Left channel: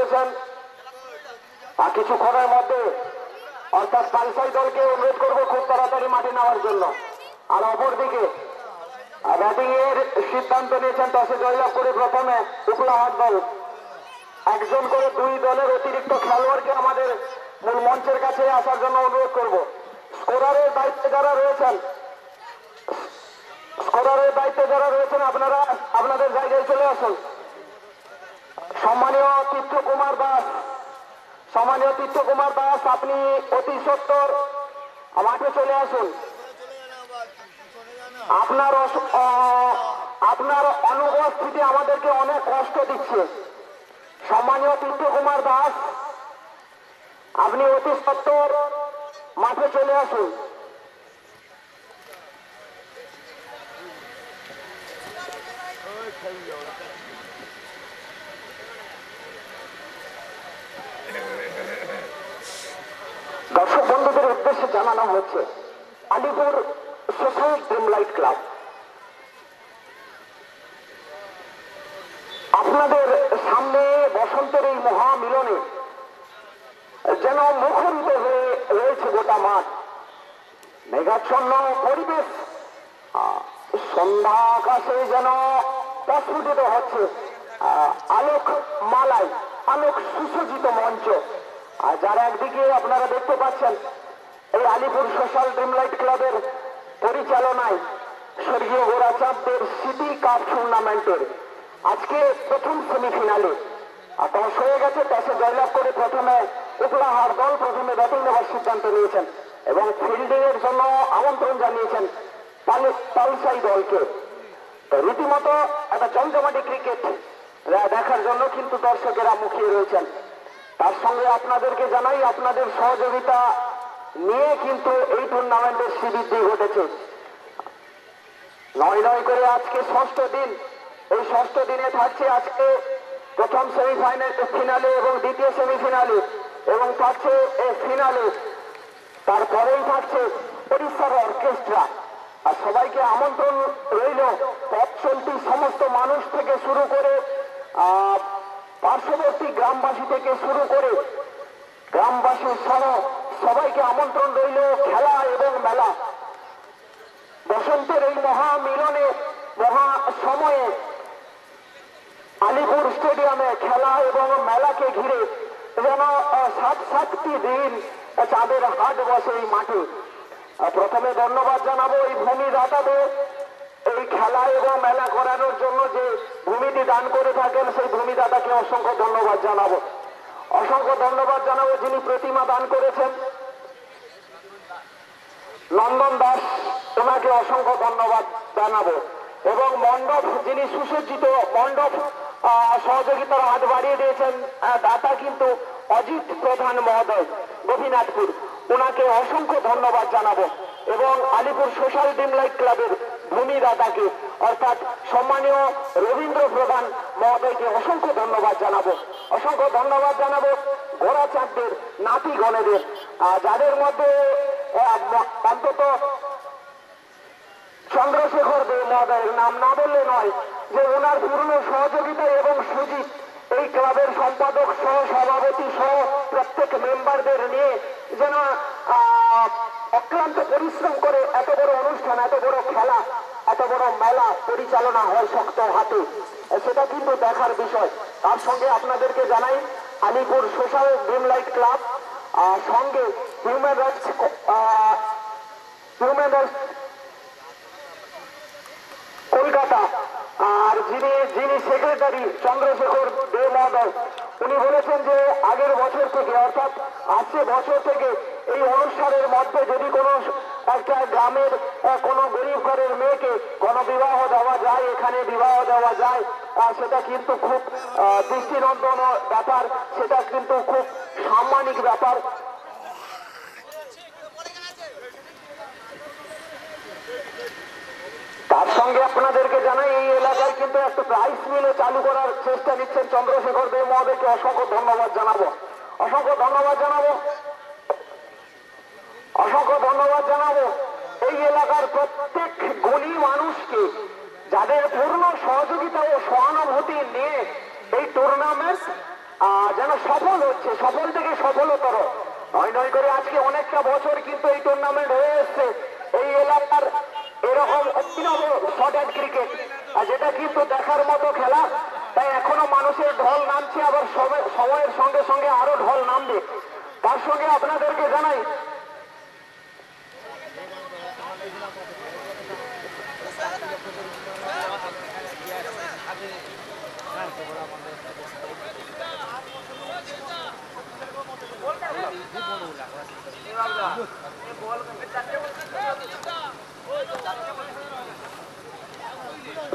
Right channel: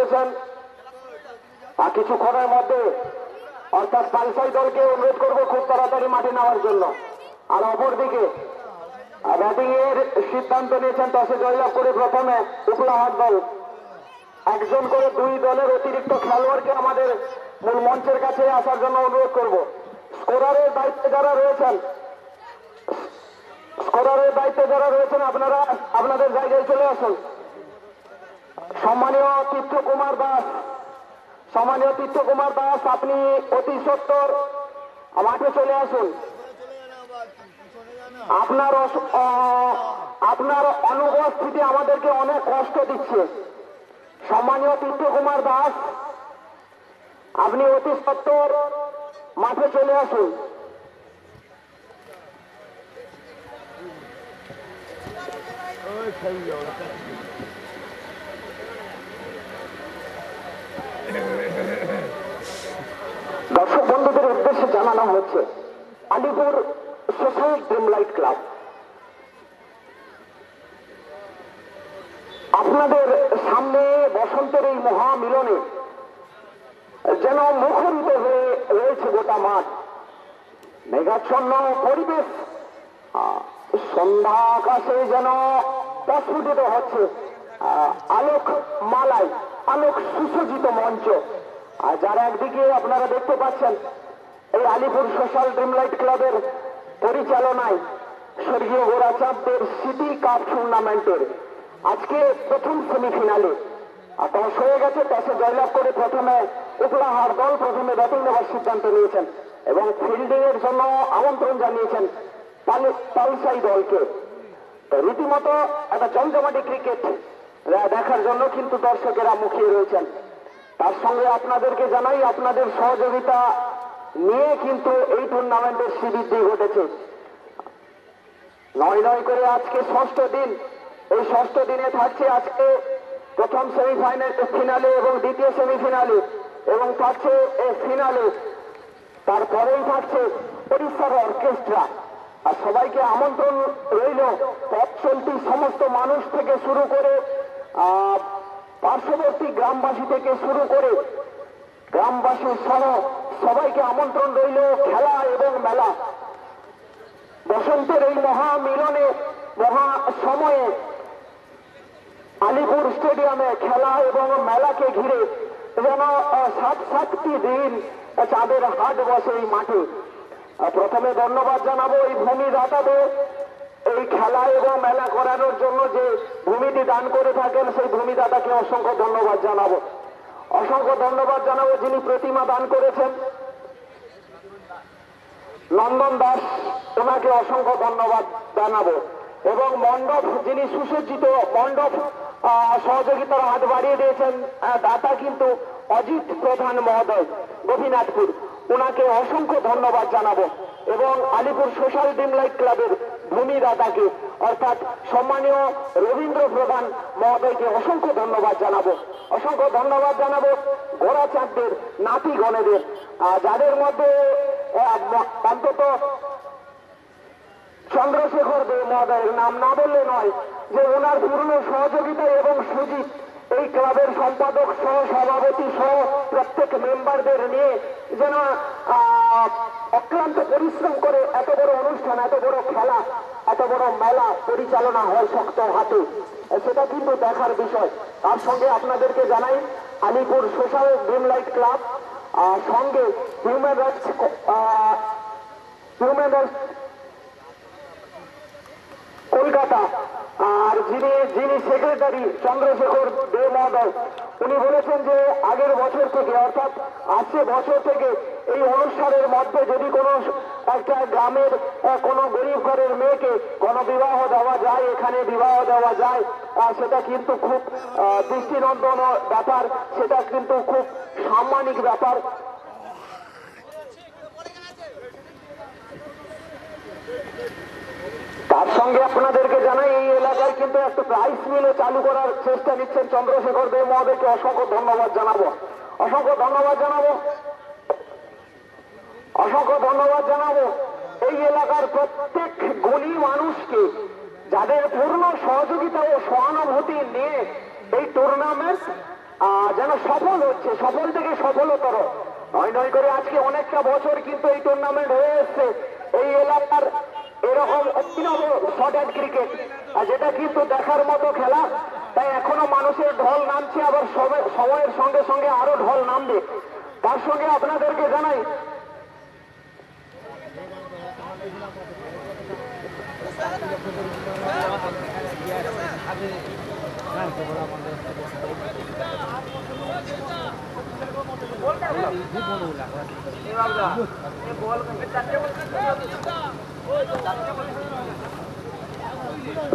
করেছেন। আর কিছুক্ষণের মধ্যে অর্থাৎ পালসাই দলকে অনুরোধ করবো খুব তাড়াতাড়ি মাঠে নেওয়ার জন্য। আর অপরদিকে ব্যাটিং এর সিদ্ধান্ত নিয়েছেন টসে জয়লাভ করে প্রথমে উপলাহাট দল। একজন করে দুই দলের অতিরিক্ত খেলোয়াড়কে আমাদের মূল মঞ্চের কাছে আসার জন্য অনুরোধ করব। স্কোরারের দায়িত্বে যারা রয়েছেন আপনারা আপনাদের জায়গায় চলে আসুন। সম্মানীয় তীর্থকুমার দাস আপনি অতি সত্বর মাঠে চলে আসুন। আপনার অনুপস্থিতি আমাদেরকে অনেক কষ্ট দিচ্ছে। সম্মানীয় তীর্থকুমার দাস আপনি অতি সত্বর মাঠে চলে আসুন। দর্শক বন্ধুদের উদ্দেশ্যে জানানো হচ্ছে Alipur social dream light club আপনাদের সামনে বসন্তের এই মহামিলনে যেন মুখরিত হয়ে রয়েছে গোটা মাঠ। মেঘাচ্ছন্ন পরিবেশ, সন্ধ্যা আকাশে যেন প্রস্ফুটিত হচ্ছে আলোক মালায়, আলোক সুসজ্জিত মঞ্চ। আর যার একদিকে আপনারা দেখতে পাচ্ছেন এই আলিপুর সোশ্যাল ড্রিম লাইট ক্লাবের পরিচালনায় স্বর্গীয় গোরাচাঁদের সিটি কাপ টুর্নামেন্টের আজকে প্রথম সেমিফিনালে টস হয়ে গেছে। টসে জয়লাভ করে প্রথমে উপলাহাট দল প্রথমে ব্যাটিং নেওয়ার সিদ্ধান্ত নিয়েছেন এবং ফিল্ডিং এর জন্য আমন্ত্রণ জানিয়েছেন পালসাই দলকে। রীতিমতো একটা জমজমাটি ক্রিকেট দেখার জন্য কিন্তু দর্শকেরা মুখিয়ে রয়েছেন। তার সঙ্গে আপনাদেরকে জানাই আপনাদের সহযোগিতা নিয়ে কিন্তু এই টুর্নামেন্টের শ্রীবৃদ্ধি ঘটেছে। নয় করে আজকে ষষ্ঠ দিন। এই ষষ্ঠ দিনে থাকছে আজকে প্রথম সেমিফাইনাল ফিনালে এবং দ্বিতীয় সেমিফিনালে এবং থাকছে ফিনালে। তারপরেই থাকছে ওড়িশার অর্কেস্ট্রা। আর সবাইকে আমন্ত্রণ রইল পথ চলতি সমস্ত মানুষ থেকে শুরু করে পার্শ্ববর্তী গ্রামবাসী থেকে শুরু করে গ্রামবাসী সহ সবাইকে আমন্ত্রণ রইল খেলা এবং মেলা। বসন্তের এই মহামিলনে মহা সময়ে আলিপুর স্টেডিয়ামে খেলা এবং মেলাকে ঘিরে যেন 7-7টি দিন চাঁদের হাট বসে এই মাঠে। প্রথমে ধন্যবাদ জানাবো এই ভূমিদাতাদের এই খেলা এবং মেলা করানোর জন্য যে ভূমিটি দান করে থাকেন সেই ভূমিদাতাকে অসংখ্য ধন্যবাদ জানাবো। অসংখ্য ধন্যবাদ জানাবো যিনি প্রতিমা দান করেছেন নন্দন দাস, ওনাকে অসংখ্য ধন্যবাদ জানাবো। এবং মণ্ডপ যিনি সুসজ্জিত মণ্ডপ সহযোগিতার হাত বাড়িয়ে দিয়েছেন দাতা কিন্তু অজিত প্রধান মহোদয় গোপীনাথপুর, ওনাকে অসংখ্য ধন্যবাদ জানাবো। এবং আলিপুর সোশ্যাল ড্রিম লাইট ক্লাবের ভূমিদাতাকে অর্থাৎ সম্মানীয় রবীন্দ্র প্রধান মহোদয়কে অসংখ্য ধন্যবাদ জানাবো। অসংখ্য ধন্যবাদ জানাবো গোরাচাঁদের নাতি গণেদের, যাদের মধ্যে অন্তত চন্দ্রশেখর দে মহোদয়ের নাম না বললে নয়, যে ওনার পূর্ণ সহযোগিতায় এবং সুজিত এই ক্লাবের সম্পাদক সহ সভাপতি সহ প্রত্যেক মেম্বারদের নিয়ে যেন অক্লান্ত পরিশ্রম করে এত বড় অনুষ্ঠান, এত বড় খেলা, এত বড় মেলা পরিচালনা হয় শক্ত হাতে, সেটা কিন্তু দেখার বিষয়। তার সঙ্গে আপনাদেরকে জানাই Alipur social dream light club সঙ্গে হিউম্যান রাইটস কলকাতা আর যিনি সেক্রেটারি চন্দ্রশেখর দে মহোদয়, উনি বলেছেন যে আগের বছর থেকে অর্থাৎ আসছে বছর থেকে এই অনুষ্ঠানের মধ্যে যদি কোনো একটা গ্রামের কোনো গরিব ঘরের মেয়েকে কোনো বিবাহ দেওয়া যায়, এখানে বিবাহ দেওয়া যায়, সেটা কিন্তু খুব দৃষ্টিনন্দন ব্যাপার, সেটা কিন্তু খুব সাম্মানিক ব্যাপার। তার সঙ্গে আপনাদেরকে জানাই এই এলাকায় কিন্তু একটা রাইস মিলও চালু করার চেষ্টা নিচ্ছেন চন্দ্রশেখর দেব মহোদয়কে অসংখ্য ধন্যবাদ জানাবো। অসংখ্য ধন্যবাদ জানাবো। অসংখ্য ধন্যবাদ জানাবো এই এলাকার প্রত্যেক গুণী মানুষকে, যাদের পূর্ণ সহযোগিতা ও সহানুভূতি নিয়ে এই টুর্নামেন্ট যেন সফল হচ্ছে, সফল থেকে সফলতর। নয় নয় করে আজকে অনেকটা বছর কিন্তু এই টুর্নামেন্ট হয়ে এসছে এই এলাকার এরকম অভিনব শর্ট অ্যান্ড ক্রিকেট, যেটা কিন্তু দেখার মতো খেলা। তাই এখনো মানুষের ঢল নামছে, আবার সময়ের সঙ্গে সঙ্গে আরো ঢল নামবে। তার সঙ্গে আপনাদেরকে জানাই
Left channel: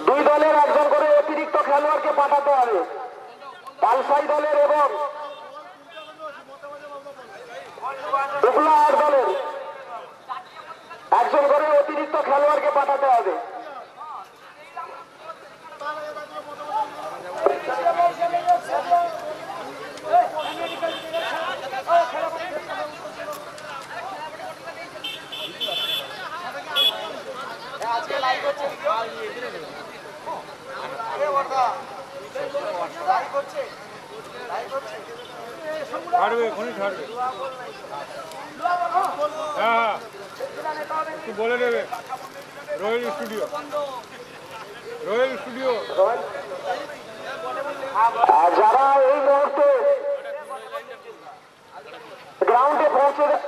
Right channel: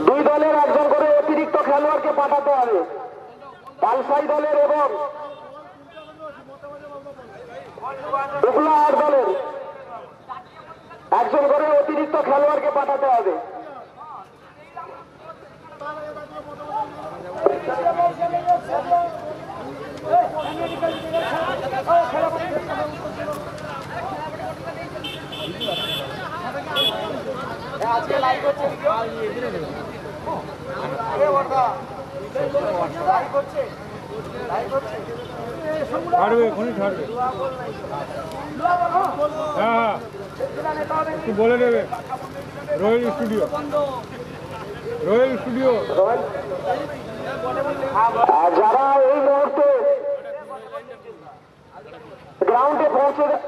দুই দলের একজন করে অতিরিক্ত খেলোয়াড়কে পাঠাতে হবে। পালসাই দলের এবং উগলাহাট দলের একজন করে অতিরিক্ত খেলোয়াড়কে পাঠাতে হবে। আজকে লাইভ হচ্ছে ছাড়বে এখনই ছাড়বে। হ্যাঁ একটু বলে দেবে। Royal studio, royal studio. যারা এই মুহূর্তে গ্রাউন্ডে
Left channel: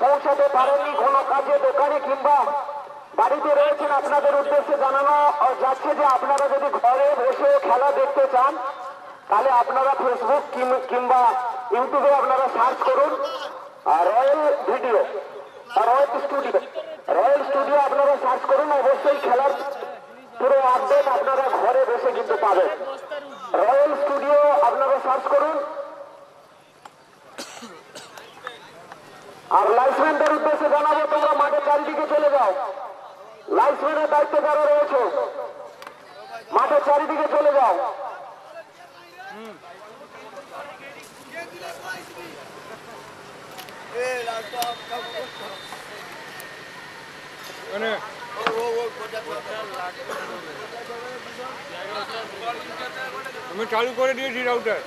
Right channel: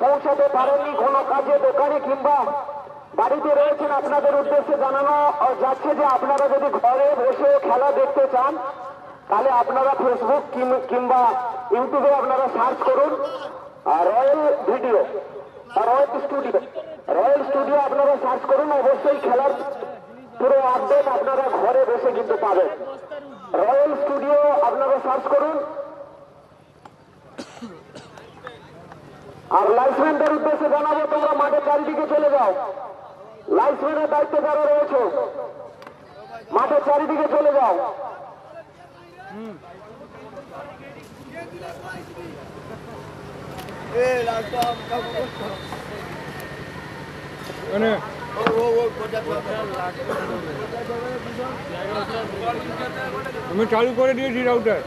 পৌঁছাতে পারেননি, কোনো কাজে দোকানে কিংবা বাড়িতে রয়েছেন, আপনাদের উদ্দেশ্যে জানানো যাচ্ছে যে আপনারা যদি ঘরে বসে খেলা দেখতে চান তাহলে আপনারা ফেসবুক কিংবা ইউটিউবে আপনারা সার্চ করুন রয়্যাল ভিডিও, রয়্যাল স্টুডিও আপনারা সার্চ করুন। অবশ্যই খেলার পুরো আপডেট আপনারা ঘরে বসে কিন্তু পাবেন। রয়্যাল স্টুডিও আপনারা সার্চ করুন। আর লাইসম্যানদের উদ্দেশ্যে জানাবো, তোমরা মাঠের চারিদিকে চলে যাও। লাইসম্যানের দায়িত্বে যারা রয়েছে মাঠের চারিদিকে চলে যাও। আমি চালু করে দিয়েছি রাউটার।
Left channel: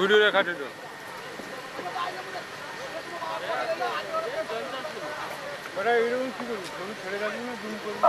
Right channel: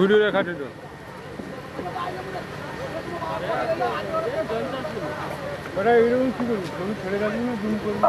ভিডিও দেখাচ্ছে তো। ওরা এরকম কি করবি, তুমি ছেড়ে যাবি না জুম করবি।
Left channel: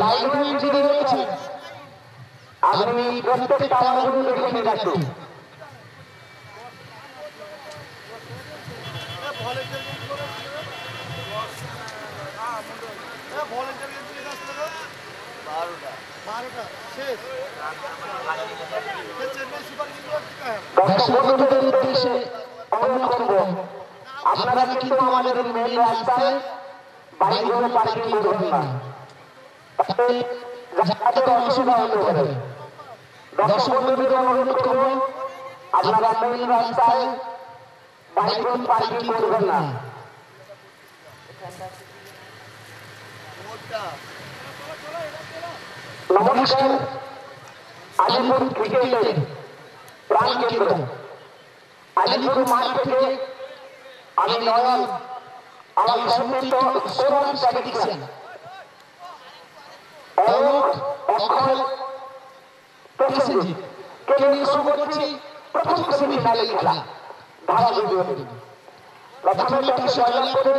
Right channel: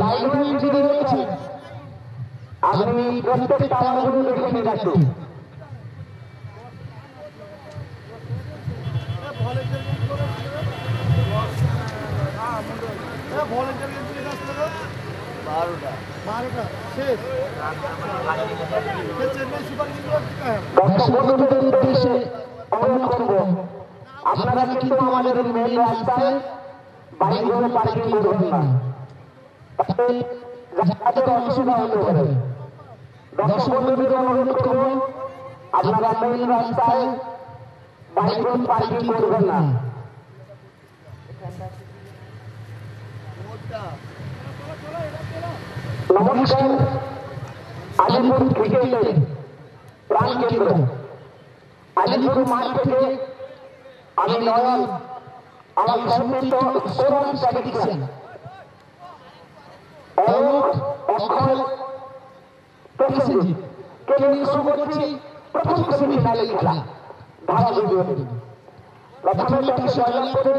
লাইনম্যান যিনি রয়েছেন আপনি প্রত্যেকটা আঙুল দেখে নিন একটু। দর্শক বন্ধুদের উদ্দেশ্যে অনুরোধ করব, আপনারা কিন্তু আমাদের মেন রাস্তায় বাইকগুলো পার্কিং করবেন না, তাতে যাতায়াতের অসুবিধা হতে পারে। দর্শক বন্ধুদের অনুরোধ করব, আপনারা মেন রাস্তায় বাইকগুলো পার্কিং করবেন না। নমস্কার, আলিপুর ক্রিকেটের প্রাণ কেন্দ্র আলিপুর মাঠ থেকে আমি নয়ন, আমার সম্মিলিত স্কোরার প্রেডিকশন অক্ষয় প্রসেনজিৎ কে নিয়ে শুরু করছি প্রথম সেমিফাইনালের খেলা ধারা ভিডিও। প্রথমে টসে জয়লাভ করে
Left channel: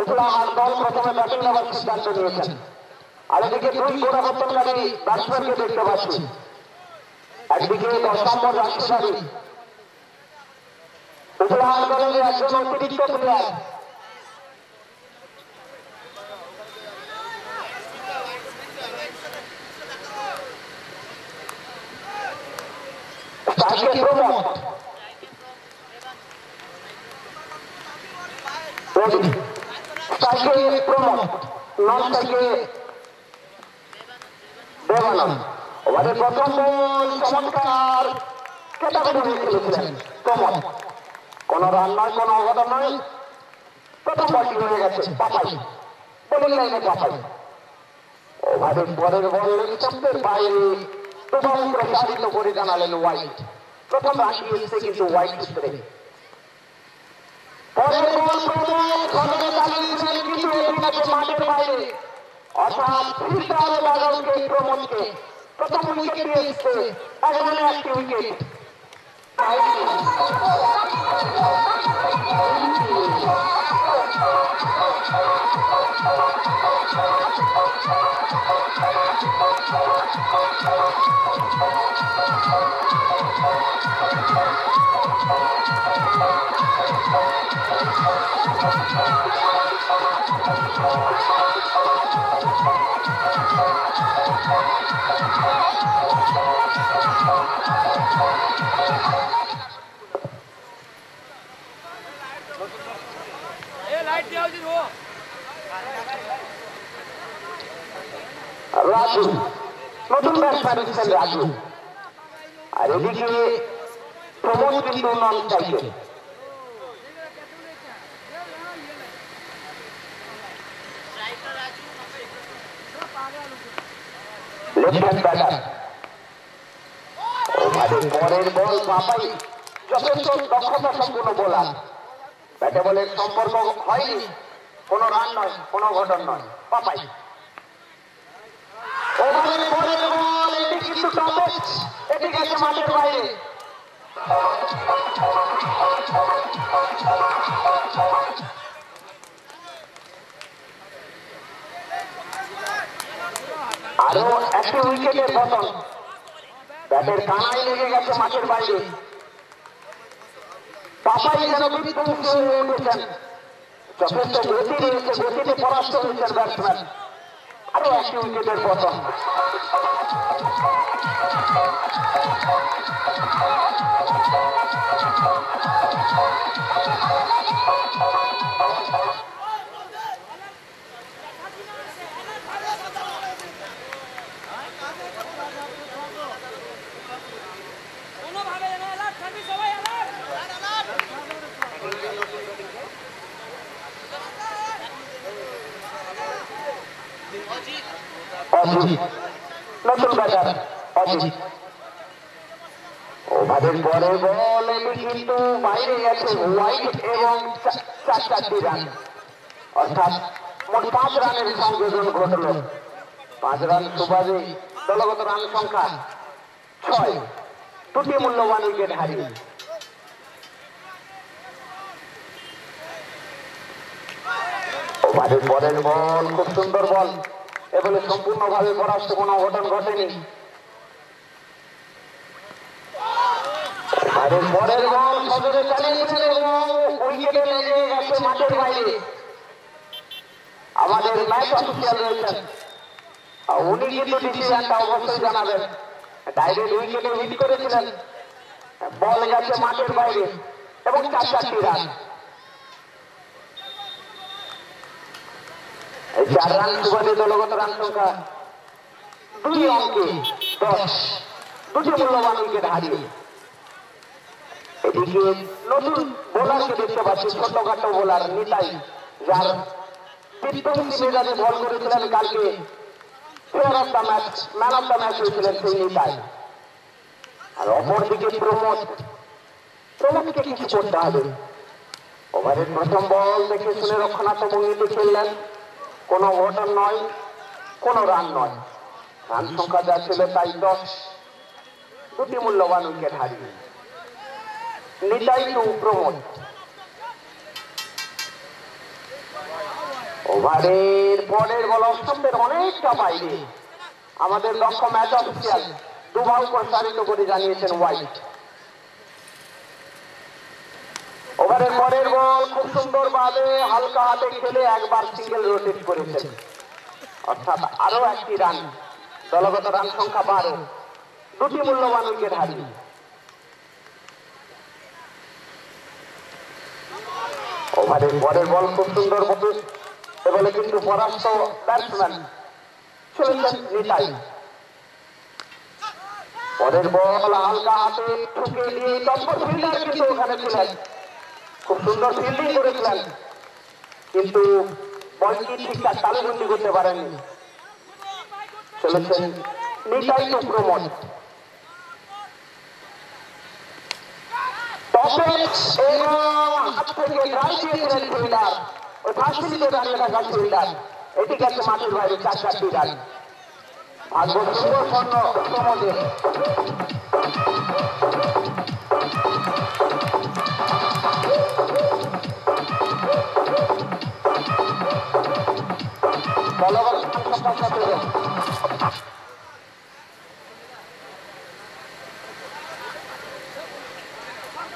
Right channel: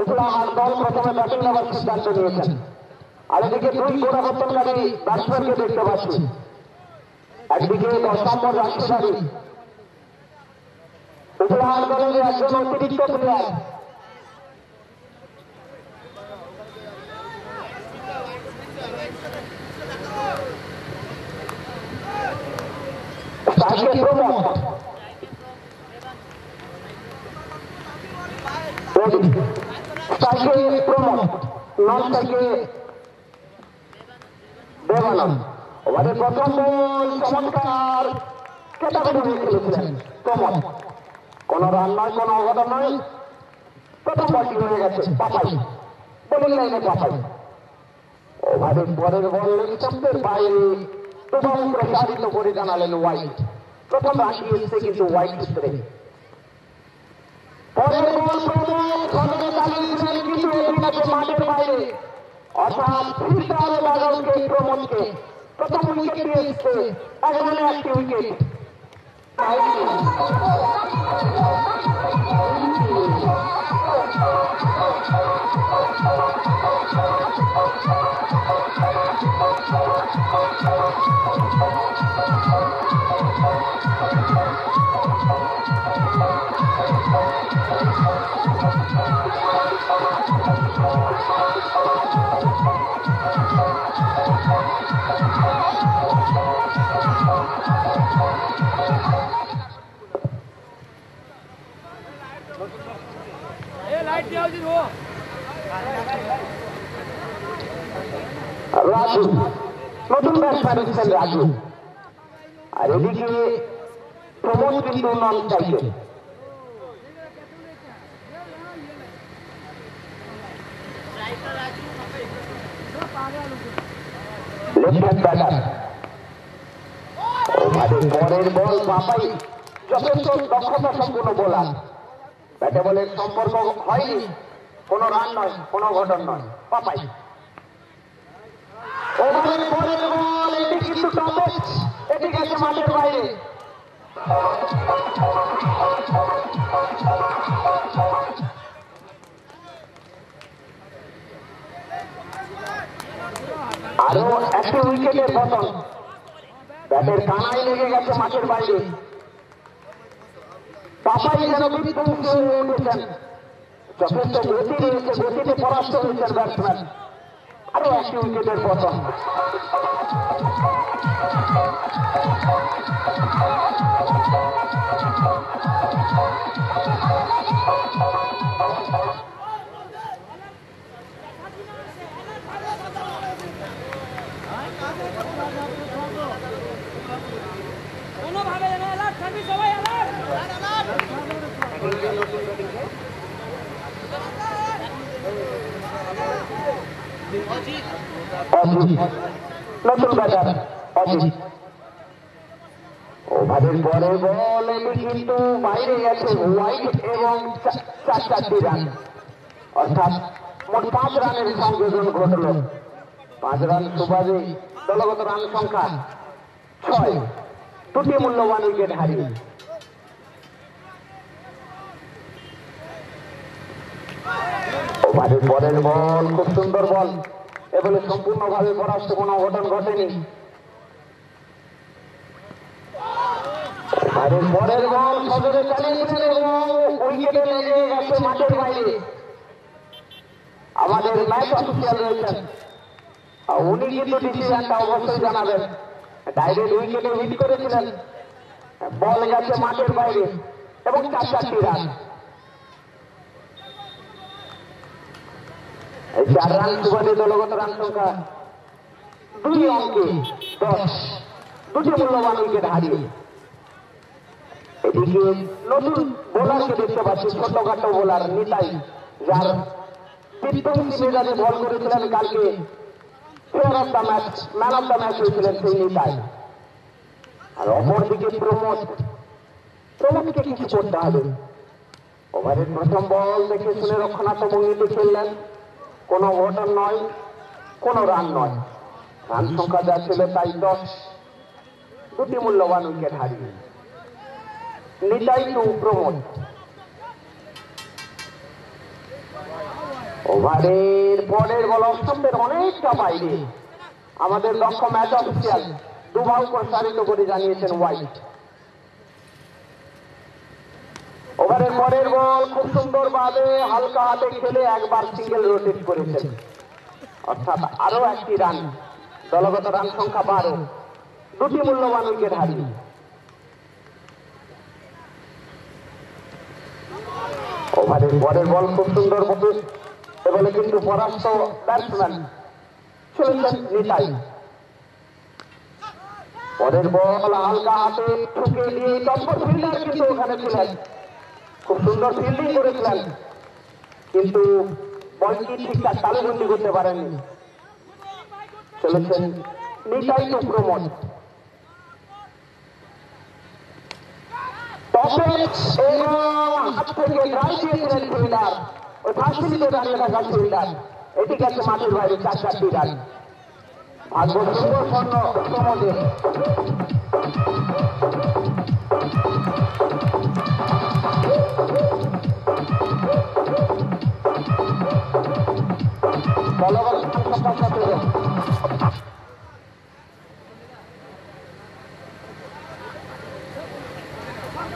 উপলা আমার দল প্রথমে ব্যাটিং নেওয়ার সিদ্ধান্ত নিয়েছেন। আর এদিকে দুই গোড়াবর্তনকারী ব্যাটসম্যানকে দেখতে পাচ্ছি। একদিকে 10 নম্বর রাশিদারি উপহার দলের একজন অতিরিক্ত প্লেয়ার, ওভারের প্রথম বল চমৎকার ক্যাটাগরি খেলেছিলেন প্রমোদ। কোন রান নয়, কোন অঘটন নয়, প্রথম বলটি হয়ে গেছে পাপাই, বোলিং লাইনে পাপাই। ওভারের পরের বল স্টাম্পের বাইরে প্রথম প্রসারিত করে জানালেন ওয়াইড। প্রথম রাশি এসেছে কিন্তু ওয়াইড সূত্রে। পরের বল প্রমোদ ঘটনা চালিয়েছিলেন কিন্তু এটি গেছে মাঠের বাইরে, অর্থাৎ ফিল্টার বাদলকে প্রমোদকে প্রথম উইকেট এসেছে, এখানে একটি উইকেট। রাজু নতুন ব্যাটসম্যান এসেছেন রাজু, আর এদিকে প্রমোদ কিন্তু নন স্ট্রাইকে। লেফট হ্যান্ড ব্যাটার, ওভারের পরের বল পাপাই যথেষ্ট দক্ষতা সম্পন্ন বোলার। ব্যাটে বলের সম্পর্ক হয়নি, কোন রান নয়, কোন ঘটন নয়, পাপাই। ওভারের পরের বল এটি কিন্তু টপেজ, এটি গেছে মাঠের বাইরে। আরো একটি উইকেটের পতন, ব্যাটের কানায় লেগে গেছে মাঠের বাইরে। পাপাই যেন বিধ্বংস হয়ে উঠেছেন, যথেষ্ট গতি রয়েছে, গতিতে পরাস্ত হয়েছেন ব্যাটসম্যান। আরো একটি উইকেটের পতন। অজিত নতুন ব্যাটার অজিত, ওভারের পরে বল এটি কিন্তু বাইরে গেছে ওয়াইড এবং 4 রান, অর্থাৎ মোট 5 রানের সংযোজন ঘটল। 5 রান সুবাদে দলগত রান সংখ্যা 6, দুটি মূল্যবান উইকেট হারিয়ে। ওভারের পরের বল খুব সুন্দর বল, এ বলে সম্পূর্ণভাবে পরাস্ত কোনো অঘটন ঘটেনি। ওভারের পরের বল সজোরে চালিয়েছেন এবং উইকেটে লেগে গেছে মাঠের বাইরে। আমাদের ম্যাচ অফিসিয়াল রয়েছেন, উনি কিন্তু ডিসিশনটা অবশ্যই জানাবেন। ডাইরেক্ট উইকেটে হিট করেছিলেন, বল গেছে মাঠের বাইরে এবং 4 রান। এই 4 রান সুবাদে দলগত রান সংখ্যা 2 অঙ্কে 10, দুটি মূল্যবান উইকেট হারিয়ে। এদিকে নতুন বোলারকে দেখতে পাচ্ছি, ছোটখাটো বোলার নিতাই, যার টি-20 মেজাজে বল করেছিলেন কালকে, player of the match, man of the match হয়েছিলেন সেই নিতাই। আর অপরদিকে প্রমোদকে কিছু করতে হবে। ওভারের প্রথম বল দেখে শুনে রক্ষণাত্মক ভঙ্গিতে খেললেন, কোনো ওভার নয়, কোনো রান নয়, রান সংখ্যা যা ছিল তাই 10, দুটি মূল্যবান উইকেট হারিয়ে। নিতাই টু প্রমোদ। ওভারের পরের বল অষ্টমের অনেকটা বাইরে। আমাদের দক্ষ ম্যাচ অফিসিয়াল দুভাগ প্রসারিত করে জানিয়েছেন হোয়াইট। ওভারের পরের বল খুব সুন্দর ভাবে হালকা হাতে খেলে একবার সিঙ্গেল রোটেট করেছেন, অর্থাৎ আরো 1টি রান, দলগত রান সংখ্যা 12, দুটি মূল্যবান উইকেট হারিয়ে। ওভারের পরের বল খুব সুন্দর ভাবে, বলে কিন্তু পরাস্ত ব্যাটসম্যান চলেছেন নিতাই। পরের বল হালকা হাতে ঠুকে দিয়ে টপ্পর ফিল্ডার কিন্তু ওখানে ছিলেন, খুব সুন্দর ফিল্ডিং করেছিলেন, কিন্তু বলটি ঠিকঠাক তালুবন্দি করতে পারেননি। চলেছেন নিতাই টু প্রমোদ। হাত থেকে ড্রাইভ দিয়েছিলেন ফিল্ডার, ওই ফাঁসিতে দাঁড়িয়ে থাকা ফিল্ডার, এটি গেছে মাঠের বাইরে 4 রান। ভাগ্য সুন্দর স্বর্ণ প্রমোদের।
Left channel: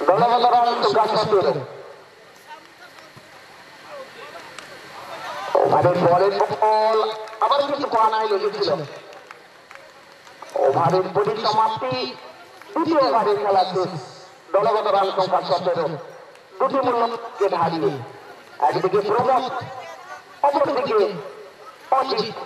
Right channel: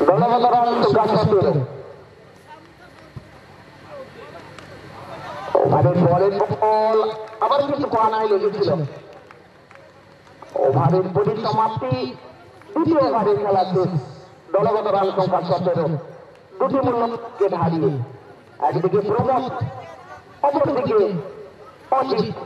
দলগত রান সংখ্যা 17। ওভারের পরের বল আবার কিন্তু কোয়ানায় লেগেছিল। ওভারের পরিসমাপ্তি, দ্বিতীয় ওভারের খেলা শেষ, দলগত রান সংখ্যা 17, দুটি মূল্যকে হারিয়ে। একদিকে প্রমোদ, অপরদিকে অজিত।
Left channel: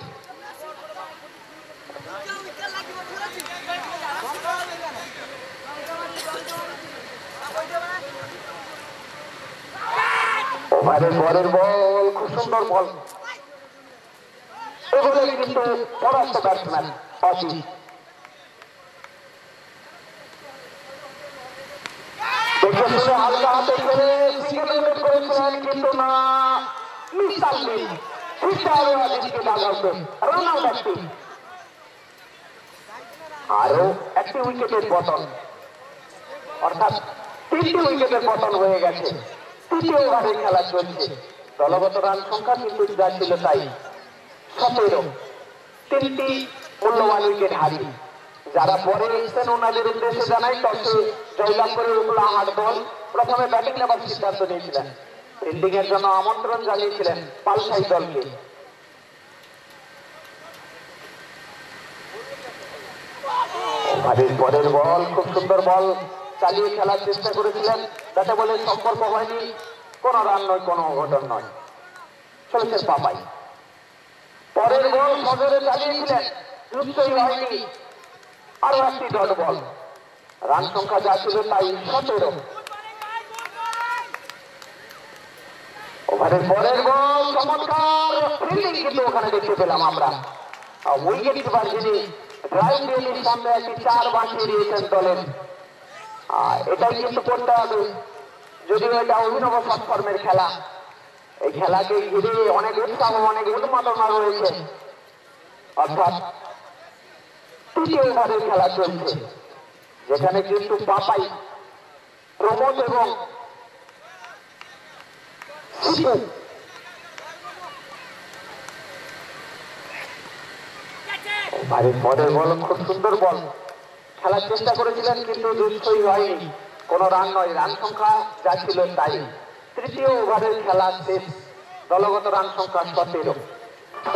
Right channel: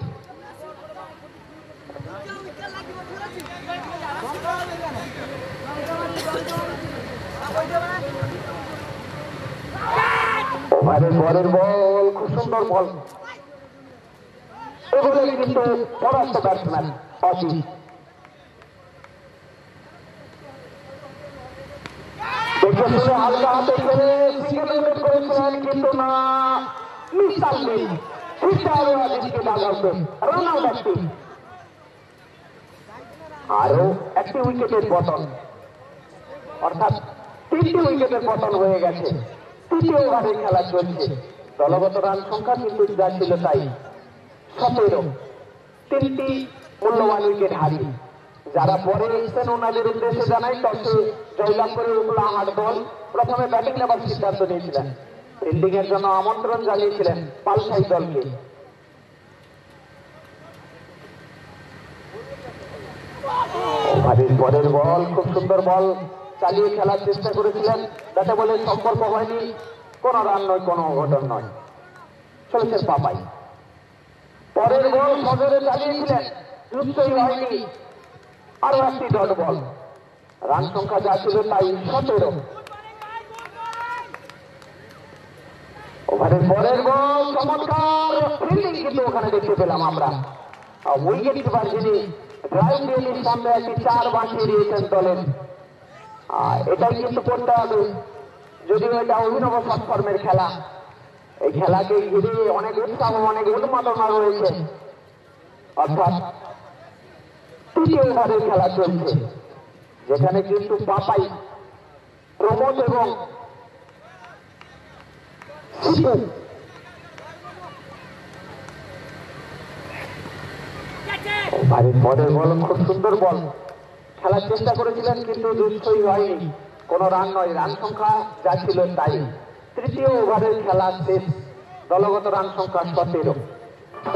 ওভারের পরের বল খুব সুন্দর বল, এগুলো কিন্তু পরাস্ত ব্যাটসম্যান অজিত। হালকা হাতে খেলে সিঙ্গেল উইকেট করেছিলেন, কিন্তু না, মিসাল নেই, রান আউট একটি, আরো 1টি উইকেটের পতন, অর্থাৎ 3টি উইকেটের পতন হয়ে গেছে। তৃতীয় ওভারের খেলা চলছে, দলগত রান সংখ্যা কিন্তু যা ছিল তাই 17, 3টি মূল্যবান উইকেট হারিয়ে। যারা পরে এসেছেন ওনাদের উদ্দেশ্যে জানাই, টসে জয়লাভ করে উঠলা হাট দল প্রথমে ব্যাটিং নেবার সিদ্ধান্ত নিয়েছিলেন, ফিল্ডিং এর জন্য আমন্ত্রণ জানিয়েছিলেন পালসাই দলকে। ওভারের পরের বল খুব সুন্দর বল চালিয়ে খেলার চেষ্টা করেছিলেন, যাতে বলে সম্পর্ক হয়নি, কোনো রান নয়, কোনো অঘটন নয়, চলেছেন পাপাই। পরের বল সজোরে চালিয়েছিলেন, যুক্তই হয়নি, আরো 1টি ডট বল, রান সংখ্যা যা ছিল তাই 17। ওভারের পরের বল চমৎকার ফিল্ডিং কিন্তু ওখানে দেখতে পেলাম আমরা, উইকেট কিপার যিনি ড্রাইভ দিয়ে সামনে একটি 4 বাঁচিয়ে দিয়েছেন দলের। এটাই কিন্তু করতে হবে, যদিও এটা অভিনব সৎকর্মের খেলা, এই খেলাকে ঘিরে অনেক উৎসাহ, অনেক উন্মাদনা রয়েছে, অর্থাৎ 3য় ওভারের খেলা চলছে, যেখানে কিন্তু পাপাই, প্রমোদ এবং শিপু ওভারের পরের বল খুব সুন্দর বল, খেলার চেষ্টা করেছিলেন কিন্তু দুঃসই হয়নি, কোন রান নয়, রান সংখ্যা যা ছিল তাই। তৃতীয় ওভারের খেলা শেষ, দলগত রান সংখ্যা 17।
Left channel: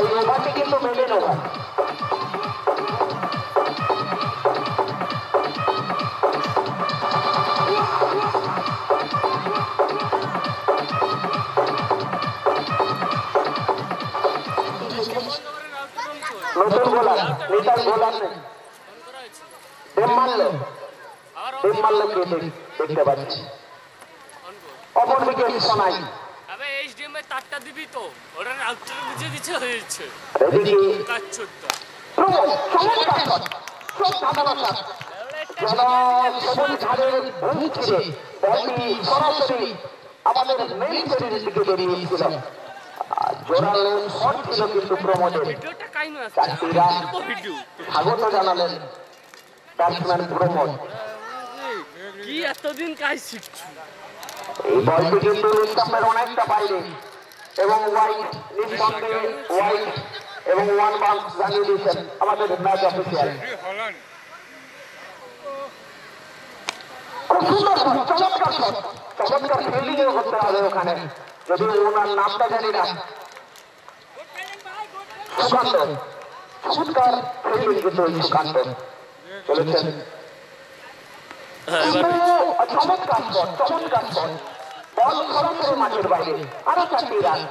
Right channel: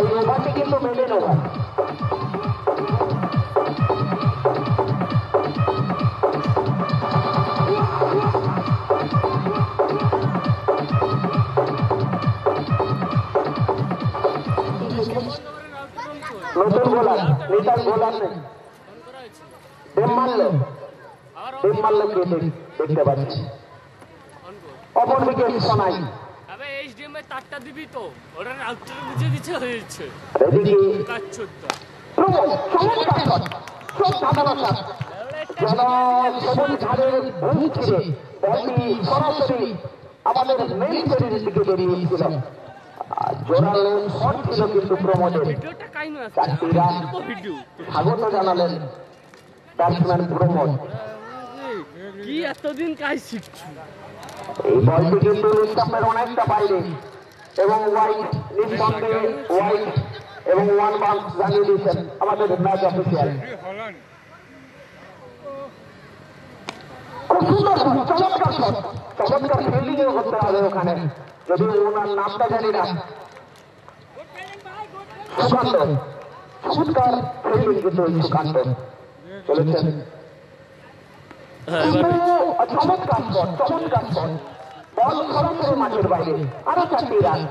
এই ওভারটি কিন্তু মেডেন ওভার। নতুন বোলার নিতাই বোলার নেই, ডেম মারল কে দেখতে পাচ্ছি। অপরদিকে শোনাই তারটা দিবি তো ওটা রাউটার বুঝে দিচ্ছে হয়েছে আমাদের মেইন শরীরের দিকে বেরিয়েছিল, জোরালো শট ছিল কিন্তু প্রমোদের। চারটি রান স্বাগত জানালেন ব্যাটসম্যান প্রমোদ। কি এতদিন কাজ শিখছো? এই বলটি কিন্তু স্টাম্পের অনেকটা বাইরে এবং ওয়াইড, নিঃসন্দেহে ওয়াইড এবং ওয়ান বাউন্স জানিয়ে দিয়েছেন আমাদের ম্যাচ অফিসিয়াল। খুব সুন্দর চমৎকার শট, চমৎকার ফিল্ডিং করতে হবে ওখানে, যদি ওনার নামটা জানি না। সুকান্ত, চমৎকার ফিল্ডিং কিন্তু সুকান্ত চলেছেন, চমৎকার শট, চমৎকার শট, বল সরাসরি মাঠের বাইরে, আরো 4টি রান।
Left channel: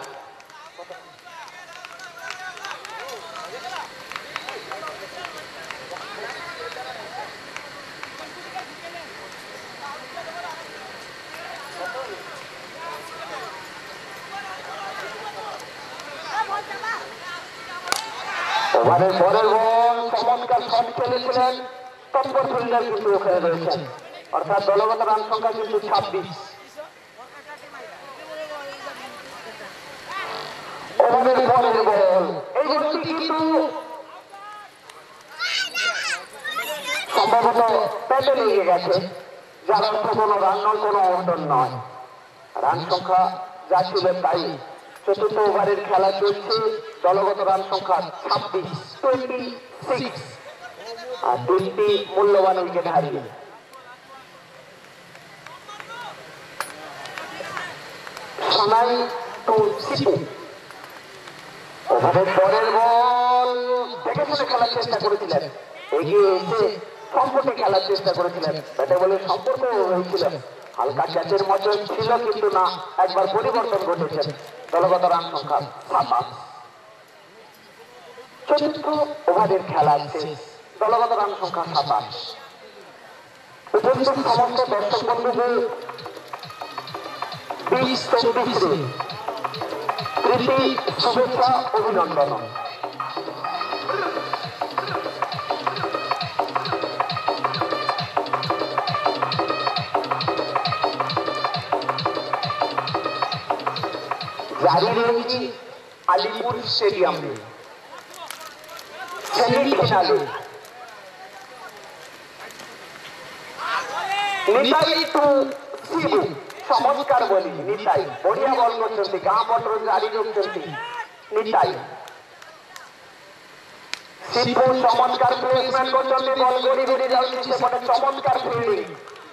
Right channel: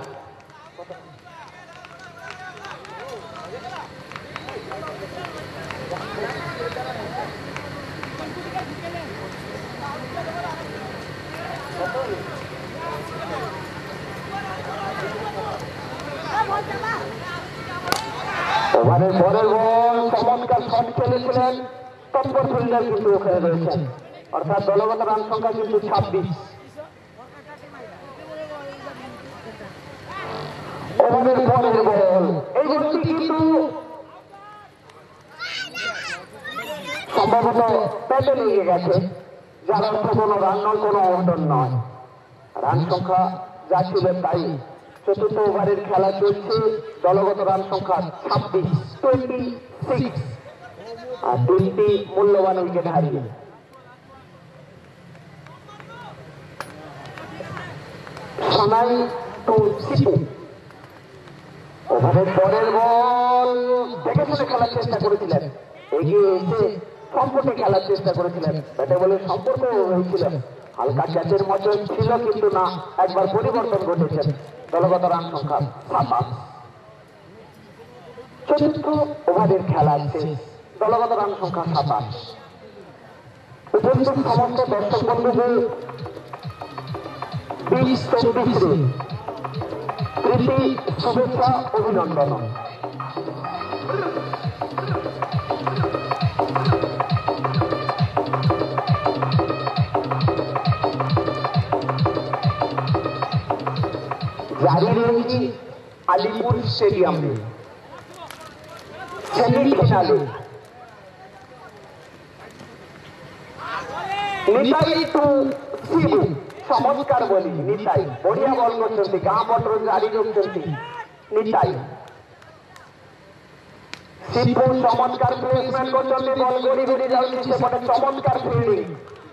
ওভারের পরের বল, চমৎকার শট খেলেছিলেন তৎপর ফিল্ডার কিন্তু ওখানে রয়েছেন, অর্থাৎ দলগত রান সংখ্যা কিন্তু 26। ওভারের পরের বল, এই বলটি কিন্তু সম্ভবত প্যাটে লেগে গেছে, যার অর্থ কোনো রান নয়, কোনো অন্টন নয়, রান সংখ্যা যা ছিল তাই। চতুর্থ ওভারের খেলা চলছে, দলগত রান সংখ্যা 26 আর 3টি মূল্যবান উইকেট হারিয়ে। সোনাই টু সিপু, ওভারের পরের বল দেখে শুনে খেলার চেষ্টা করেছিলেন, এগিয়ে এসে সম্পর্কে খেলার চেষ্টা করেছিলেন, ব্যাটে বলে সম্পর্ক হয়েছিল, হালকা ক্যাচের মতো ছিল কিন্তু না, একবার পরিবর্তন ঘটেছেন, দলগত রান সংখ্যা 7। চতুর্থ ওভারের খেলা শেষ, দলগত রান সংখ্যা 27। উপস্থিত সমস্ত দর্শক বন্ধুদের 20-24 প্রীতি শুভেচ্ছা অভিনন্দন। জারি রয়েছে আলিপুর স্টেডিয়াম সেমিফাইনালে। নিতাই টু শিবু, চমৎকার বলি নিতাই, বড়িয়া বল করছেন, গাঁ পটর জারি রয়েছেন নিতাই। শিবু চমৎকার প্লেসমেন্ট করছেন, বল গড়ি গড়ি যাচ্ছে, সেপটে চমৎকার ফিল্ডিং,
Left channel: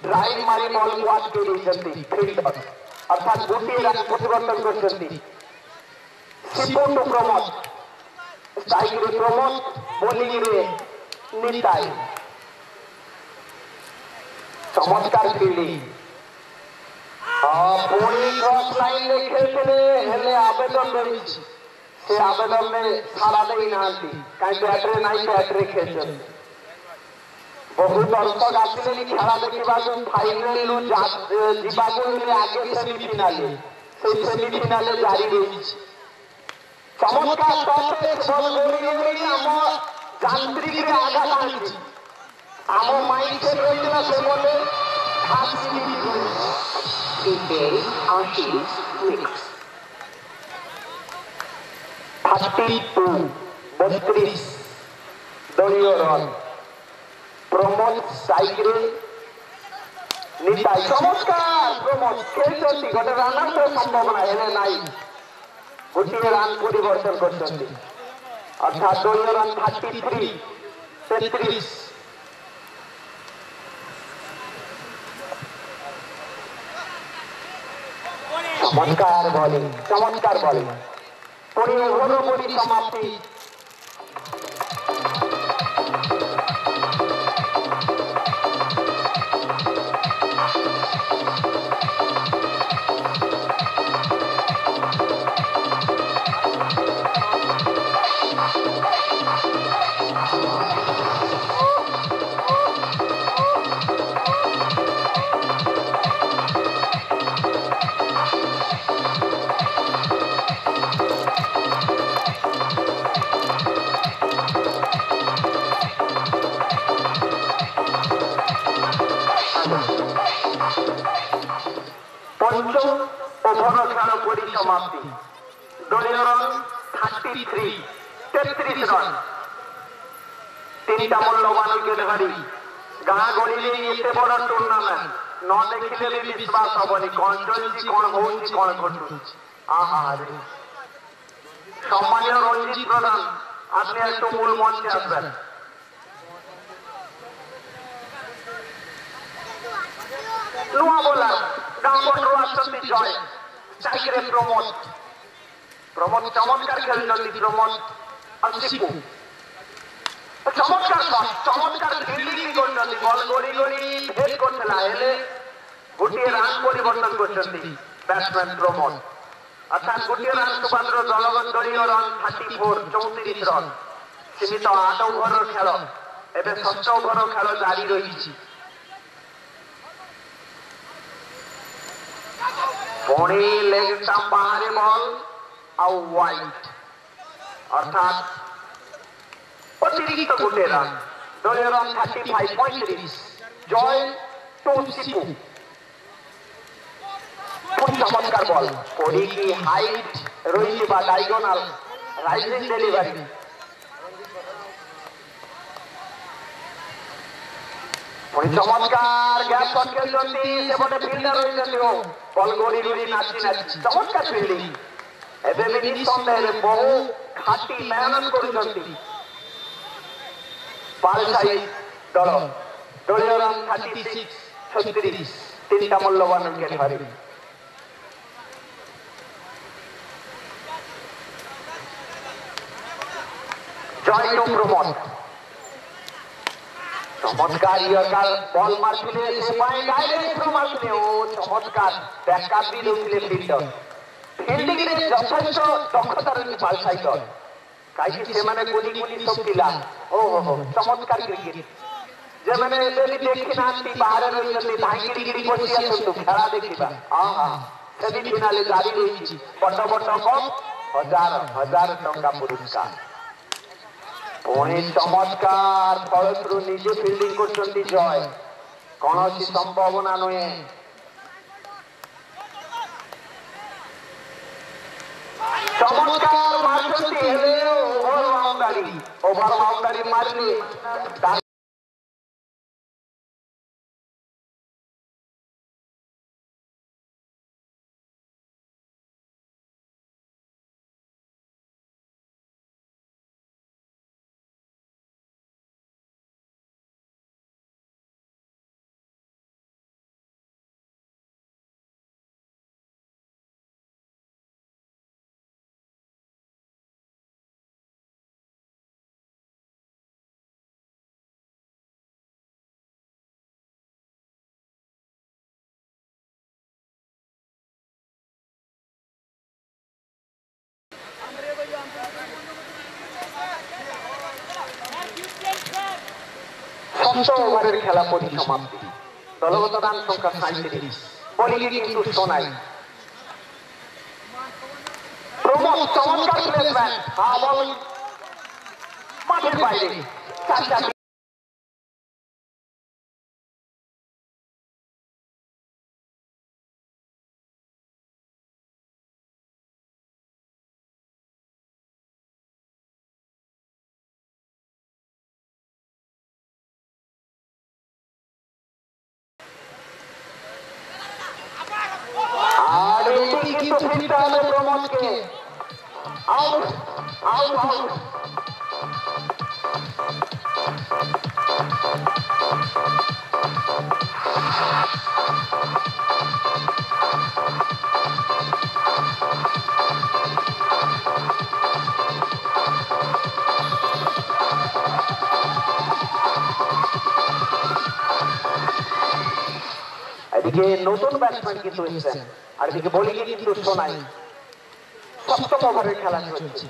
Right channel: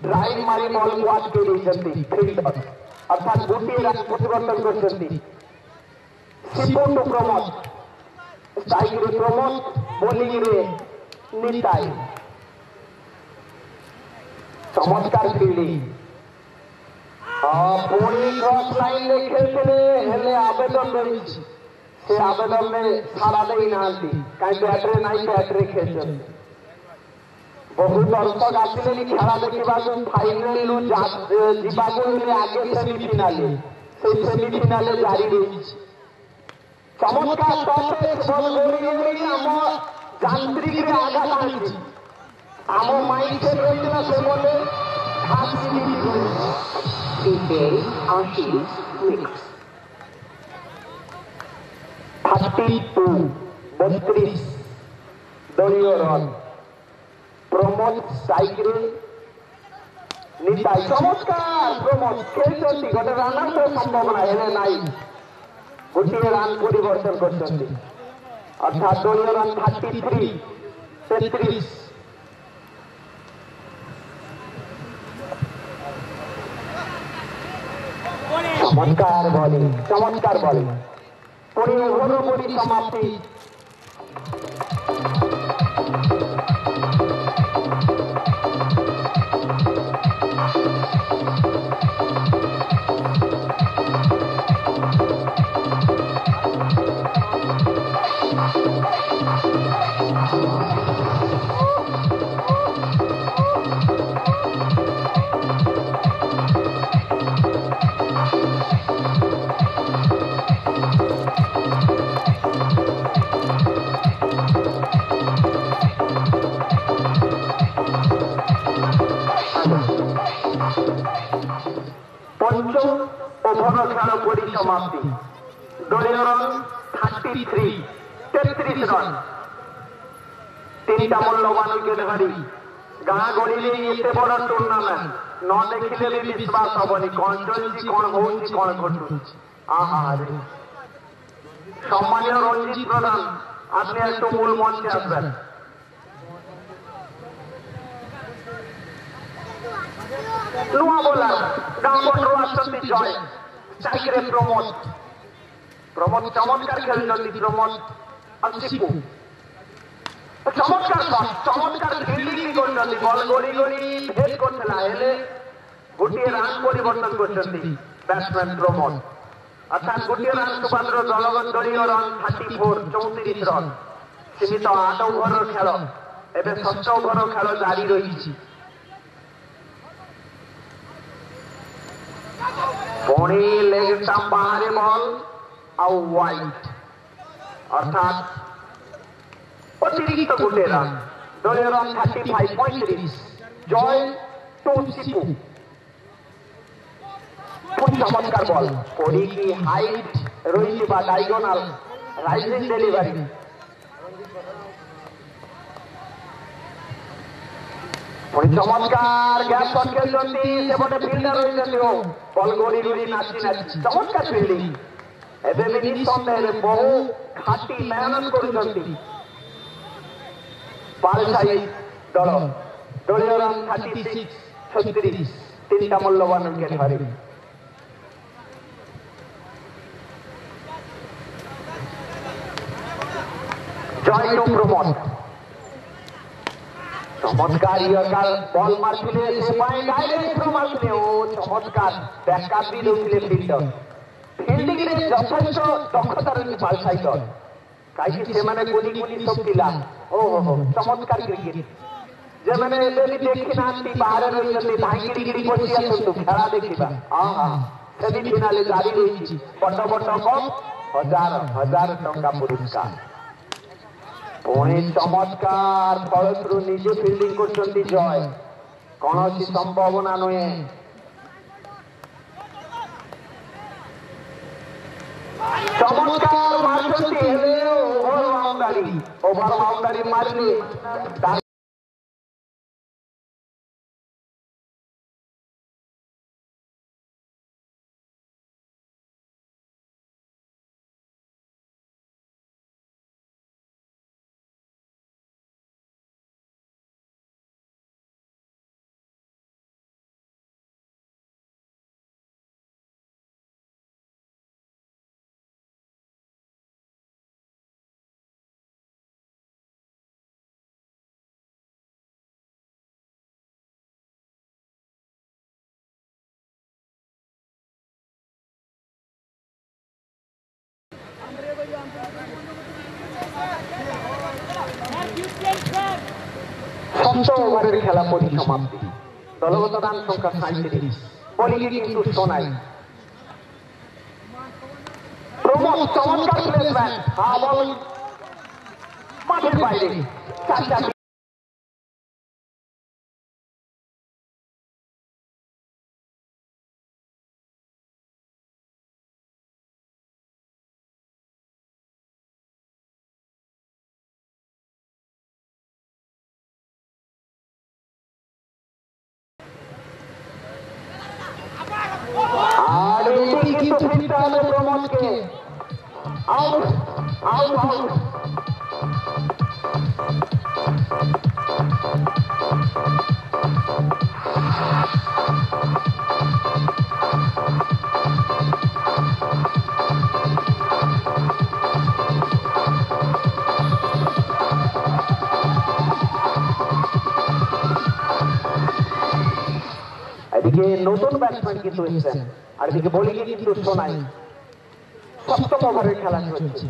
ড্রাইভ মারি বল ওয়াট দিয়েছেন ফিল্ডার, অর্থাৎ গোটিয়ে রান পরিবর্তন করছেন। শিবু টু প্রমোদ, স্ট্রাইকে প্রমোদ, বোলিং রে নিতাই, চমৎকার ফিল্ডিং। ক্রস লাইন খেলতে হেলে আবেদন রয়েছে, সে আবেদনে সারা দেই নাহান্তি, কাই ব্যাটরে নাই ব্যাটরে খেলছেন। বহু দর্শক আসলেন খেলা দেখিବାକୁ, ফাইনাল ଯିବାକୁ ହେଲେ ଆଗେ ସେମିଫିନାଲେ, সেই সেমিফিনালে জারি রয়েছে। চমৎকার ଆମ ଯାନ୍ତ୍ରିକରେ ଆଘାତ ଆଣିଛି, ଆମ ମାଇଣ୍ଡ ସେଟ୍ ରହିଥିଲା ସେ ବଲେ Today our teams mix 32 দলীয় রান। প্রমোদ সাইকেল নিতাই, চমৎকার প্রমোদ খেলছেন, গোটে রানার তো সম্ভাবনা হেলে নাই, গোটিয়ে রান পরিবর্তন করছেন, অর্থাৎ দলীয় রান 33 33। চমৎকার বলিং, চমৎকার বলিং। 15 ওভার পরিসমাপ্তি। পঞ্চম ওভার খেলা পরিসমাপ্তি। দলীয় রান 33, 33 রান। 3টা মূল্যবান উইকেট হারি। গাঁ গড়িলে এতে বড় টুর্নামেন্ট ন দেখিলে বিশ্বাস হবনি। কণ চলছি, কণ হଉଛି, কণ ঘটুছি। আহারে সম্মানীয় রঞ্জিত প্রধান, আপনি একটু মূল মঞ্চে আসবেন। নূয়া বোলার গাঁ বন্ডু আসছেন জয়, স্ট্রাইকারে প্রমোদ। প্রমোদ চমৎকার খেলছেন। প্রমোদ আর শিপু চমৎকার শট, চমৎকার ফিল্ডিং করছেন। বল গড়ি গড়ি হেড করতে না এলে গোটিয়ে রান পরিবর্তন করছেন ব্যাটসম্যান প্রমোদ। অর্থাৎ গোটিয়ে রান সুপাত্র দলগত দলীয় রান 34, 34 রান। সীমিত 8 ওভার খেল, ଏବେ 7 ওভার খেল জারি রয়েছে। পুଣି লেগ স্টাম্প বাহারে বল ଆଉ ওয়াইড, অর্থাৎ অতিরিক্ত গোটে রান। দলীয় রান 35, 35। Joy to Shipu. খুব চমৎকার বল করি কি হাইট রয়েছে বা ডায়াগোনাল রাইজিং ডেলিভারি। পুଣି চমৎকার গ্যাপ শট খেলছেন। সেপটে ফিল্ডার রয়েছেন বল গড়ি গড়ি নাচি নাচি চমৎকার ফিল্ডিং। ଏବେ ବି ନିଃସନ୍ଦେହରେ ବହୁ ଘାଟି ମେହନତ କରୁଛନ୍ତି ପାଲସାଇ ଦଳ। ଦଳୀୟ ରନ୍ 36, 36। 3ଟା ମୂଲ୍ୟବାନ ୱିକେଟ୍ ହାରି। জয় টু প্রমোদ। চমৎকার ইয়র্কার বল মারছিলে, সে পায়ে ডাইরেক্ট মারছিলে। ও চমৎকার ব্যাকআপ ବି ଦଉଥିଲେ ফিল্ডର। ফিল্ডিং রে যথেষ্ট দক্ষতা রয়েছে পালসাই দল, কাହିଁକି ସେମାନେ କୋଡି କୋଡି ସବୁ ପିଲା। ଓହୋ ଚମৎକାର କ୍ରିକେଟ। ଯେମାନେ ଏବେ ବି ଦେଖି ନାହାନ୍ତି ବାହାରେ ରହିଛନ୍ତି, ଧାଇଁକିରି ପଶି ଆସନ୍ତୁ ଖେଳ ଦେଖିବା। ସେମିଫିନାଲ ଜାରି ରହିଛି। ବଡ ବଡ କପ୍, ହଜାର ହଜାର ଟଙ୍କା ପୁରସ୍କାର। ପୁଣି ଚମତ୍କାର ଫଳଶ୍ରୁ ନିଜେ ଫିଲ୍ଡିଂ କରୁଛନ୍ତି ଜୟ। କୌଣସି ସମ୍ଭାବନା ନୁହେଁ। চমৎকার মারছেন হেলে ওভার বাউন্ডারি, ওভার বাউন্ডারি মারলে ষষ্ঠ ওভারের খেলা পরিসমাপ্তি। দলগত রান সংখ্যা 37। বোলিংয়ে কিন্তু সোনাই। প্রমোদ চমৎকার প্লেসমেন্ট, বল মাঠের বাইরে। কিন্তু ফিরতে হবে প্রমোদকে। Out out out. এদিকে নতুন ব্যাটসম্যান কিন্তু এসেছেন, আর এদিকে বোলিং কিন্তু শোনাই। সপ্তম ওভারের খেলা চলছে।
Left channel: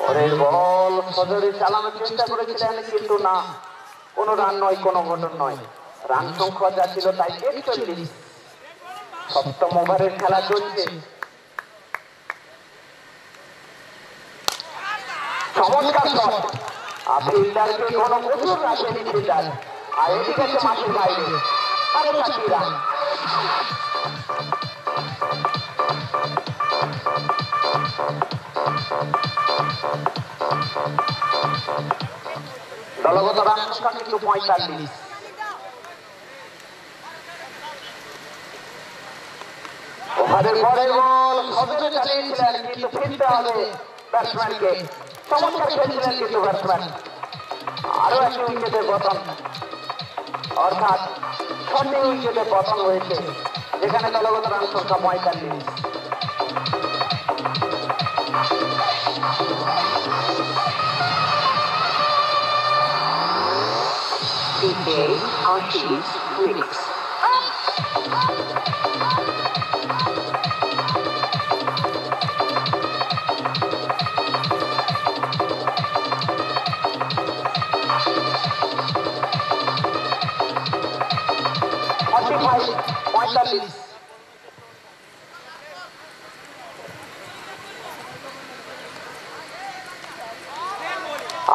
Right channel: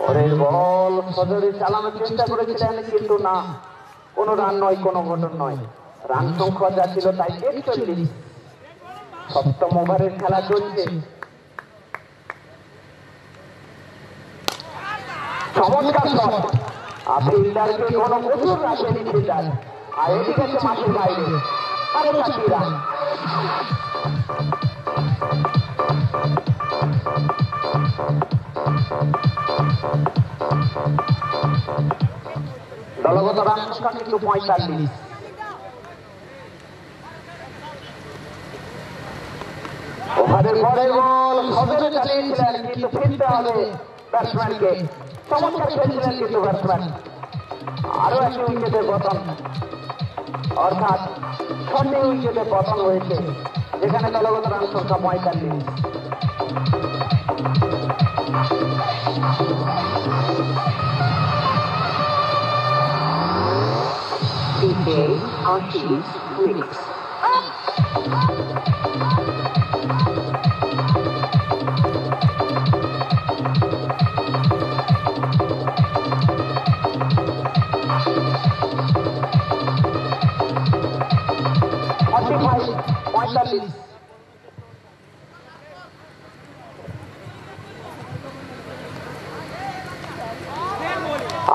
পরের বল সজরে চালানোর চেষ্টা করেছিলেন, কিন্তু না, কোনো রান নয়, কোনো ঘটন নয়। রান সংখ্যা যা ছিল তাই 41। সপ্তম ওভারের খেলা চলছে। চমৎকার শট, ফিল্ডারকে কোনো প্রচুর রাশে নিতে যায়, আর এদিকে আছে মাঠের বাইরে আরো 4টি রান। দলগত রান সংখ্যা কিন্তু 45। ওভারের পরের বল সজরে চালিয়েছিলেন, কিন্তু ফিরতে হবে ব্যাটসম্যানকে। চমৎকার খেলছিলেন কিন্তু ব্যাটসম্যান। আরো একটি উইকেটের পতন, অর্থাৎ 6টি উইকেটের পতন হয়েছে, যেখানে দলগত রান সংখ্যা 45।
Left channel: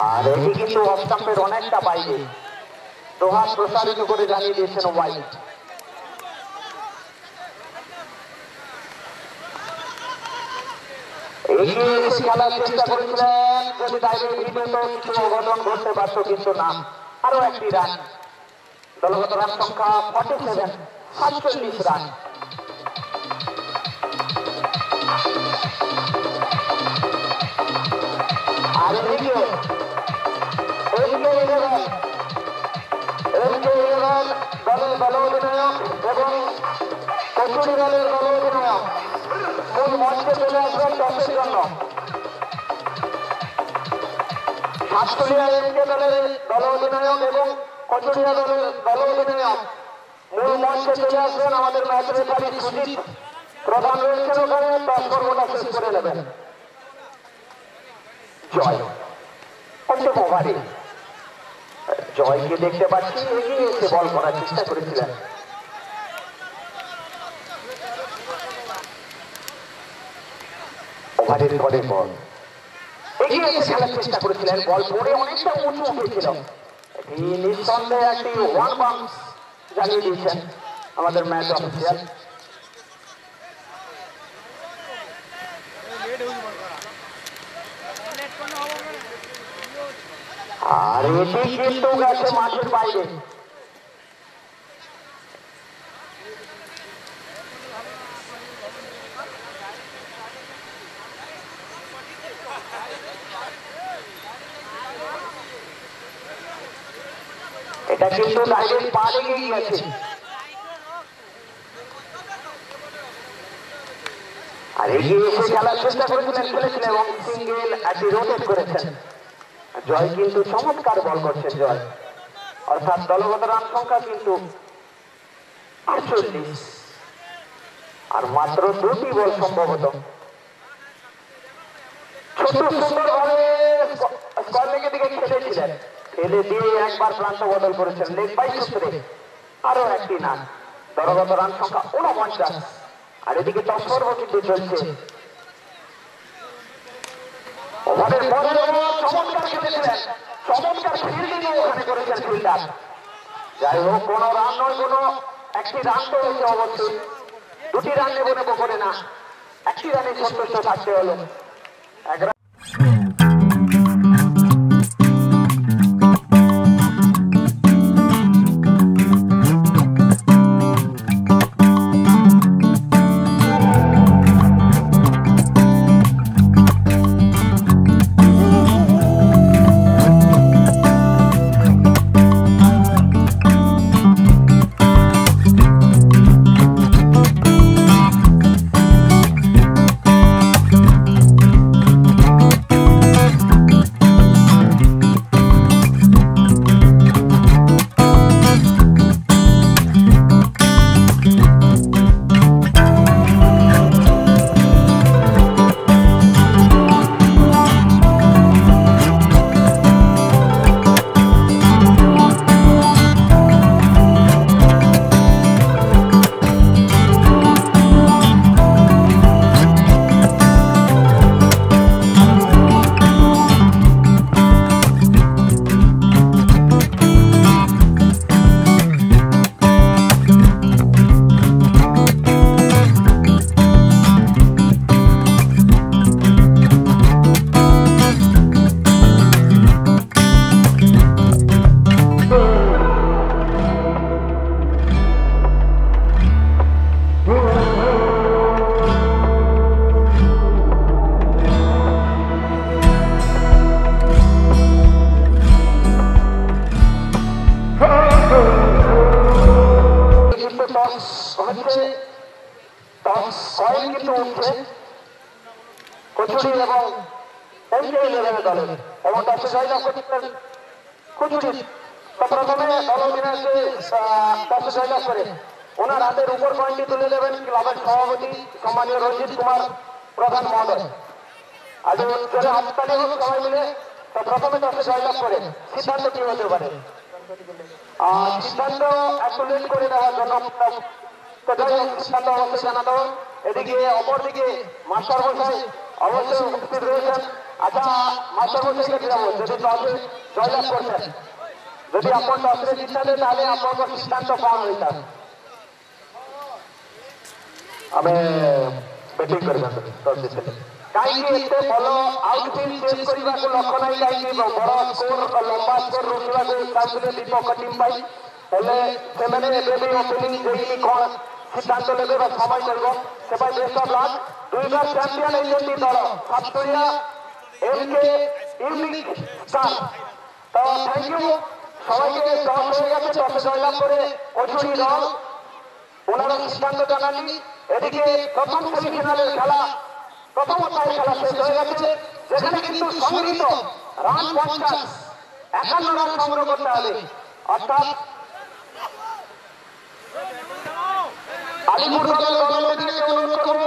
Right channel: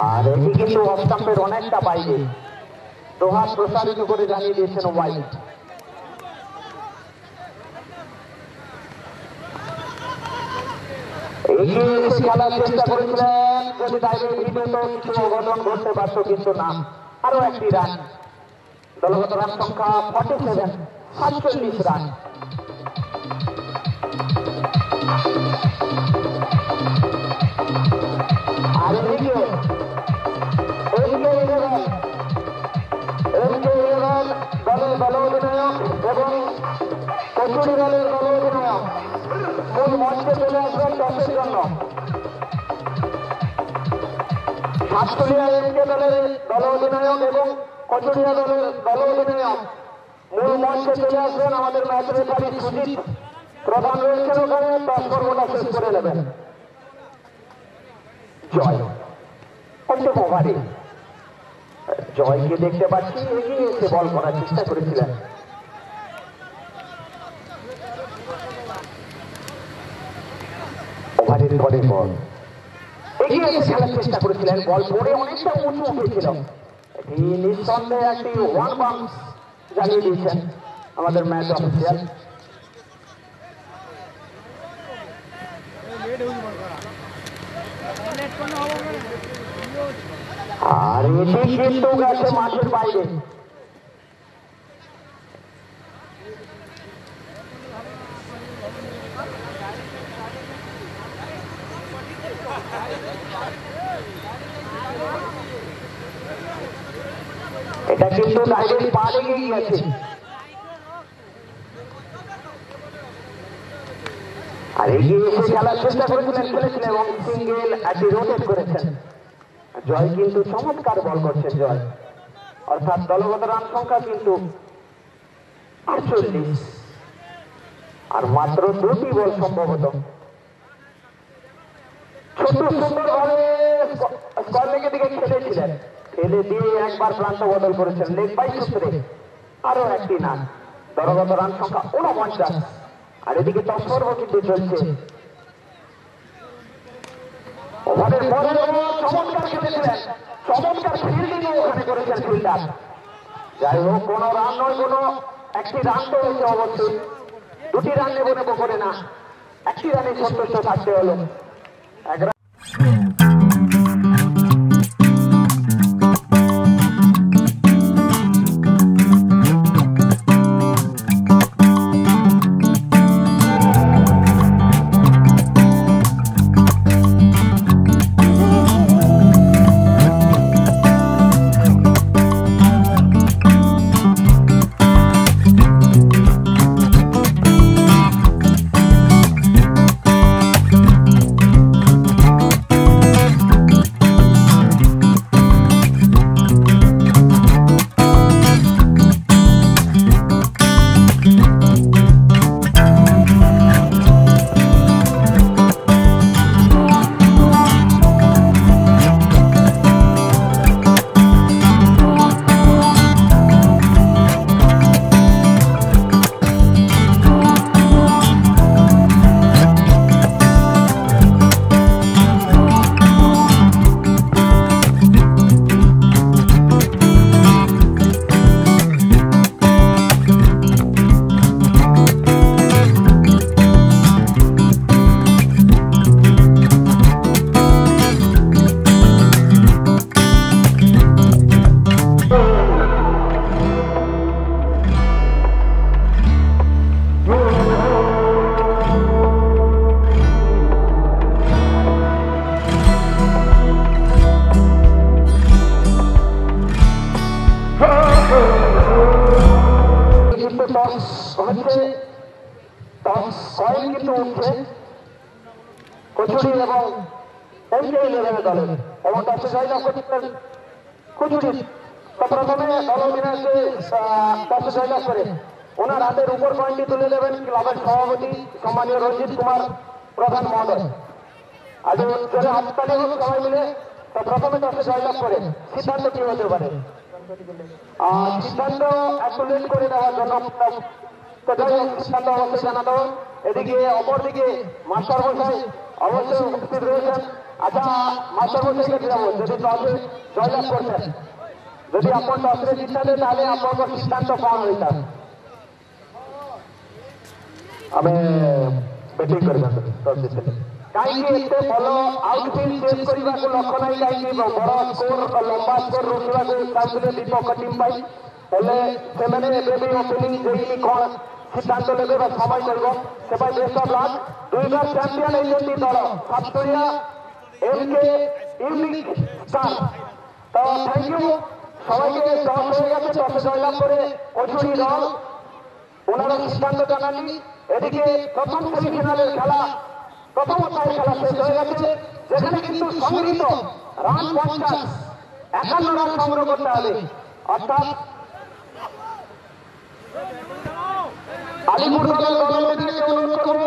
আর এটি কিন্তু অফ স্টাম্পের অনেকটা বাইরে, দোহাত প্রসারিত করে জানিয়ে দিয়েছেন ওয়াইড। এগিয়ে এসে খেলার চেষ্টা করেছিলেন, যদি ডাইরেক্ট ভিডিওতে কিছু অঘটন ঘটতে পারত, কিন্তু না। আরো একটি রান। দলগত রান সংখ্যা 47, 47 রান। আর এদিকে দলের দল অধিনায়ক এবং কচুরি দলের দল অধিনায়ক মূল মঞ্চে চলে আসবেন টসের জন্য। সাতচল্লিয়া এমকে দলের দল অধিনায়ক এবং কচুরিয়া দলের দল অধিনায়ক মূল মঞ্চে চলে আসবেন। আমাদের ম্যাচ রেফারি সুজিত প্রধান রয়েছেন ওখানে, টস পর্বটা শেষ করে নেবেন। জয় পঞ্চম ওভারে জয়কে দেখতে পাচ্ছি, এগিয়ে এসে বল করার চেষ্টা করেছিলেন। ওভারের পরের বল এগিয়ে এসে খেলার চেষ্টা করেছিলেন, বল পরে অনেকটা উঁচু উঠেছিল। নিঃসন্দেহে একটি ওয়ান বাউন্স জানিয়ে দিয়েছেন আমাদের ম্যাচ অফিসিয়াল। আর এটি কিন্তু গেছে মাঠের বাইরে। এটা কিন্তু ডাইরেক্ট পা লেগে গিয়েছে। আর এগিয়ে এসে খেলার চেষ্টা করেছিলেন, খেলেছিলেন এবং সিঙ্গেল একটি রোটেট করেছেন। জয় কিন্তু চমৎকার বল করছেন জয়, অর্থাৎ দলগত রান সংখ্যা কিন্তু 48, আর মাত্র 2টি বল সম্ভবত। ছোট সুন্দরভাবে স্কোয়ার লেগের দিকে খেলেছিলেন, খেলে দিয়ে একবার প্রান্ত বদল করেছেন লেগ বাই সূত্রে। আরো একটি রান, দলগত রান সংখ্যা 49। আর এদিকে টস পর্ব কিন্তু চলছে। ওভারের পরে চমৎকার খেলেছিলেন, চমৎকার ফিল্ডিং ওখানে করেছেন ফিল্ডার। যাই হোক, কোনো রান নয়, কোনো একটি রান তো হয়েছে অবশ্যই। 2টি রান নেব করে না, একটি রানে সন্তুষ্ট থাকতে হলো। কয়েন কিন্তু উঠছে কচুরি এবং NK11 দলের এবং টসে জয়লাভ করছেন কচুরি। প্রথমে দল অধিনায়ককে টসে জয়লাভ করে ওনার হাতের উপর কয়েনটি তুলে দেবেন ক্লাবের সভাপতি সম্মানীয় রঞ্জিত কুমার প্রধান মহোদয়। আজ চলে হাততালি হোক সবাই মিলে। তো প্রথমে টসে জয়লাভ করে সিদ্ধান্ত কি হতে পারে? সিদ্ধান্ত একটু লেট করে দেওয়ার জন্য সিদ্ধান্ত অবশ্যই জানাতে হবে। এদিকে অপরদিকে মাস্টার মশাই অবশ্যই উপস্থিত রয়েছেন। আচ্ছা মাস্টার মশাইকে যাবো, যদি টসে জয়লাভ করছেন, যদি আপনার টসে জিতাতে তাহলে আপনার সিদ্ধান্ত কম হইতাম। ଆମେ ବ୍ୟାଟିଂ କରିବା ଟସ୍ ଜିତିଲେ କାହିଁକି ଏତେ ଭଲ ଆଉଟଫିଲ୍ଡ ଚେସ୍ କରିବାକୁ ଲକ୍ଷ୍ୟ ନାହିଁ, କାହିଁକି ବଡ଼ ସ୍କୋର ଲମ୍ବା ସ୍କୋର ରୋକିବାକୁ ଚାହୁଁଥିଲେ ବିପକ୍ଷ ଟିମ୍ ପାଇଁ। ହେଲେ ସେମାନେ ଏବେ ବି ଓପନିଂ ଦେଇକି କ'ଣ ସିଦ୍ଧାନ୍ତ ନେବେ ବା ସମୟ କରିବ ସେ ପାଇଁ ବେଷ୍ଟ ଅଫ୍ ଲକ୍। ଦୁଇବାର ଚାମ୍ପିୟନ ହେଇଛନ୍ତି ଦଳ ସାତୁରିଆ MK ইউনিক স্টার। তো থ্যাংক ইউ সবাইকে। টস হয়ে গেছে, টসে জয়লাভ করে কচুরি দল ওনারা সিদ্ধান্ত জানাননি। এদিকে প্রথম সেমিফাইনালের খেলা প্রথম অধ্যায়ের খেলা শেষ হয়ে গেছে, যেখানে কিন্তু সংগৃহীত রান 51 রান সংগ্রহ করতে হবে। অর্থাৎ আলিপুর দলের দলকে অনুরোধ করব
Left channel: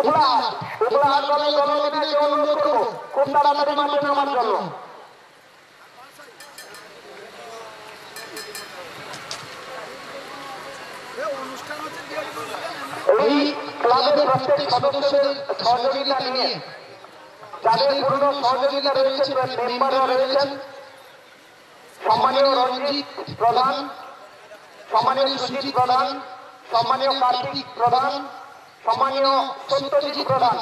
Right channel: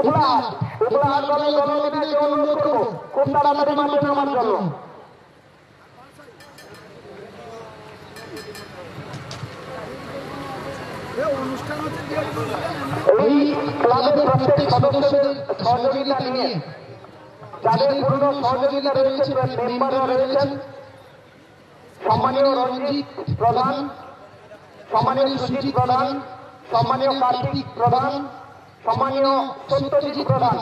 উপলাহাট দলের দলকে অনুরোধ করব খুব তাড়াতাড়ি মাঠে নামার জন্য। এই ক্লাবের প্রত্যেক সদস্যদের সহযোগিতা নিয়ে যাদের পূর্ণ সহযোগিতা রয়েছে মেম্বাররা রয়েছেন সম্মানীয় রঞ্জিত প্রধান, সম্মানীয় সুজিত প্রধান, সম্মানীয় কার্তিক প্রধান, সম্মানীয় সত্যজিৎ প্রধান,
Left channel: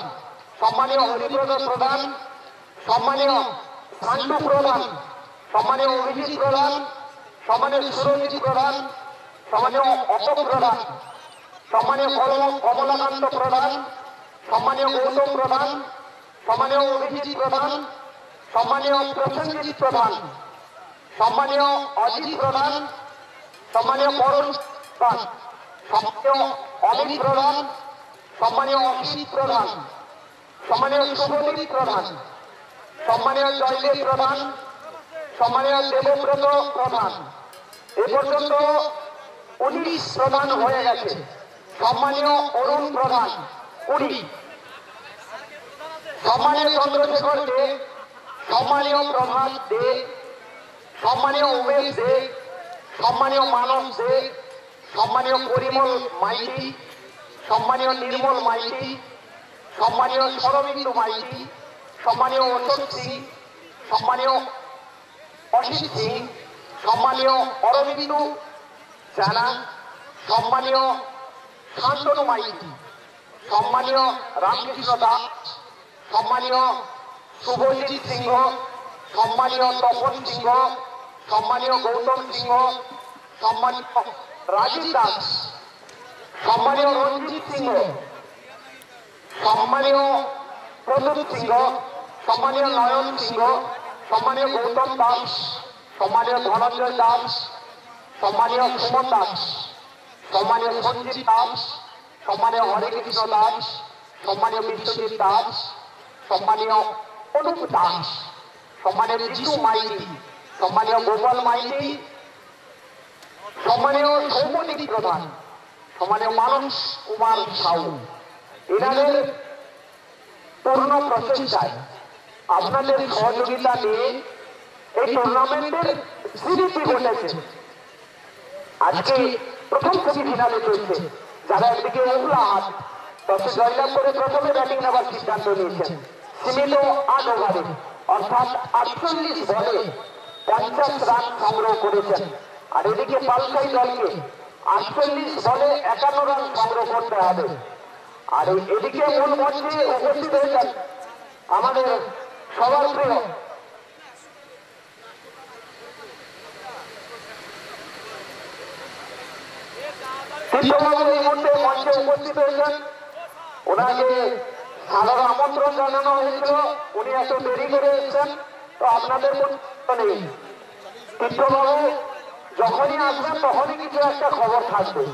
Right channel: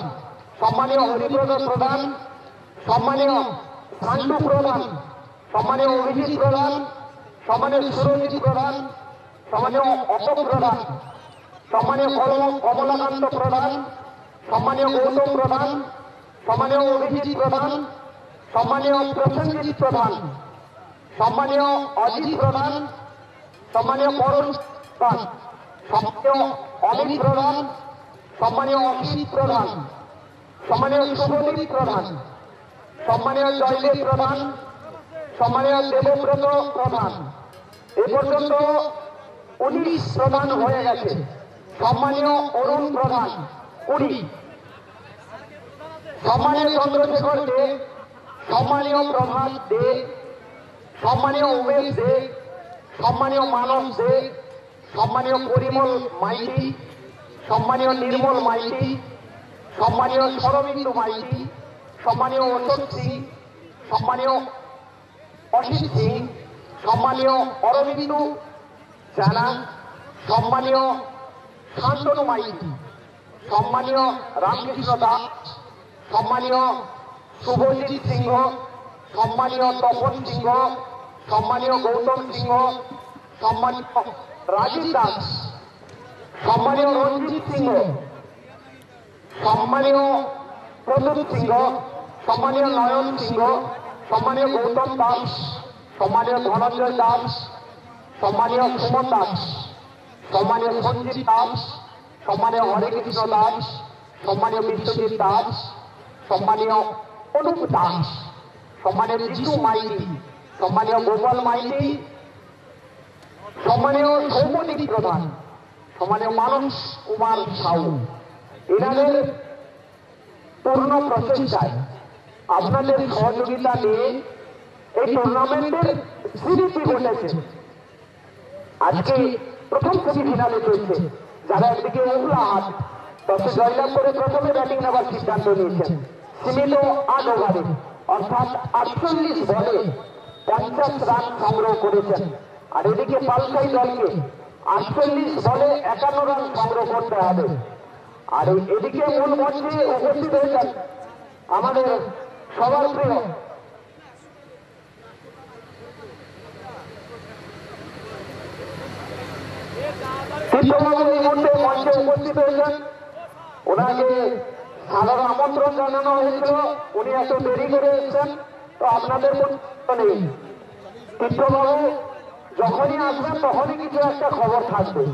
সম্মানীয় হরিপ্রদ প্রধান, সম্মানীয় শান্তু প্রধান, সম্মানীয় অভিজিৎ প্রধান, সম্মানীয় সুরজিৎ প্রধান, সম্মানীয় অশোক প্রধান, সম্মানীয় কমলাকান্ত প্রধান, সম্মানীয় গৌতম প্রধান, সম্মানীয় অভিজিৎ প্রধান, সম্মানীয় প্রসেনজিৎ প্রধান, সম্মানীয় অজিত প্রধান, সম্মানীয় পরশ প্রধান, সম্মানীয় অমিত প্রধান, সম্মানীয় অসিত প্রধান, সম্মানীয় শুভদীপ প্রধান, সম্মানীয় জয়দেব প্রধান, সম্মানীয় দেবব্রত প্রধান। এ পর্যন্ত 19 প্রধান হয়ে গেছে। সম্মানীয় অরুণ প্রধান 20, সম্মানীয় চন্দ্রশেখর দে, সম্মানীয় প্রভাত দে, সম্মানীয় উমেশ দে, সম্মানীয় মানস দে, সম্মানীয় পরিমল মাইতি, সম্মানীয় নির্মল মাইতি, সম্মানীয় শরবিন্দু মাইতি, সম্মানীয় অশোক সিং, সম্মানীয় অসিত সিং, সম্মানীয় অরবিন্দু জানা, সম্মানীয় শান্তনু মাইতি, সম্মানীয় রামকৃষ্ণ দাস, সম্মানীয় শুভজিৎ সিংহ, সম্মানীয় তপন সিংহ, সম্মানীয় গৌতম সিংহ, সম্মানীয় রাজীব দাস, সম্মানীয় রঞ্জিত সিংহ, সম্মানীয় প্রদীপ সিংহ, সম্মানীয় নয়ন সিংহ, সম্মানীয় গৌতম দাস, সম্মানীয় ধনঞ্জয় দাস, সম্মানীয় সুমন দাস, সম্মানীয় সঞ্জিত দাস, সম্মানীয় হরেকৃষ্ণ দাস, সম্মানীয় বিশ্বজিৎ দাস, সম্মানীয় অনুপ দাস, সম্মানীয় জিতু মাইতি, সম্মানীয় গোপাল মাইতি, সম্মানীয় সৌমদীপ প্রধান, সম্মানীয় মানস কুমার সাউ। এনাদের পূর্ণ প্রচেষ্টায় আপনাদের সহযোগিতা নিয়ে এই টুর্নামেন্টের সিরিজটি ঘটেছে। আজকে প্রথম সেমিফাইনালে চলছে, যারা একদিকে উপলাহাট টসে জয়লাভ করে প্রথমে ব্যাটিং নেওয়ার সিদ্ধান্ত নিয়েছেন সীমিত 8 ওভারে অর্থাৎ 48 বলে 50 রান সংগ্রহ করেছেন। আর এদিকে পালসাই দলকে 48 বলে 51 রান সংগ্রহ করতে হবে। আর এদিকে মূল মঞ্চে উপস্থিত হয়েছেন আমাদের সবার প্রিয় মঞ্চে উপস্থিত হয়েছেন। ওনাকে সাধারণ আমন্ত্রণ জানানো হয়েছিল, উনি এত দেরি করে এসেছেন। তো আপনাদের নেই, তীর্থবাবু যখনই আসবেন তখনই কিছু একটা খবর থাকবে।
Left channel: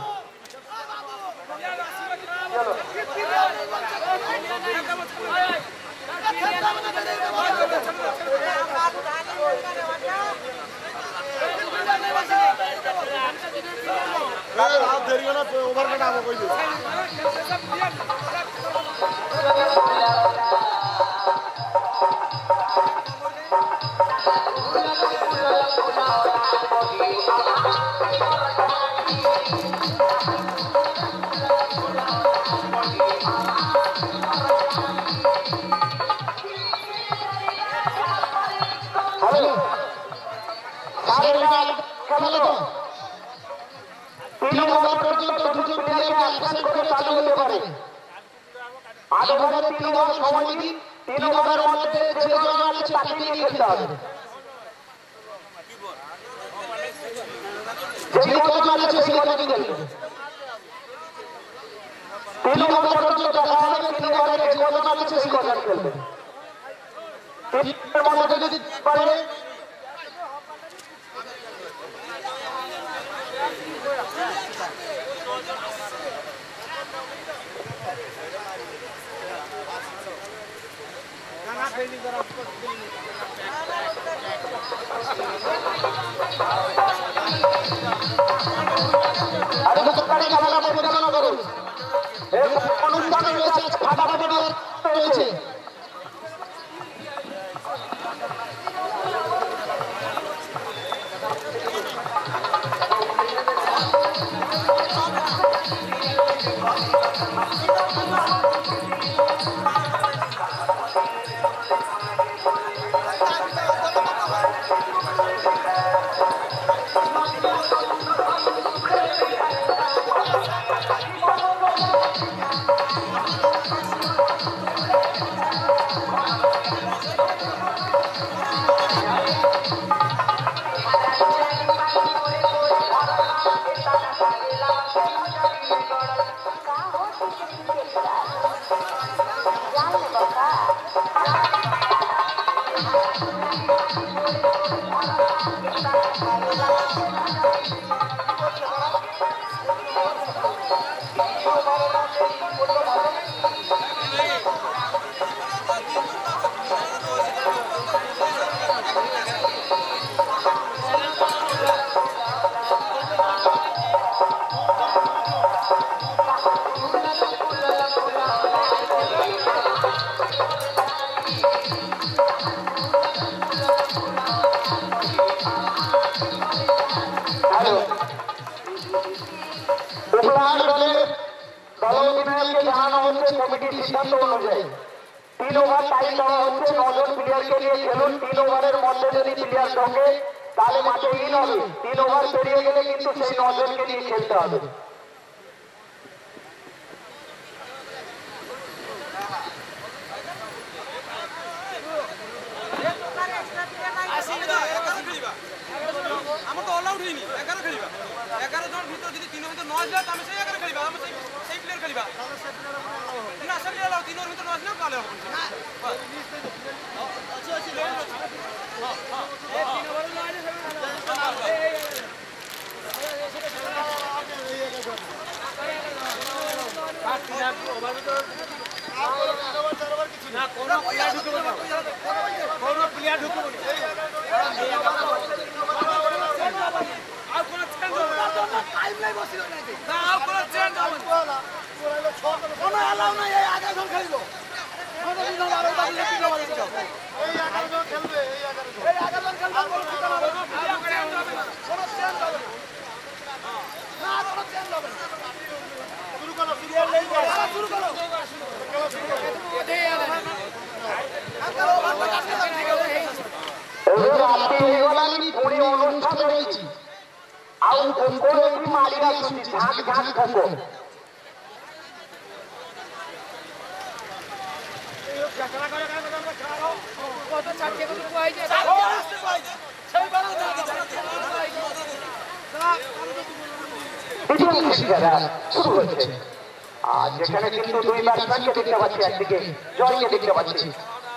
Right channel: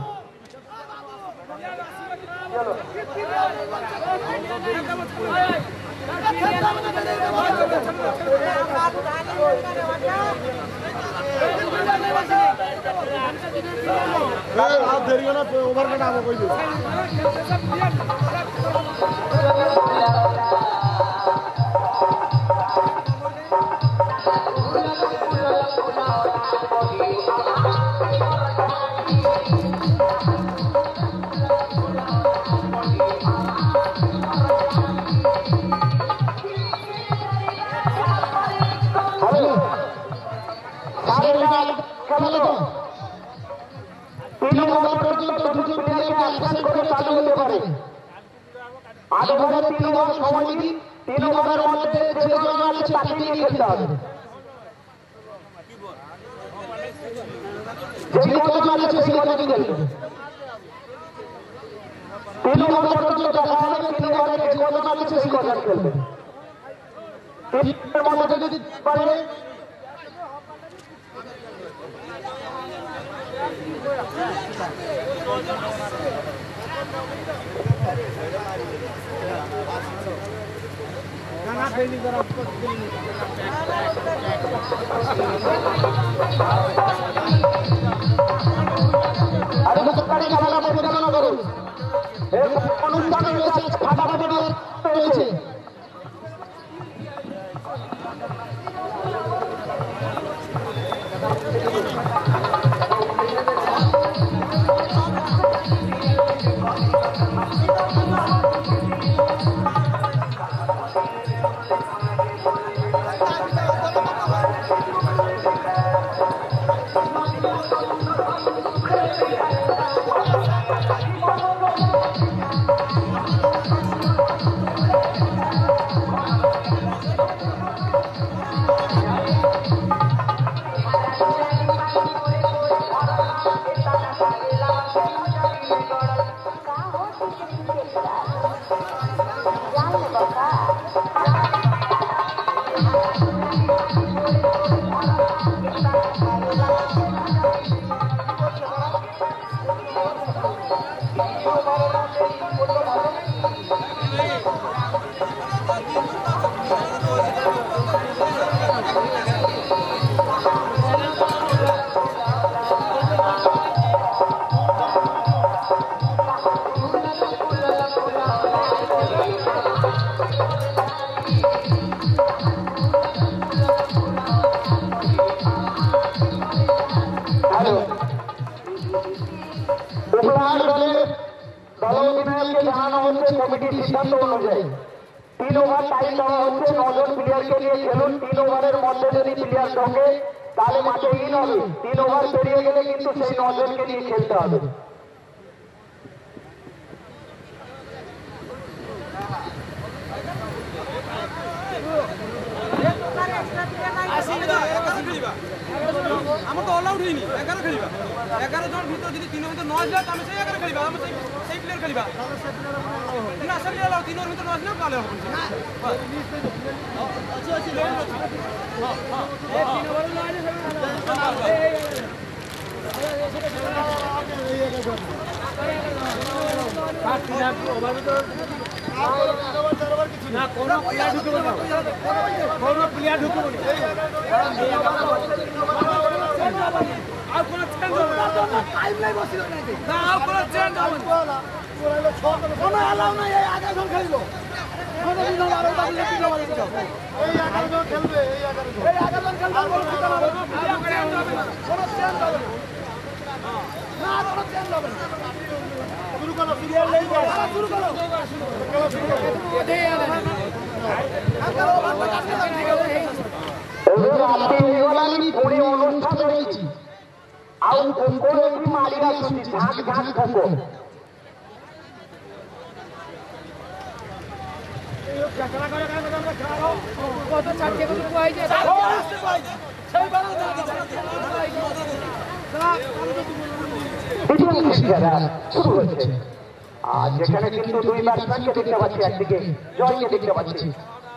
যেখানে কিন্তু দুই ব্যাটসম্যানকে দেখতে পাচ্ছি, একদিকে জয়কে দেখতে পাচ্ছি,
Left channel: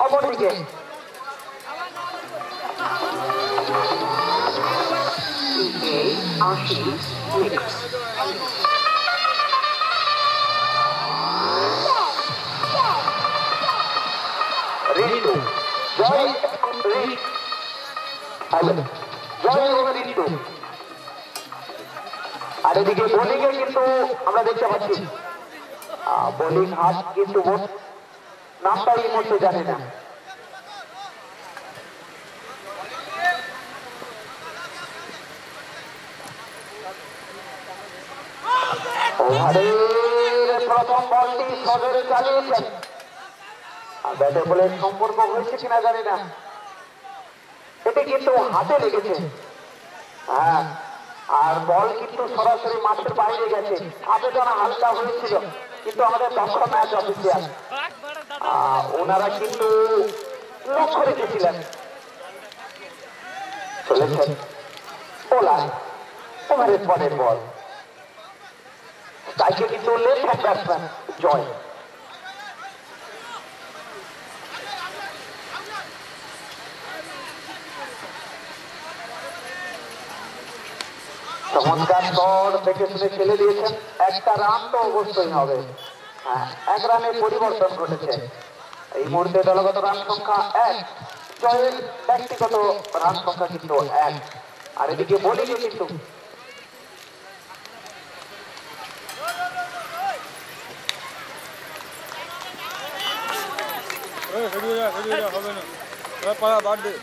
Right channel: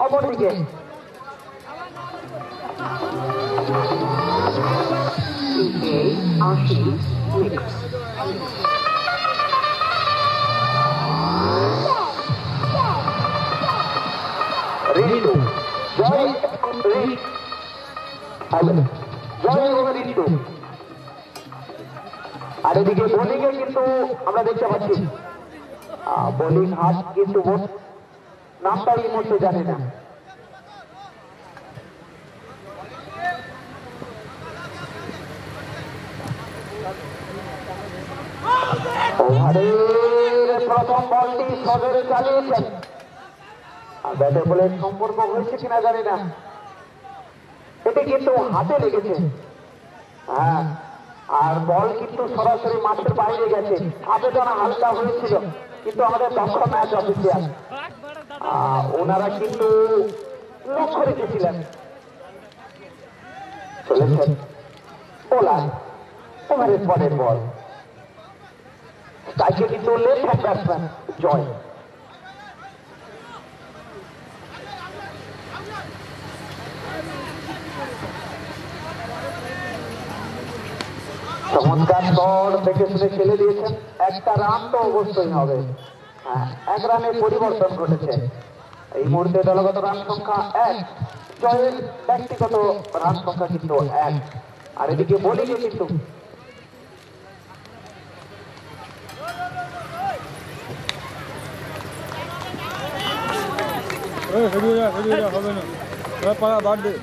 অপরদিকে জয় হবে রিন্টু। আর এদিকে বোলিংয়ে কিন্তু আমরা দেখতে পাচ্ছি বোলিং হাত কিন্তু নামটাই এই মুহূর্তে জানে না। প্রথম বলটি সজরে চালিয়েছেন, আর ব্যাটে বলের সম্পর্ক হয়েছে কিনা জানি না, এটি কিন্তু হাতে লেগেছে। হ্যাঁ, আর বল কিন্তু সরাসরি মাঠের বাইরে গেছে। আবেদনা হালকা হয়েছিল, কিন্তু আমাদের দক্ষ ম্যাচ অফিসিয়াল ওনারা কিন্তু লক্ষ্য রেখেছিলেন। চলেছেন ওলার ওভারের পরের বল, তাইকে কিন্তু লেফট হ্যান্ড ব্যাটসম্যান জয়। চমৎকার শট দেখে শুনে খেলে দিয়েছেন। একটা রান তো অবশ্যই হবে। হ্যাঁ, এক রানে পরিবর্তন ঘটেছে। এই মুহূর্তে দলগত রান সংখ্যা 1, জয়ের ব্যক্তিগত রান সংখ্যা কিন্তু 1। আর এদিকে বোলিংয়ে কিন্তু হবে না, পাড়া বাদ দে।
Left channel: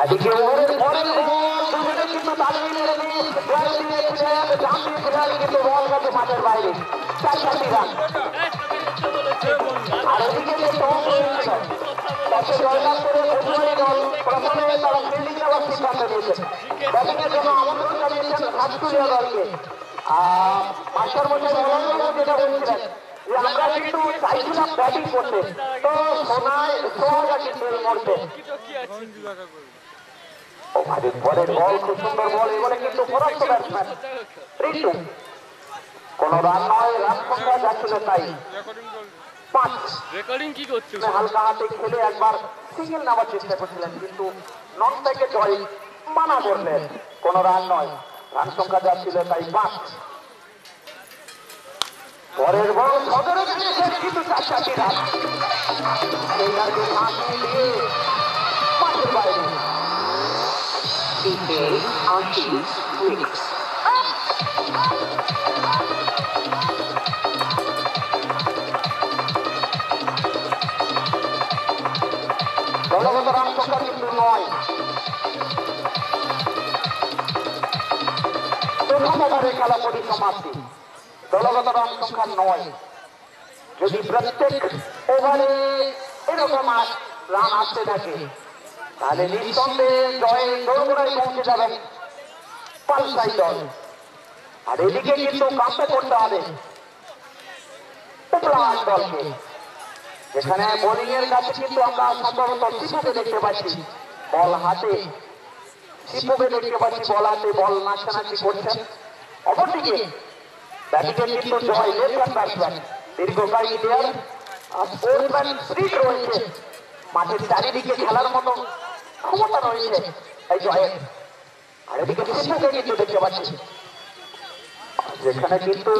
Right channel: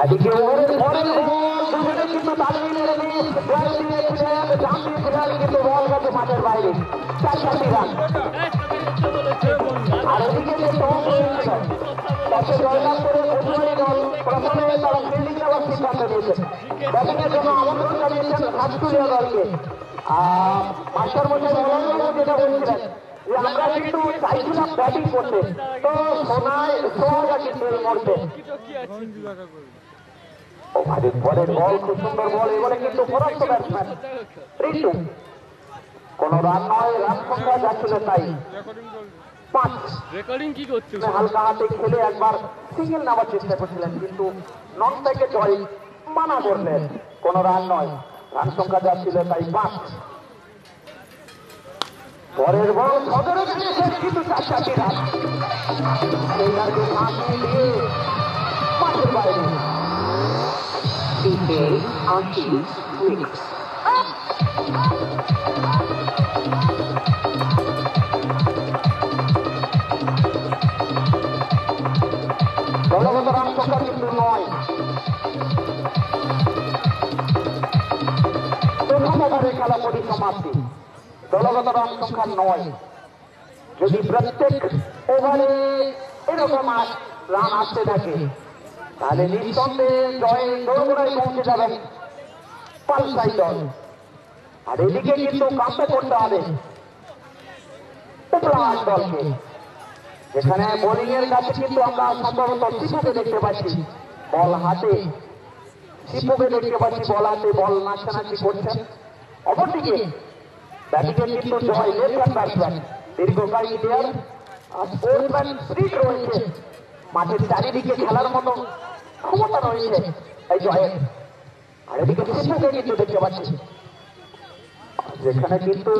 আজকে ওভারের পরের বল দুজনে কিন্তু তালিয়ে কিন্তু বল গেছে মাঠের বাইরে। 4-4টি রান। আর এদিকে যে টস হয়েছিল তাতে জয়লাভ করে প্রথমে দল প্রথমে তারা ফিল্ডিং নেওয়ার সিদ্ধান্ত নিয়েছেন। ব্যাটিংয়ের জন্য আমন্ত্রণ জানিয়েছেন ঘাটকুলিয়া দলকে। মাস্টার মশাই যেটা বলছিলেন যে আমরা কিন্তু চাইছিলাম ব্যাটিং করতে, তো সোনায় কিন্তু এই মুহূর্তে পরের বল খুব সুন্দর বল। এবারে কিন্তু পরাস্ত ব্যাটসম্যান রিন্টু। কোন রান নয়, রান সংখ্যা যাচ্ছিল তাই 5। রেকর্ডিং কি করছো? হালকা হাতে খেলে একবার সিঙ্গেল নেওয়ার চেষ্টা করছিলেন, কিন্তু নন স্ট্রাইকে জয় মানা করলেন। কোন রান নয়, রান সংখ্যা যাচ্ছিল তাই 5। পরের বল সদরে গিয়েছেন কিন্তু 4-4টি রান। সেই রানকে ভাঙিয়ে দিয়ে মাঠের বাইরে। দলগত রান সংখ্যা কিন্তু 9। প্রথম ওভারে খেলা পরিসমাপ্তি, দলগত রান সংখ্যা 9। যদি প্রত্যেক ওভারে এরকম রান আসতে থাকে তাহলে নিঃসন্দেহে জয়ে দোরগোড়ায় পৌঁছে যাবেন পালসাই দল। আর এদিকে কিন্তু কাছে করতে হবে উপলাহাট দলকে, যেখানে বোলিং এর কাছে কিন্তু আমরা সম্ভবত শিপুকে দেখতে পাচ্ছি বল হাতে। শিপুকে দেখতে পাচ্ছি বল হাতে, বল নাচানাচি করছেন। অপরদিকে ব্যাটিংয়ে কিন্তু জয় লেফট হ্যান্ড ব্যাটসম্যান, দীর্ঘকালী প্লেয়ার, স্পোর্টসম্যান স্পিড রয়েছে, মাঠের চারিদিকে খেলার মতো ক্ষমতা রয়েছে এই জয়ের। আর এদিকে শিপুকে কিন্তু দেখতে পাচ্ছি, যেখানে কিন্তু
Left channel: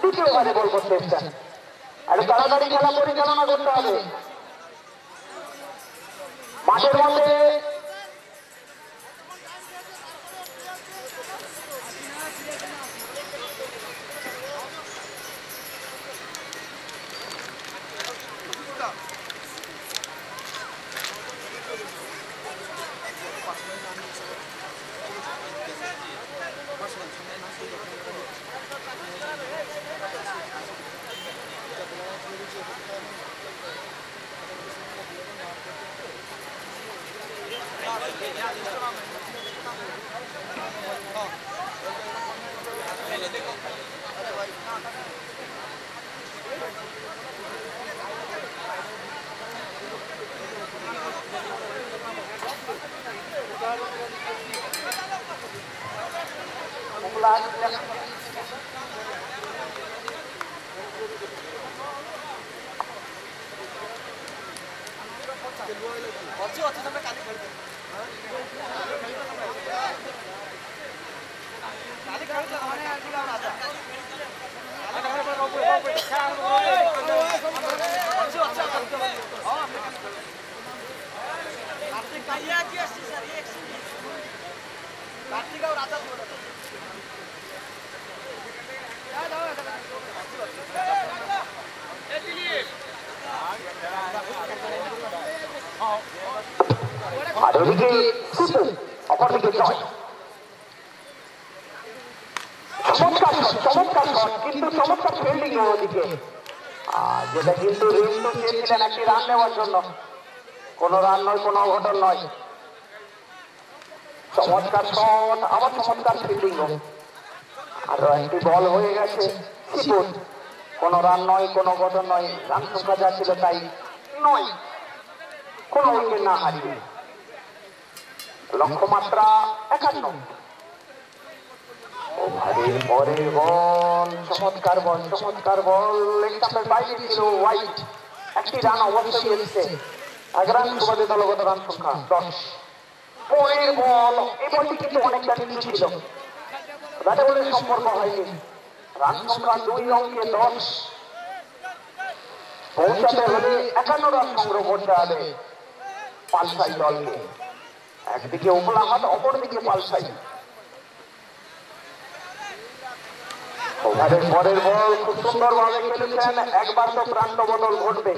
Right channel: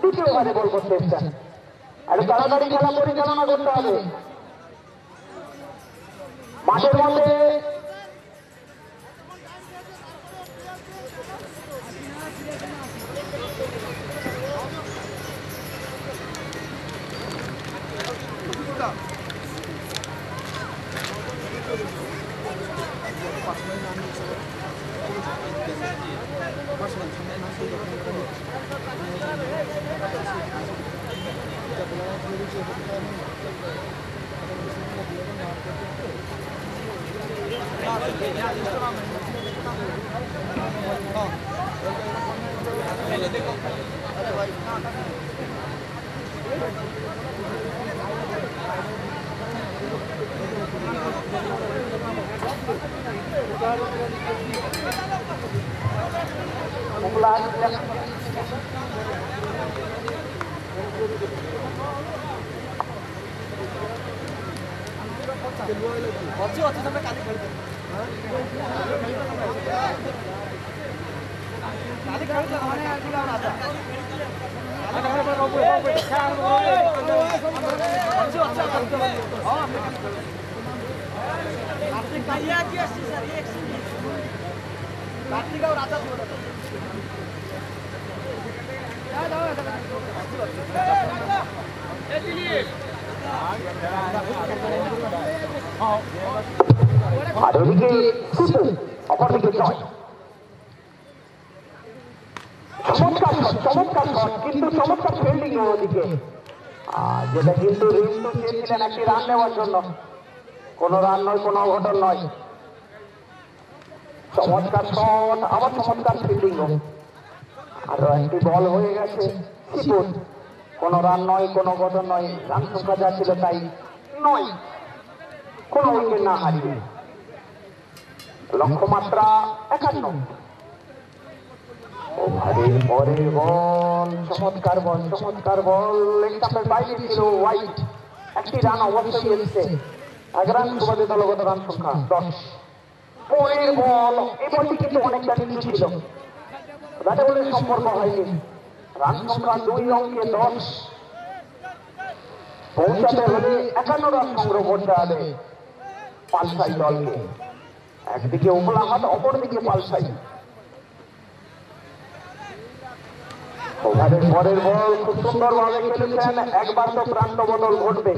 দ্বিতীয় ওভারে বল করতে এসছেন। আর তাড়াতাড়ি খেলা পরিচালনা করতে হবে মাঠের মধ্যে। আর এদিকে অপরদিকে জয়। চমৎকার শট, কিন্তু চমৎকার ফিল্ডিং ওদিকে, যেটা কিন্তু রিন্টু চেয়েছিলেন একটি রান নেওয়ার জন্য। কোন রান নয়, কোন অঘটন নয়। চমৎকার শট, আবার চমৎকার ফিল্ডিং। আরো একটি বল হয়ে গেছে সিপুর। কোন রান নয়, কোন অঘটন নয়। রান সংখ্যা যা ছিল তাই নয়, কোন উইকেট না হারিয়ে। লক্ষ্যমাত্রা 51। ওভারের পরের বল, চমৎকার বল, লেগ স্টাম্পের বাইরে ছিল, ওয়াইড। একটি রান অবশ্যই এসেছে। 1 রান সুবাদে দলগত রান সংখ্যা 10। পরের বল, এই বলটি কিন্তু অনেকটা নিচু ছিল, ব্যাটে বলের সম্পর্ক হয়নি। রান সংখ্যা 2 অঙ্কে 10। পৌঁছাতে হলে 51 রান সংগ্রহ করতে হবে পালসাই দলকে। একদিকে উপলা হাত, অপরদিকে পালসাই। ওভারের পরের বল খুব সুন্দরভাবে খেলেছেন। একবার তো প্রান্ত বদল ঘটবে,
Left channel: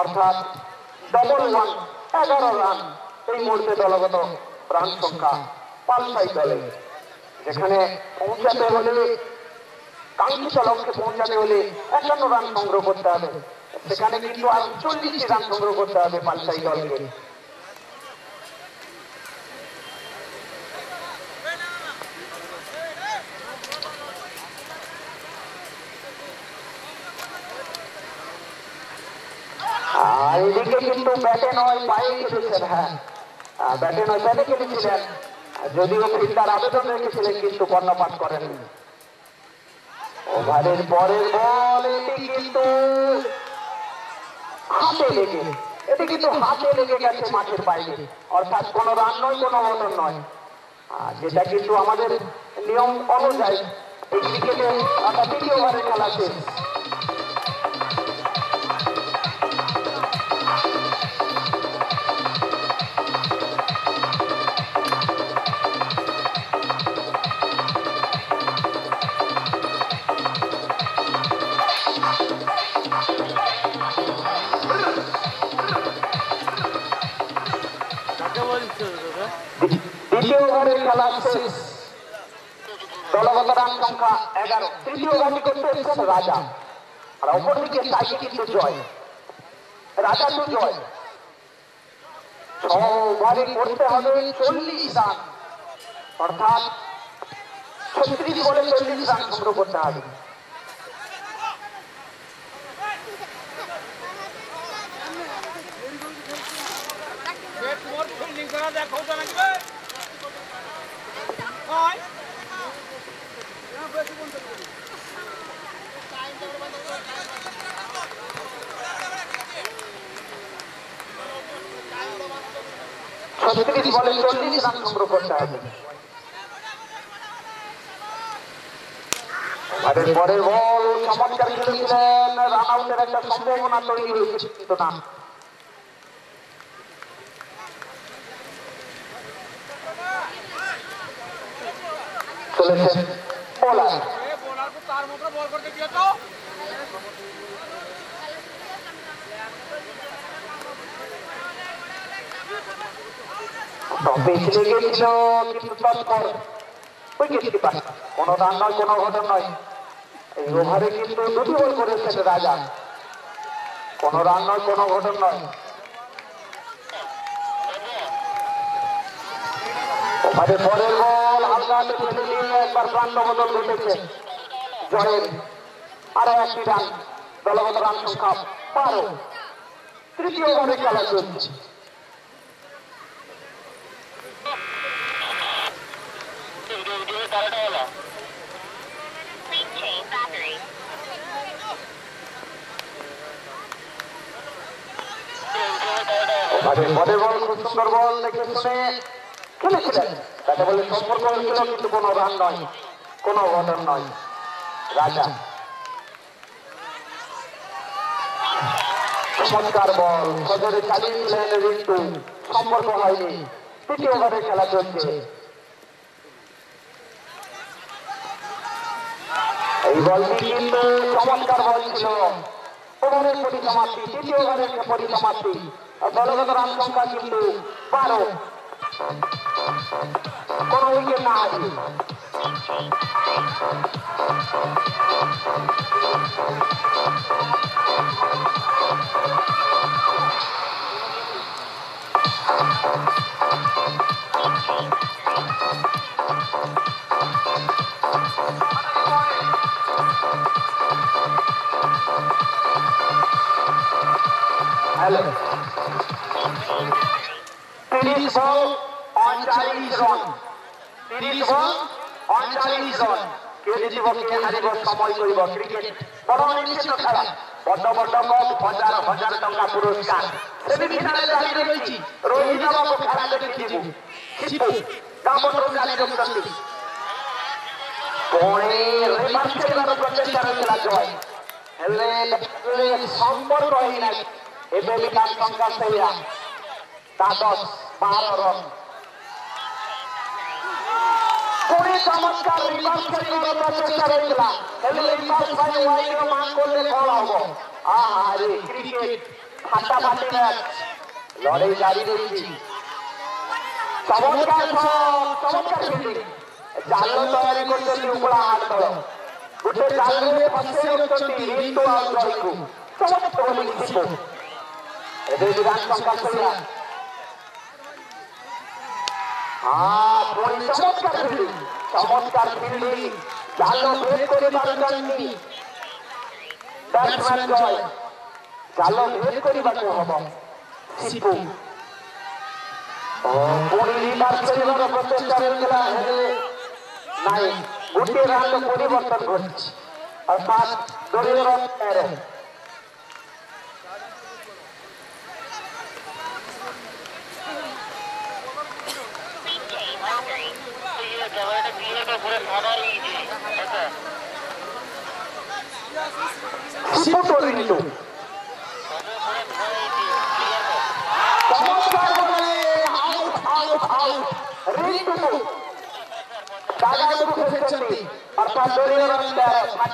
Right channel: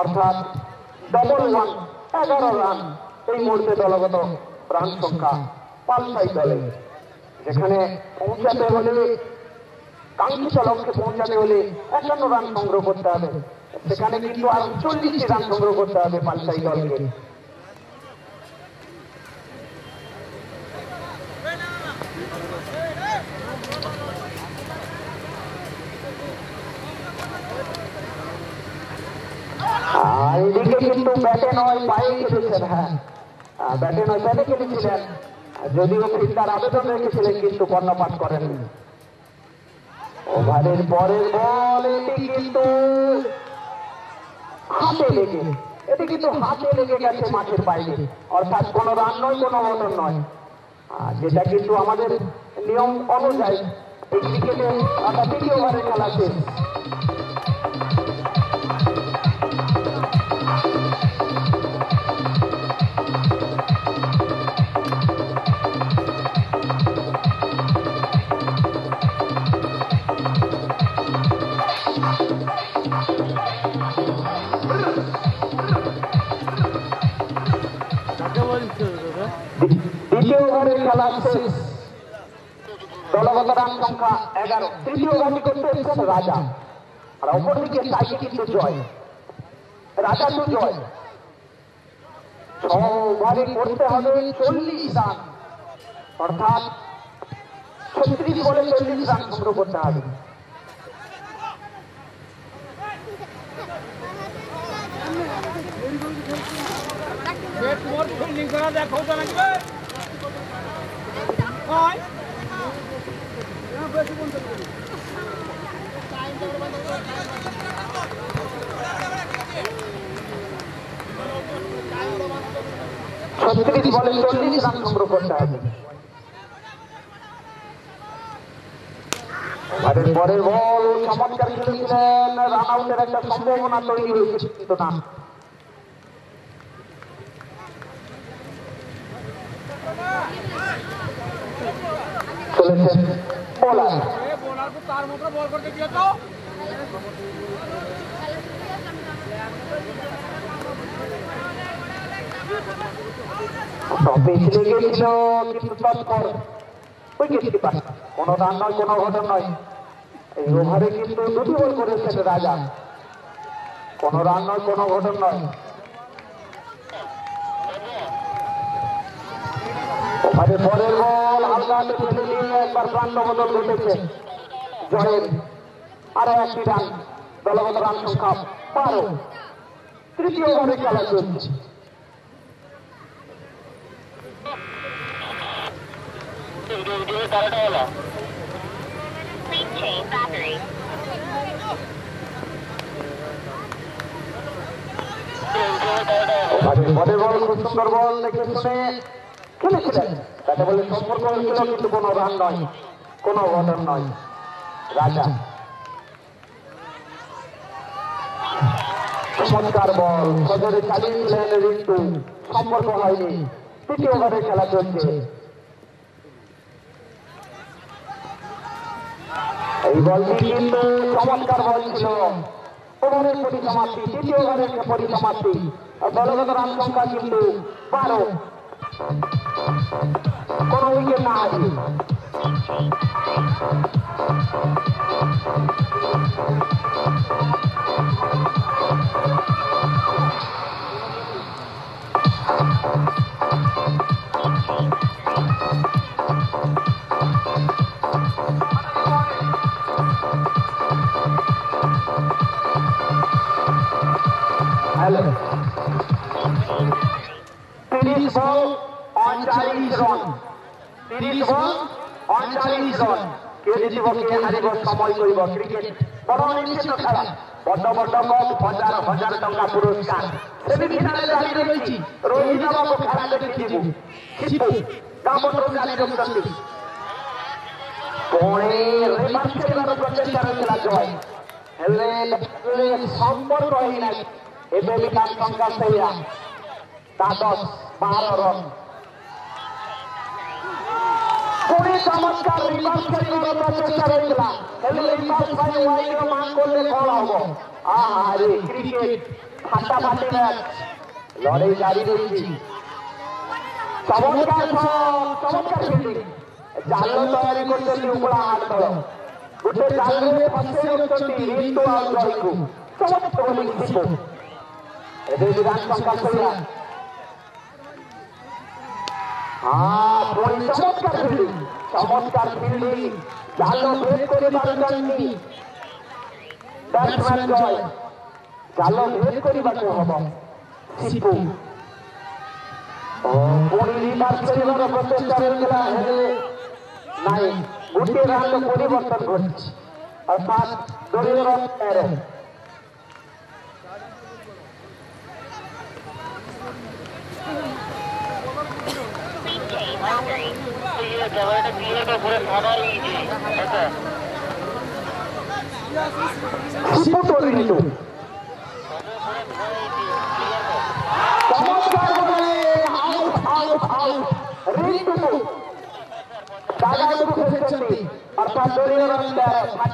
অর্থাৎ ডবল 1, 11 রান। এই মুহূর্তে দলগত রান সংখ্যা পালসাই দলের, যেখানে পৌঁছাতে হলে, কাঙ্ক্ষিত লক্ষ্যে পৌঁছাতে হলে 51 রান সংগ্রহ করতে হবে। সেখানে কিন্তু আর 40 রান সংগ্রহ করতে হবে পালসাই দলকে। এদিকে কিন্তু ব্যাটে নয়, পায়ে খেলেছেন। হ্যাঁ, ব্যাটে নয়, ব্যাটে খেলেছিলেন। যদিও ফিল্ডার আবেদন রেখেছিলেন, কিন্তু কর্ণপাত করেননি। ওভারের পরের বল, এটি কিন্তু হাতে লেগে গেছে মাঠের বাইরে, অর্থাৎ কোনো রান নয়, কোনো অঘটন নয়। যেটা কিন্তু আমাদের নিয়ম অনুযায়ী এই ক্রিকেটে, অর্থাৎ 2য় ওভারের খেলা শেষ। দ্বিতীয় ওভারের খেলা শেষ, দলগত রান সংখ্যা 11। তৃতীয় ওভারটি করতে এসেছেন রাজা, আর অপরদিকে চাইছে কিন্তু জয়। রাজা তো জয়, 6 ওভারে করতে হবে 40 রান, অর্থাৎ 36 বলে 40 রান সংগ্রহ করতে হবে। ফিল্ডিং করা দেখো তো নাকি হয় ছত্রিশ বলে 40 রান সংগ্রহ করতে হবে। পরের বল চমৎকার খেলেছিলেন, রান আউটের একটা সম্ভাবনা তৈরি হয়েছে, কিন্তু না। চলেছেন বোলার, তার মতো বল করতে দিয়ে তো পেছনে গিয়েছিল, কিন্তু তৎপর উইকেট কিপার। কোনো রান নয়, কোনো ঘটন নয়। এই ওভারে কিন্তু 2টি বল করেছেন রাজা, কোনো রান নয়, কোনো ঘটন নয়। ওভারে পরের বল হালকাতে ফেলে দিয়ে একবার প্রান্ত বদল ঘটেছে জয়ের। আরো একটি রান, দলগত রান সংখ্যা 12। তৃতীয় ওভারে খেলা চলছে। পরের বল খুব সুন্দর বল দেখে শুনে খেলেছিলেন, তাতে বলে সম্পর্ক হয়েছিল, কিন্তু কোনো রান নয়, কোনো অঘটন নয়। রাজা চমৎকার বল সজরে চালিয়েছিলেন রিন্টু, সম্পর্ক হয়নি। তৃতীয় ওভারের খেলা চলছে। এই বলটি কিন্তু চমৎকার বল ছিল। ওভারের পরিসমাপ্তি, তৃতীয় ওভারের পরিসমাপ্তি। দলগত রান সংখ্যা কিন্তু 12। কোন উইকেট না আছে। হ্যালো, 30 বল 39 রান, 30 বল 39 রান। কে জিতিব কে হারিব সময় করিব। ক্রিকেট বড় অনিশ্চিত খেলা। বড় বড় কপ, হাজার হাজার টাকা পুরস্কার। সেমিফাইনালে দাঁড়িয়ে রয়েছি। রোহিত বাবু খেলা দেখে দিব। সিপু দামোদর গানের প্রতি পরে রিভার্স খেলার প্রচেষ্টা খেলা জয়। হেলে সম্পর্ক হয় না। এতে বিকাশ সংখ্যা সেরা তা 10-12 রান। পুরী চমৎকার রিভার্স খেলার প্রচেষ্টা খেলা। হেলে রিভার্স ভাই ওয়াইড মান করলে ফল হবো। আরে ক্রিকেট ফাটাফাটি ম্যাচ, লড়াই জারি রয়েছে। চমৎকার চমৎকার ফিল্ডিং। জাল তৈরি করছেন উপরা হাত দল। গোটে জালে ফসে রয়েছেন রিতু আর জয়কু। চমৎকার বোলিং সিপু। এদের বিরাট সংখ্যা সেরা। পুরী চমৎকার ফিল্ডিং, চমৎকার ফিল্ডিং। জাল ভেদ করে পারছেন ব্যাটসম্যান জয়। জাল ভেদ করিবাকু হব সিপু। পুরী রিভার্স খেলার প্রচেষ্টা খেলা হেলে নাই। গোটে রান পরিবর্তন ঘটছে, অর্থাৎ দলীয় রান 13। সিপু পরিণত চমৎকার বলে আউট আউট আউট। রিতু দাদাগুলো ফেলেছেন, অর্থাৎ দলীয় রান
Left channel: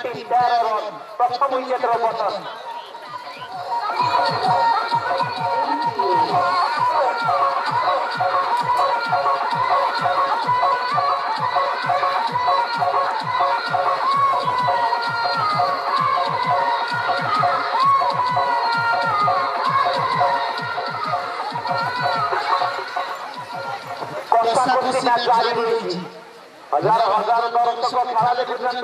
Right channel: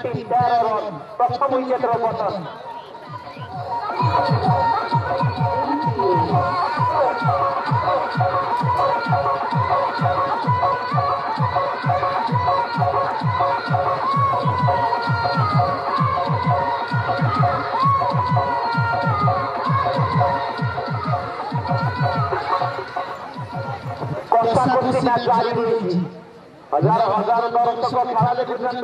13 রান। প্রথম উইকেটের পতন। কষাকষি ম্যাচ জারি রয়েছে। হাজার হাজার দর্শক খেলা দেখুছেন।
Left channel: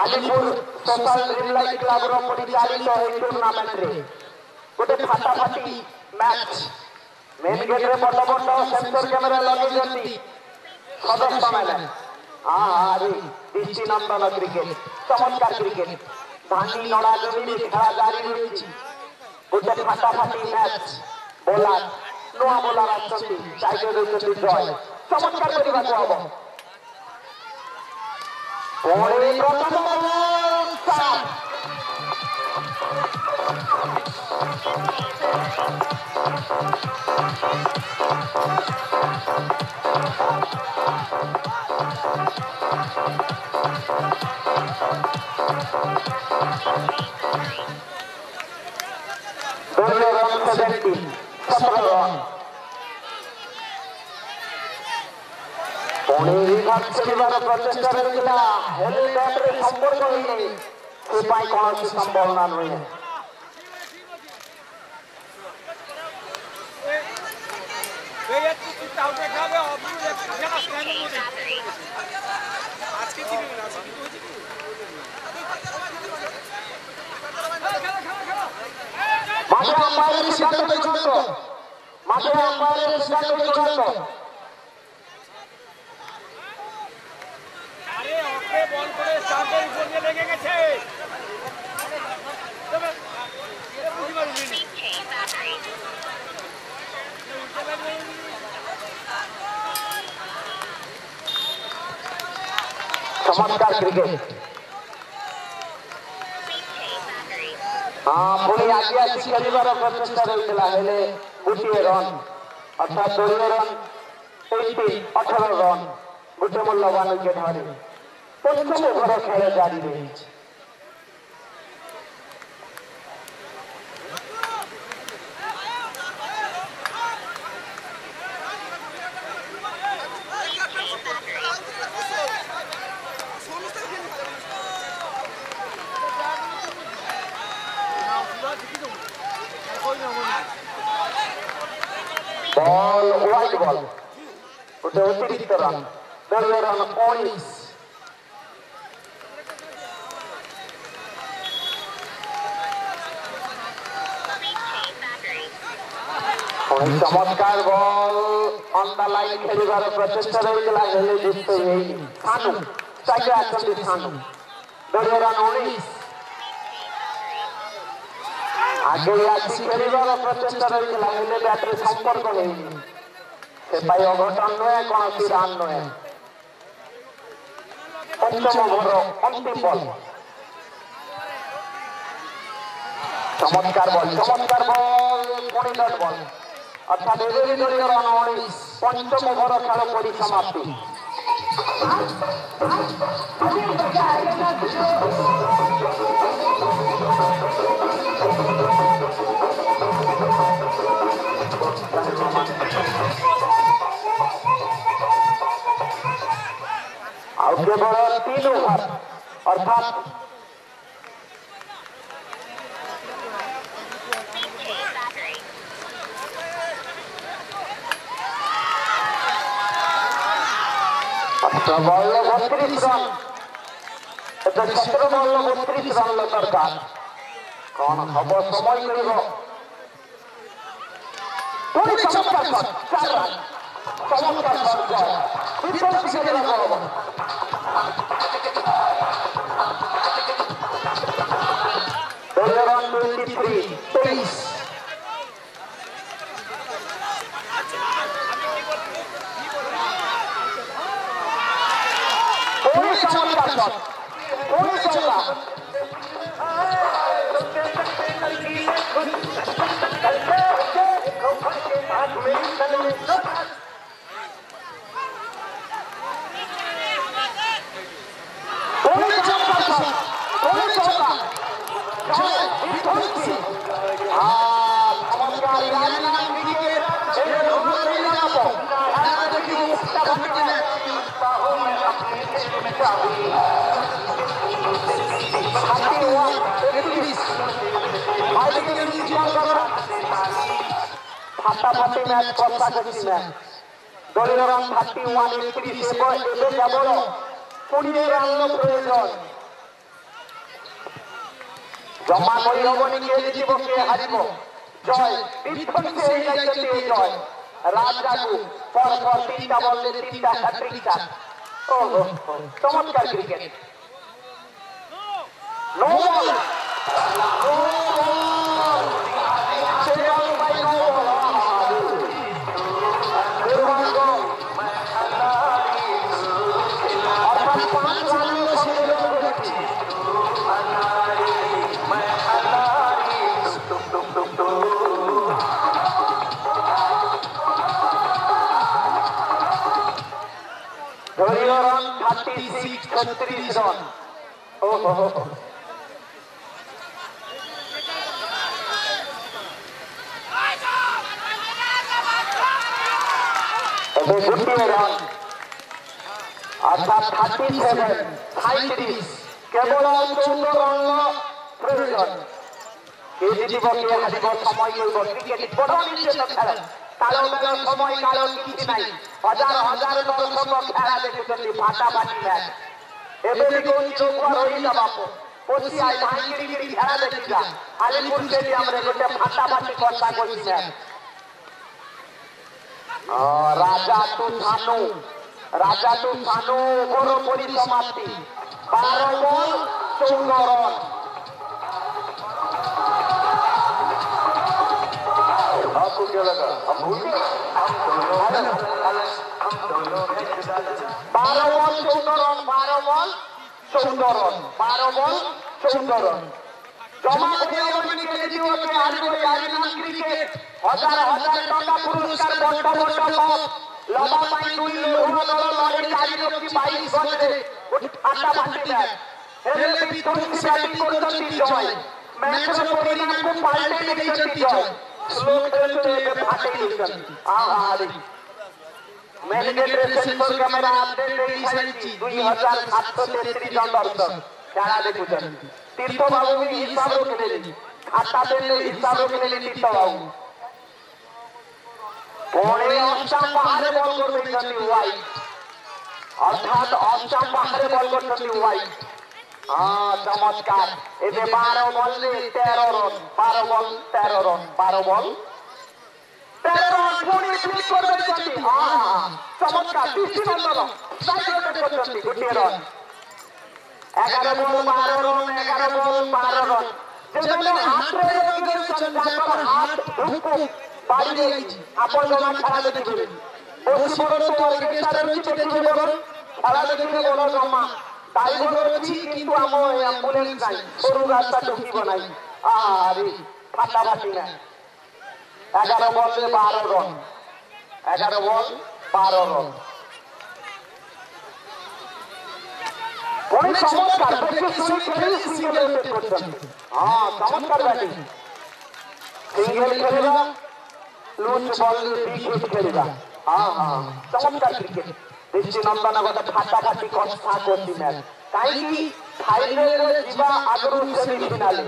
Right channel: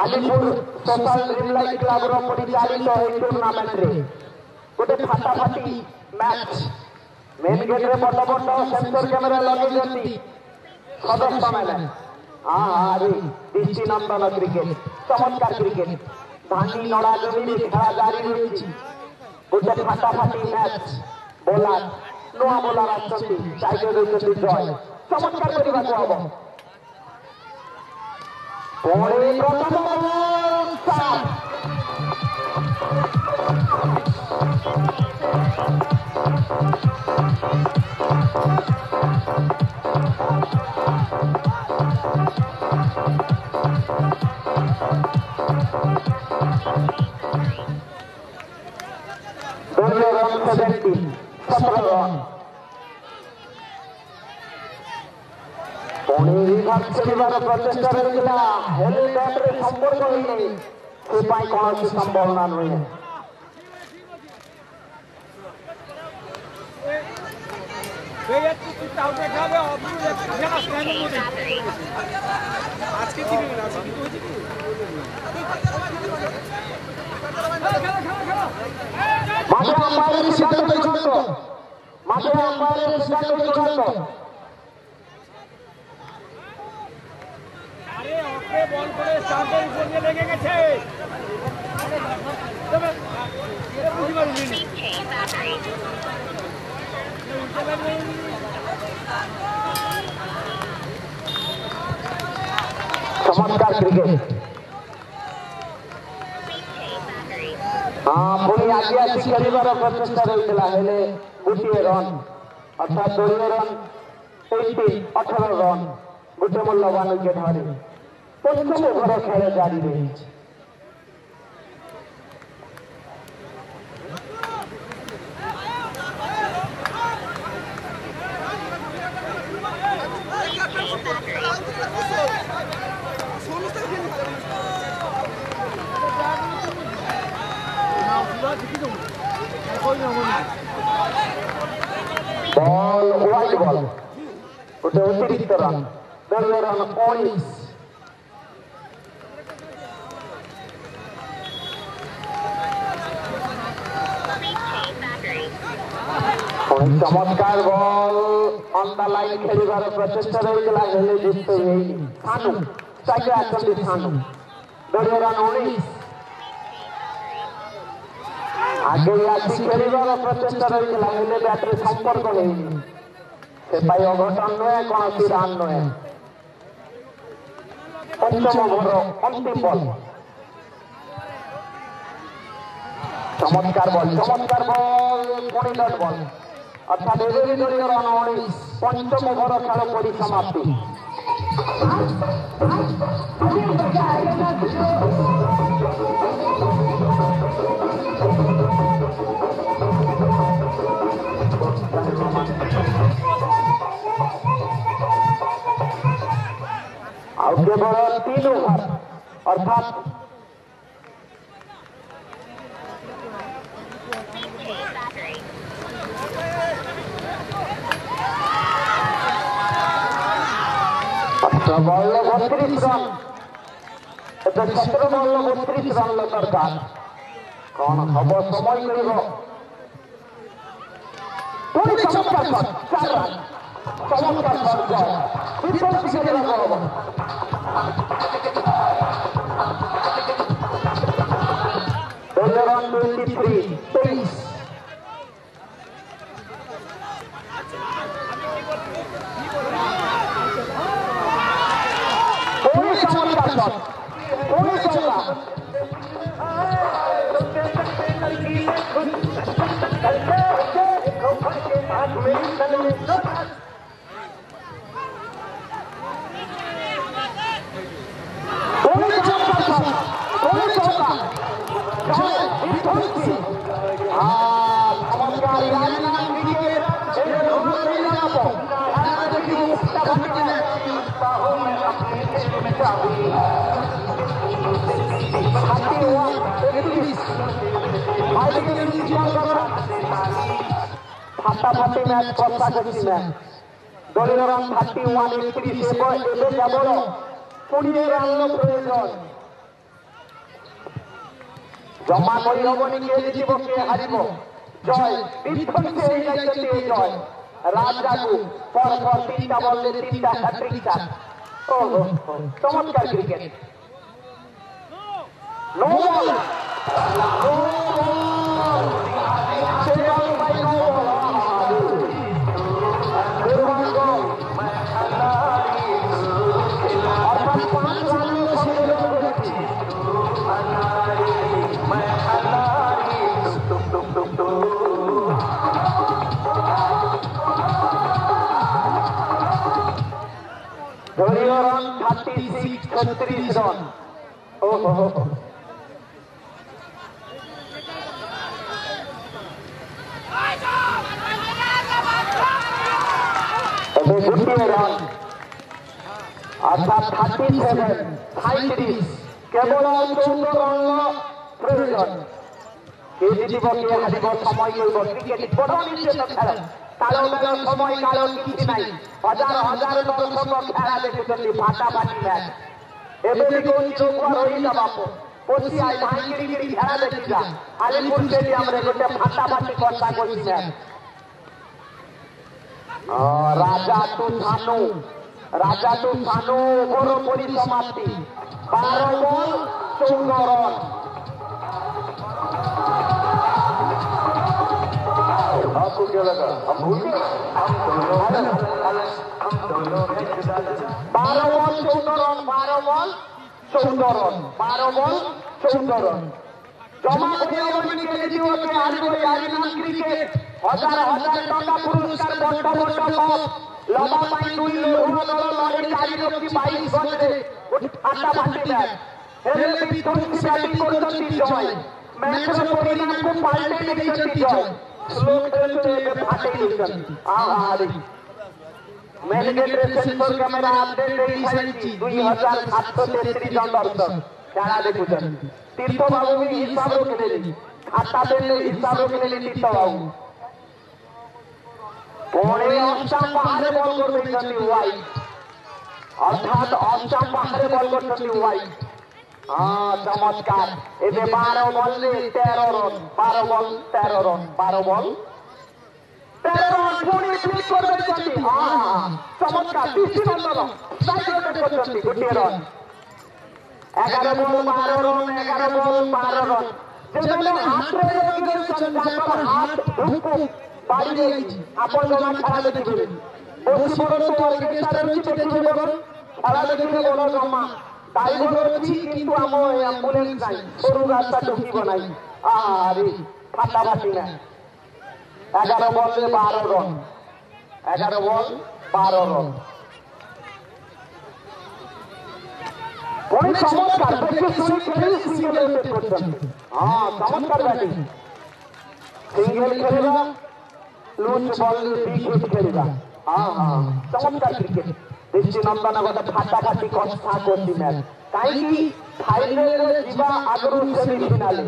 আলিপুর সোশ্যাল ড্রিম লাইট ক্লাবর পরিচালিত এই টুর্নামেন্টে গোটে ফাটাফাটি ম্যাচ। মেন গেটরে বড় বড় সেন্সর ক্যামেরা লগাইছেন সদস্যମାନେ। আরে দৃষ্টিনন্দন ক্রিকেট, চমৎকার ক্রিকেট। ধানি নড়া জমি খেলা জারি রয়েছে। গোটে ফাটাফাটি ম্যাচ। বোলার নূଆ বোলার আসছেন, সাইডে রয়েছেন জয়। চমৎকার করিବାକୁ হব। পরে প্রথম বল চার। দলীয় রান 17 রান। পুরী রিভার্স খেলিবার প্রচেষ্টা ରହିଥିଲା, ହେଲେ ବ୍ୟାଟରେ ସମ୍ପର୍କ ହୋଇନି। ସେ ପାଇଁ କୌଣସି ସମ୍ଭାବନା ନୁହେଁ। মাঠে আম্পায়ারের সিদ্ধান্ত চূড়ান্ত। মাঠে আম্পায়ারের সিদ্ধান্ত চূড়ান্ত। বল করে স্টাম্পের উপর দিয়ে লেগে গেছে। চমৎকার ক্রিকেট। ପୁଣି ଆଜି ଆସି ଖେଳିବାର ପ୍ରଚେଷ୍ଟା ରହିଥିଲା ହେଲେ ଗୋଟିଏ ରନ୍ ଅର୍ଥାତ୍ ଦଳୀୟ ରନ୍ 18 ରନ୍ ଗୋଟେ ମୂଲ୍ୟବାନ ୱିକେଟ୍ ହାରି ପଞ୍ଚମ ଓଭର ଖେଳ ଜାରି ରହିଛି। बॉल वाइड बॉल गोटे अतिरिक्त रन दलीय रन 19 चमत्कार बॉल ऑन द लाइन खेलिबार प्रचेष्टा रहितला हेले जित हेई सानु स्ट्राइक आछंती सानु दलीय रन 19 आगे आसी खेलिबार प्रचेष्टा रहितला हेले बैटरी संपर्क हेई से पाई अघटन नय कोनसी रन नय पंचम ओवर अंतिम बॉल चमत्कार बॉल पुणी डॉट बॉल अर्थात एवरी दलीय रन 19 पंचम ओवर खेल परिसमाप्ति केवल 3 ओवर अर्थात बॉल 32 रन 17 बॉल 32 रन दरकार कौन हम समय मिल चमत्कार रन 23 फाटाफाटी मैच कषाकषि मैच दलीय रन 31 केवल पुणी रन प्रयोजन जमा करहबनी किए जीव किए हार जय विध्वंसी जय राजा को पर 3टा बॉल 3टा हैट्रिक चार ओहो चमत्कार क्रिकेट नो बॉल दलीय रन 36 रन ओहो गोटे रन अर्थात 37 केवल 14 रन प्रयोजन किए जीव किए हार समय क्रिकेट बड़ निश्चित खेल कालो बेल समय कालो किसी नहीं हजार हजार दर्शक खेला देखुं फाटाफाटी मैच एबे कोई चौक रही बापू कोसी आई भाई गिरी खेला देखिजा आलिपुर स्टेडियम रे गोटे फाटाफाटी कथा कोसी मैच राजा तू सानू ओभर परिसमाप्ति 12 बॉल 14 रन आपको क्या लगा हम भूल गए 12 ball 14 run 12 ball 14 run 12 ball 14 run জমা করে কেজিওতে আসবে আরিনা ক্রিকেট হাজার হাজার টাকা পুরস্কার বড় বড় কাপ লম্বা পাই দুই লোহানো লড়াই চারিরক্ষী 22 গজে আটা বাঁধে দেয় হেলে বিধ্বংসী ব্যাটিং করছেন জয় ম্যাচের পরিণাম পাল্টে দিয়েছেন জয় স্লো খেলতে ফাটে দিয়েছেন আহারে ম্যানেজের সেন্সর ক্যামেরা আপডেট এই সাইছি 2733 জন দর্শক যারা দেখুছেন তীর্থবাবু হিসাব রক্ষেলেন খাতা দেন হিসাব রক্ষেলেন তীর্থবাবু পরে অস্টাম পাহাড়ে বল করছেন হোয়াইট অর্থাৎ অস্টাম পাহাড়ে বল করছেন হোয়াইট চমৎকার এতে 12 বলে 13 রান 12 বল 13 রান 12 বল 13 রান পুনি ক্লিক করে দিয়েছেন চমৎকার দৃষ্টিনন্দন সাইড করছেন গোটিয়ে রান 11 বল 12 রান 11 বল 12 রান যেখানে হাত রেখে দিয়েছেন যার হাত ঢুকুক বাড়ি আইছি আপন জন খেলা দেখবেন বসি বড় তো অর্কেস্ট্রা রয়েছে দেখবে বড় খেলা দেখবে বড় জমা ড্রাইভার আছে কিন্তু আমি অ্যাম্বুলেন্স নাই সরু রাস্তা ঢুকি নাই আরে ফাটাফাটি না 11 বলে 12 রান 11 বল 12 রান কোন চমৎকার ব্যাটিং খেলে সিঙ্গেল উইকেট করছেন চমৎকার ব্যাটিং সিঙ্গেল খেলেবা লুজ বল উইকেট খেলেবা চমৎকার ক্রিকেট দৃষ্টিনন্দন কথা ফাটাফাটি কথা করছি ম্যাচ কাইকি ফাইনালে ଯିବା ଆଗରୁ ସେମିଫାଇନାଲ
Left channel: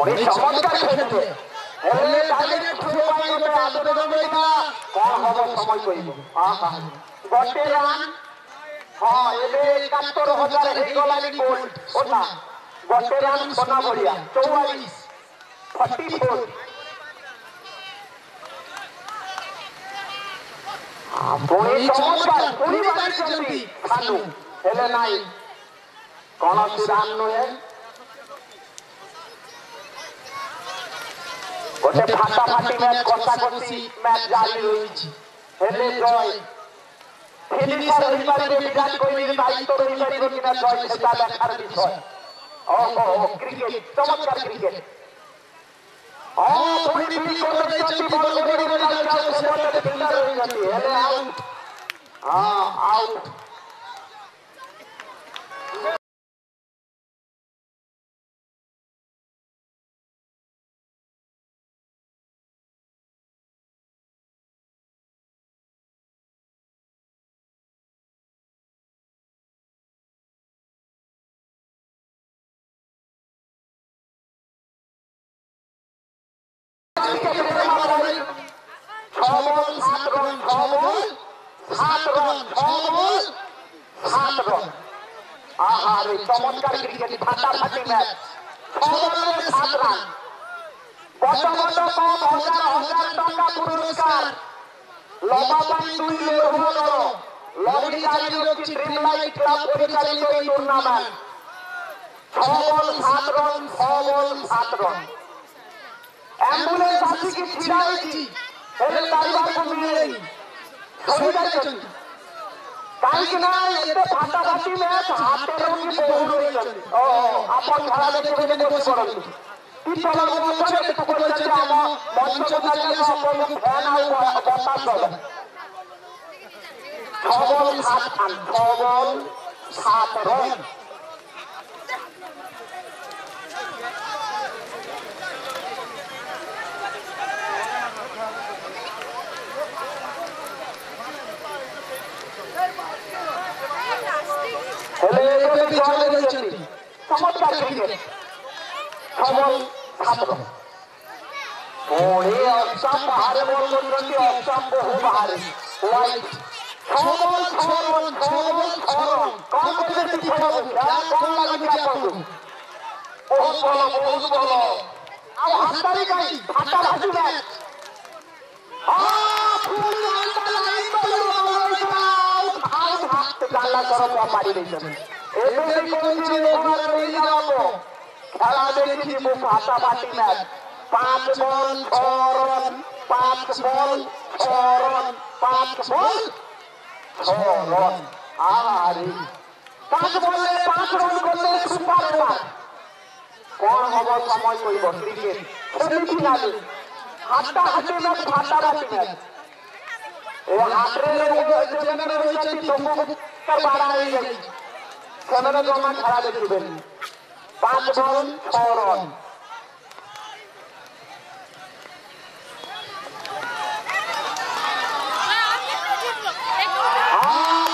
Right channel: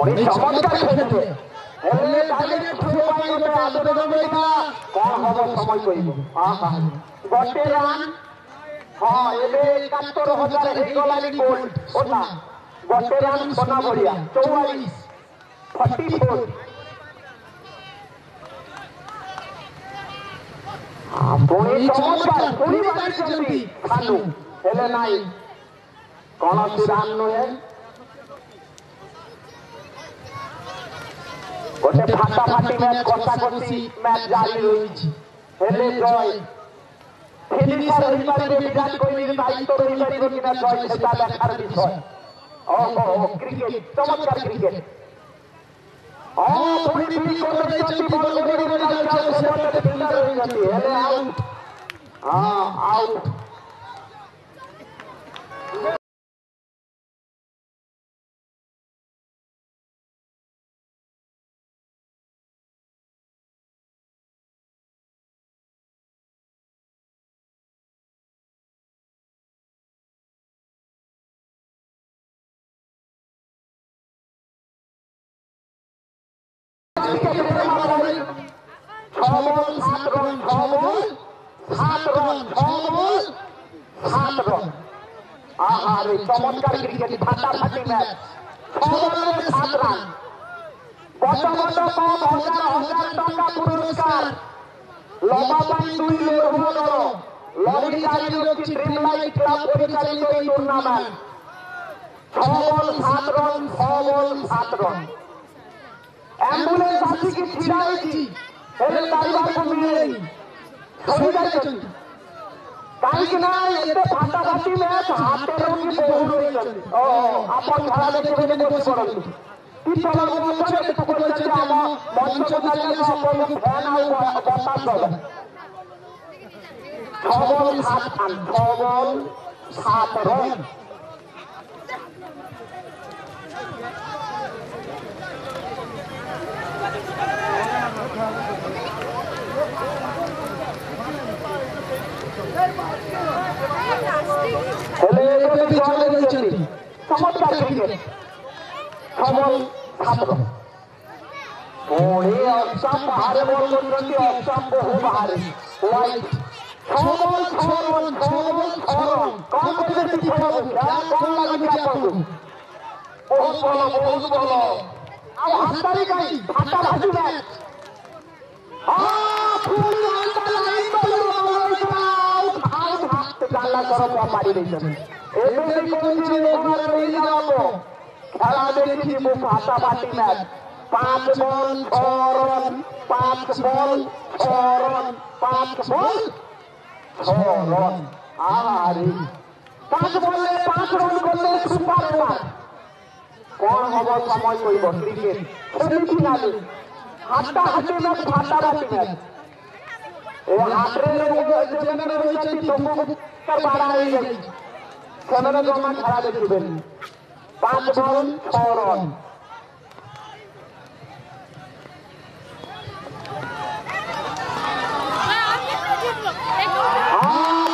অনেক চমৎকার খেলছে হেলে ডাইরেক্ট থ্রো পাইবে আবেদন রইলা কোন হবে সময় কইব গটে রান এবে 71000 হেগলানি গোল্ড ওটা গটে রান সোনা বড়িয়া 44 44 আপনি চমৎকার পুরি বাড়িছেন খানু হেলে নাই কোনসি রান নয় গোটে ফাটাফাটি ম্যাচ কষাকষি ম্যাচ জারি রয়েছে হেলে জয় ফিনিশার হিসাবে বিরাট কোহলির দায়িত্ব রয়েছে কিনা জয় সেটা দেখার বিষয় ক্রিকেট চমৎকার ক্রিকেট ধোনি ফিল করে দিয়েছেন বল গড়ি গড়ি যাচ্ছে সেটাতে ফিল্ডার হয়ে যাচ্ছে হেলে আউট আউট আহারে চমৎকার ক্রিকেট, ফাটাফাটি ম্যাচ, 6 বলে 7 রান। কত কত কম, হাজার হাজার টাকা পুরস্কার। লবাবাই 2 লড়বো লরি গাড়ি রক্ষী ড্রিমলাইট ক্লাব পরিচালিত এই টুর্নামেন্ট। 6 বল 7 রান, 6 বল 7 রান। অ্যাম্বুলেন্স আসিকি ছিড়া হয়েছি, ହେଲେ ତାରିବାକୁ ମିଳେନି, ଶୋଇଯାଇଛନ୍ତି କାହିଁକି ନା ଏତେ ଫାଟାଫାଟି ମ୍ୟାଚ୍, ହାତରେ କି ବହୁ ରହିଛନ୍ତି। ଆପଣ ଖେଳ ଦେଖିବେ ବୋଲି ବସି ପଡ଼ନ୍ତୁ। ଟିଟଳ ଅଛନ୍ତି ତାକୁ କହିଛନ୍ତି ଆମ ମଞ୍ଚକୁ ଚାଲି ଆସ, ଆପଣଙ୍କୁ ଫ୍ୟାନ୍ ଆଉ ବତା ଦେବ। 6 ବଲ୍ 7 ରନ୍, 6 ବଲ୍ 7 ରନ୍। ହେଲେ ଏବେ ବି ଚଳେ ରହିଛନ୍ତି, ଚମତ୍କାର କ୍ରିକେଟ। 6 ball 7 run. ପୁଣି ଅଷ୍ଟମ୍ ବାହାରେ ବଲ୍ କରୁଛନ୍ତି, ଅଷ୍ଟମ୍ ବହୁ ବାହାରେ white. 6 ball 6 run, 6 ball 6 run. କଣ କହିବେ ଶିଖେଇବାକୁ, କଣ ଲାଗୁଛି ଆପଣଙ୍କୁ? ବହୁତ ଭଲ, ବହୁତ ଭଲ। ଆଉ ହାତରେ କାହିଁ ଫାଟାଫାଟି ମ୍ୟାଚ୍। ପାରି ଦେଇଛନ୍ତି। ଏବେ ବି କହୁଛି ରହିଯାଅ, ଖେଳ ଦେଖିଯିବୁ ଫାଟାଫାଟି match. 5 ball 6 run, 5 ball 6 run, 5 ball 6 run. ଆରେ 5 ବଲ୍ରେ 5 ରନ୍ କଲେ ସୁପାର ଓଭର। କଣ ହବ ସମୟ କହିବ। କ୍ରିକେଟ ସେମିଫିନାଲ, ହାଟାହାଟି ମ୍ୟାଚ୍, ଫାଟାଫାଟି ମ୍ୟାଚ୍। ଏ ହାଟରେ ଯେମାନେ ରହିଛନ୍ତି ସବୁ ବାଡ଼ା ହେଇଯାଇଛି, ସେମାନେ ଜମା ଖେଳ ଦେଖିବେନି। 5 ବଲ୍ 6 ରନ୍।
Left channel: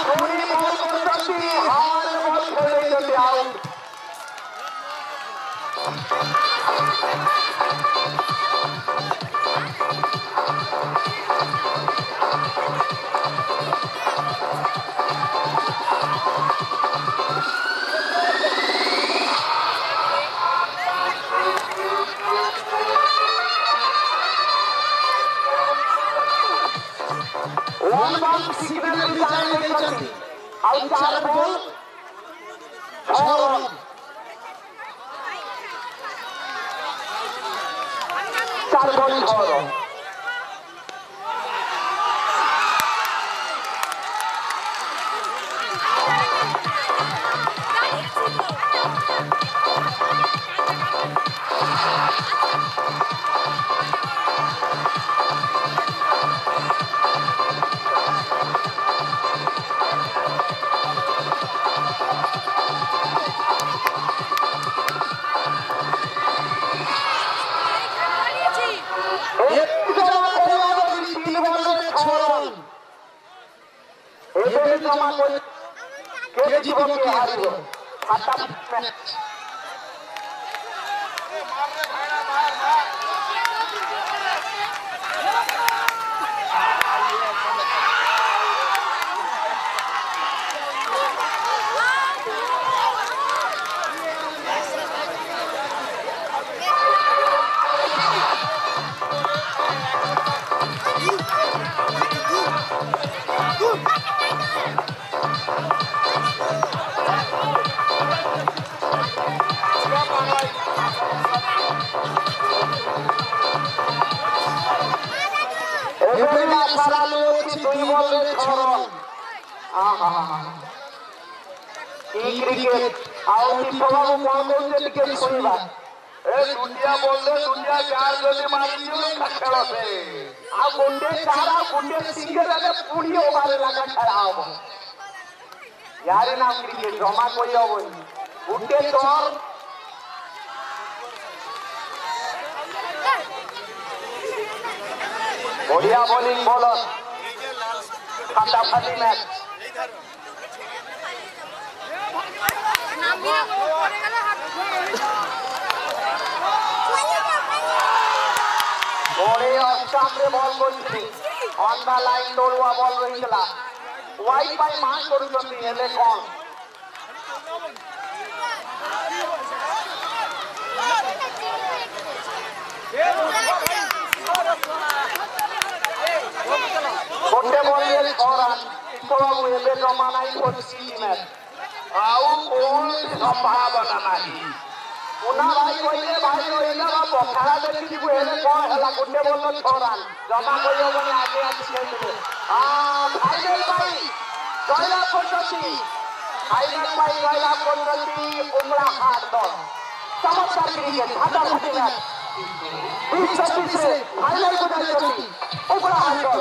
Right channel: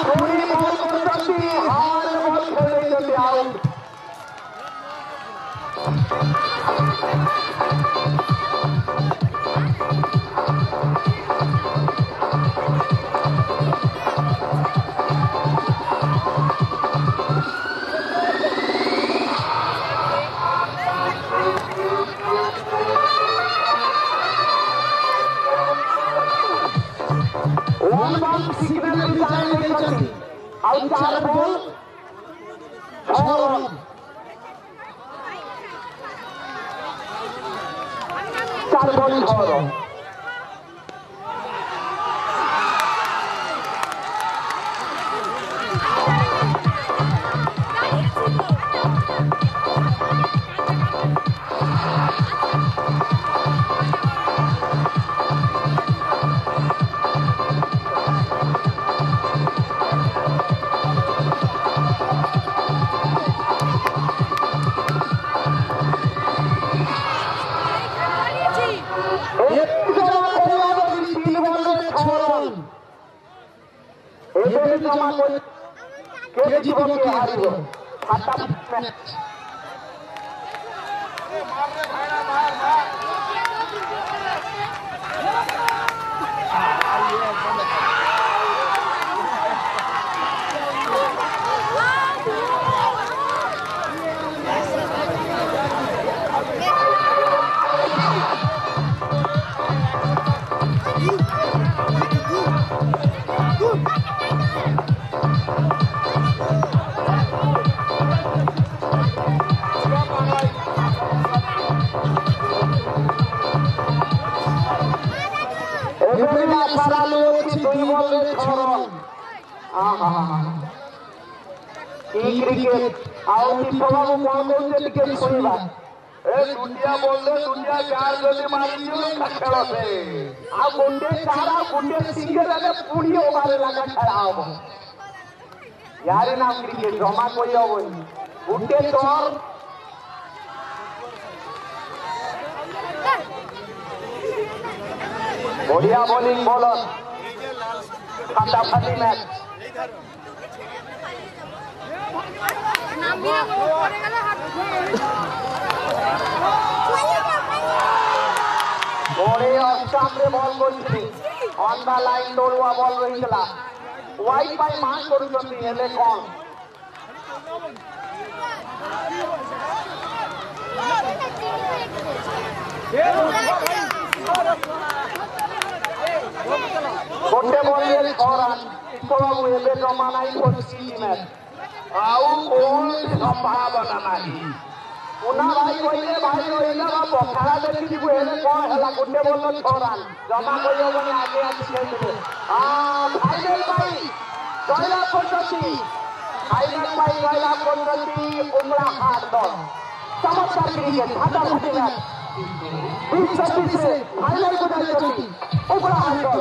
ପୁଣି ବଲ୍ କରୁଛନ୍ତି, ହାର୍ଡ ବଲ୍ ଖେଳେଇଛନ୍ତି, ଆଉଟ୍। ସିଗ୍ନାଲ ବି ଜାଣି ଦେଇଛନ୍ତି। ଆଉ 4 ball 6 run, 4 ball 6 run. Cricket आओ टिपवाबू कौन कौन टिके सुनिबा ए दुनिया बोलले दुनिया चार जल्दी मारी दियो खेल से आ गोटे चार गोटे सिंगल रे पुड़ी ओभार लगा खेला हो यार ना क्रिकेट जमा कोई होबनी गोटे तोर बढ़िया बॉलिंग बॉलर फटाफटी मैच सामने बॉल करछी ऑन द लाइन दौड़वा बॉल रहितला वाइड बाय मार करूछंती हेले कोन ଗୋଟେ ବଲରେ 6 ରନ୍ ବାବୁ ଏବେ ଜମା ନାହିଁ 25 ମ୍ୟାଚ୍ ଆଉ କୌଣସି ସମ୍ଭାବନା ନାହିଁ। ପୁନା ଭାଇ କହିଲେ ଭାଇ ରହିଲା ବା ପଖାଳ ଦେଖିଯିବୁ ହେଲେ କଣ ହେଲା ଗୋଟେ ବଲ 6 ରନ୍ ଜମା କହିହବନି ଆଗେ ଆସି ଖେଳିବେ। ଫାଇନାଲ ପାଇଁ ଜୟଲାଭ କରୁଛନ୍ତି ଉମରା ହାଟ ଦଳ ଚମତ୍କାର କ୍ରିକେଟ ହାଟାହାଟି ମ୍ୟାଚ 2026 ଫାଇନାଲକୁ ଯାଇଛନ୍ତି ଉମରା ହାଟ ଦଳ।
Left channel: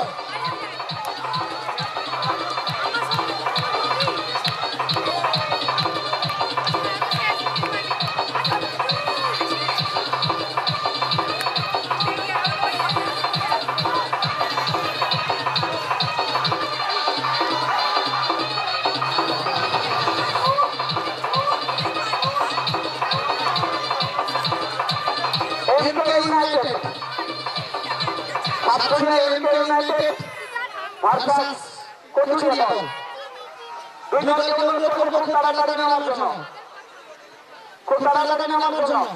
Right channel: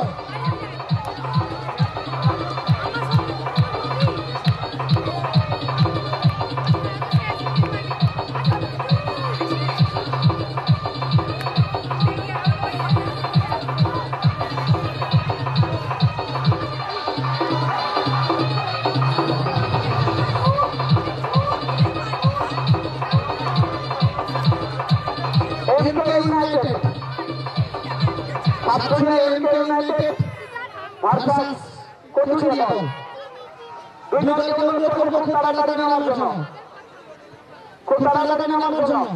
ভার্সাস কোচুরিয়া দল দুই দলকে অনুরোধ করব খুব তাড়াতাড়ি নামার জন্য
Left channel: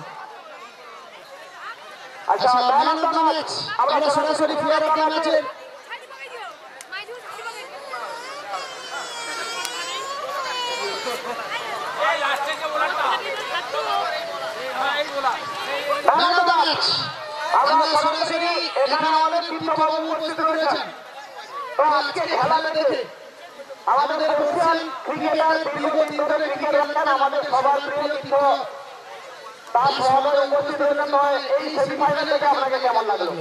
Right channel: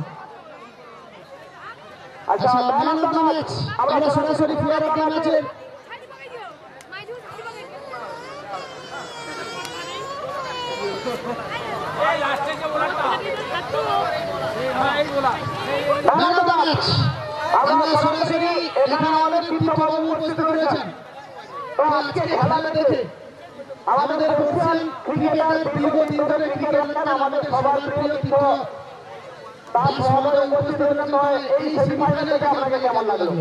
আচ্ছা ম্যান অফ দ্য ম্যাচ আমরা সরাসরি প্লেয়ার অফ দ্য ম্যাচের ম্যান অফ দ্য ম্যাচ আমরা সরাসরি এখানে আমাদের কৃষ্ণবাবু উপস্থিত রয়েছেন। তো আজকে খেলা দেখে আমাদের এশিয়ান ক্রিকেটার দীর্ঘদিন ধরে ক্রিকেট খেলেন আমাদের সবার প্রিয় কৃষ্ণ তার সহকারে উপস্থিত রয়েছেন। নয় এই সেমিফাইনাল থেকে আপনাকে কেমন লাগলো?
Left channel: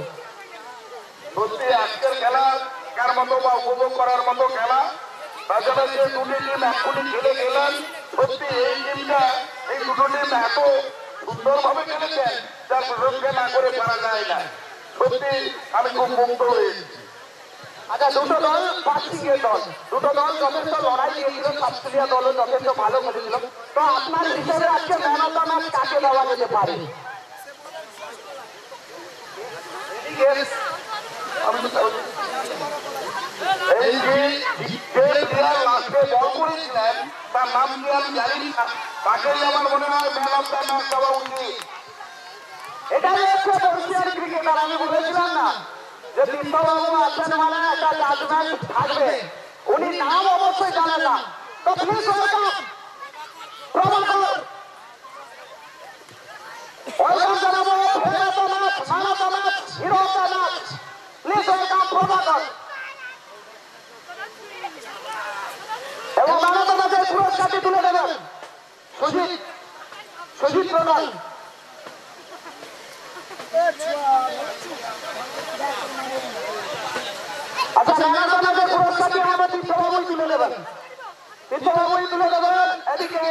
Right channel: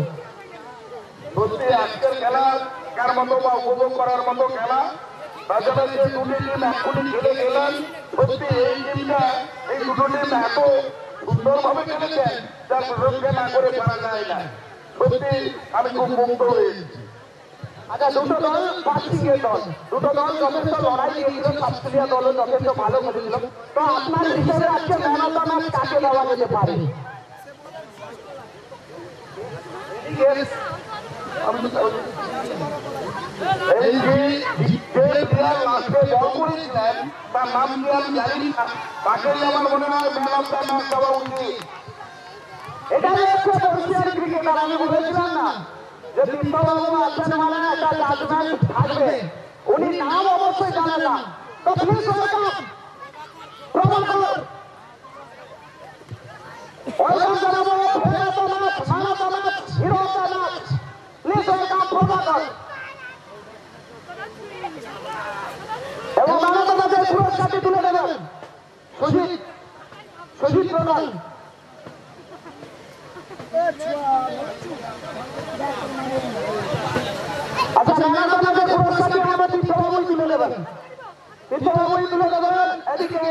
সত্যি আজকের খেলা কার মতো বা উপভোগ করার মতো খেলা তাছাড়া যে দুটি টিম এখনই খেলে গেলেন সত্যি এই টিমটা এই দুটো টিম এত সুন্দরভাবে খেলেছেন যা প্রশংসা না করে পারা যায় না। সত্যি আমি খুব মুগ্ধ হয়েছি। আচ্ছা দুটো দল পাঁচটিকে দল দুটো দল যথেষ্ট লড়াই দিয়েছিল অস্ট্রেলিয়া দলও যথেষ্ট ভালো খেলেছিল। তো আপনার হিসাবে আজকে ম্যান অফ দ্য ম্যাচ কাকে দেওয়া যেতে পারে? এই যে প্লেয়ার লাস্টে বল করেছিলেন তার নাম কি আমি জানি না, তাকেই আমার মনে হয় ম্যান অফ দ্য ম্যাচ দেওয়া উচিত। এটাই হচ্ছে এশিয়ান ক্রিকেটার। আমি বলেছিলাম না যে কৃষ্ণবাবু আছেন মানে একটা জাজমেন্ট থাকবে, উনি নাম অবশ্যই জানেন না। তো প্লিজ ওয়েলকাম প্রভাকর, ওয়েলকাম জানাবো player of the match, man of the match, hero of the match. Please welcome Prabhakar. এবং ম্যান অফ দ্য ম্যাচের পুরস্কারটি তুলে দেবেন সুজিত প্রধান। আচ্ছা ম্যান অফ দ্য ম্যাচের পুরস্কারটি আমাদের তীর্থবাবুই তুলে দেবেন। এদিকে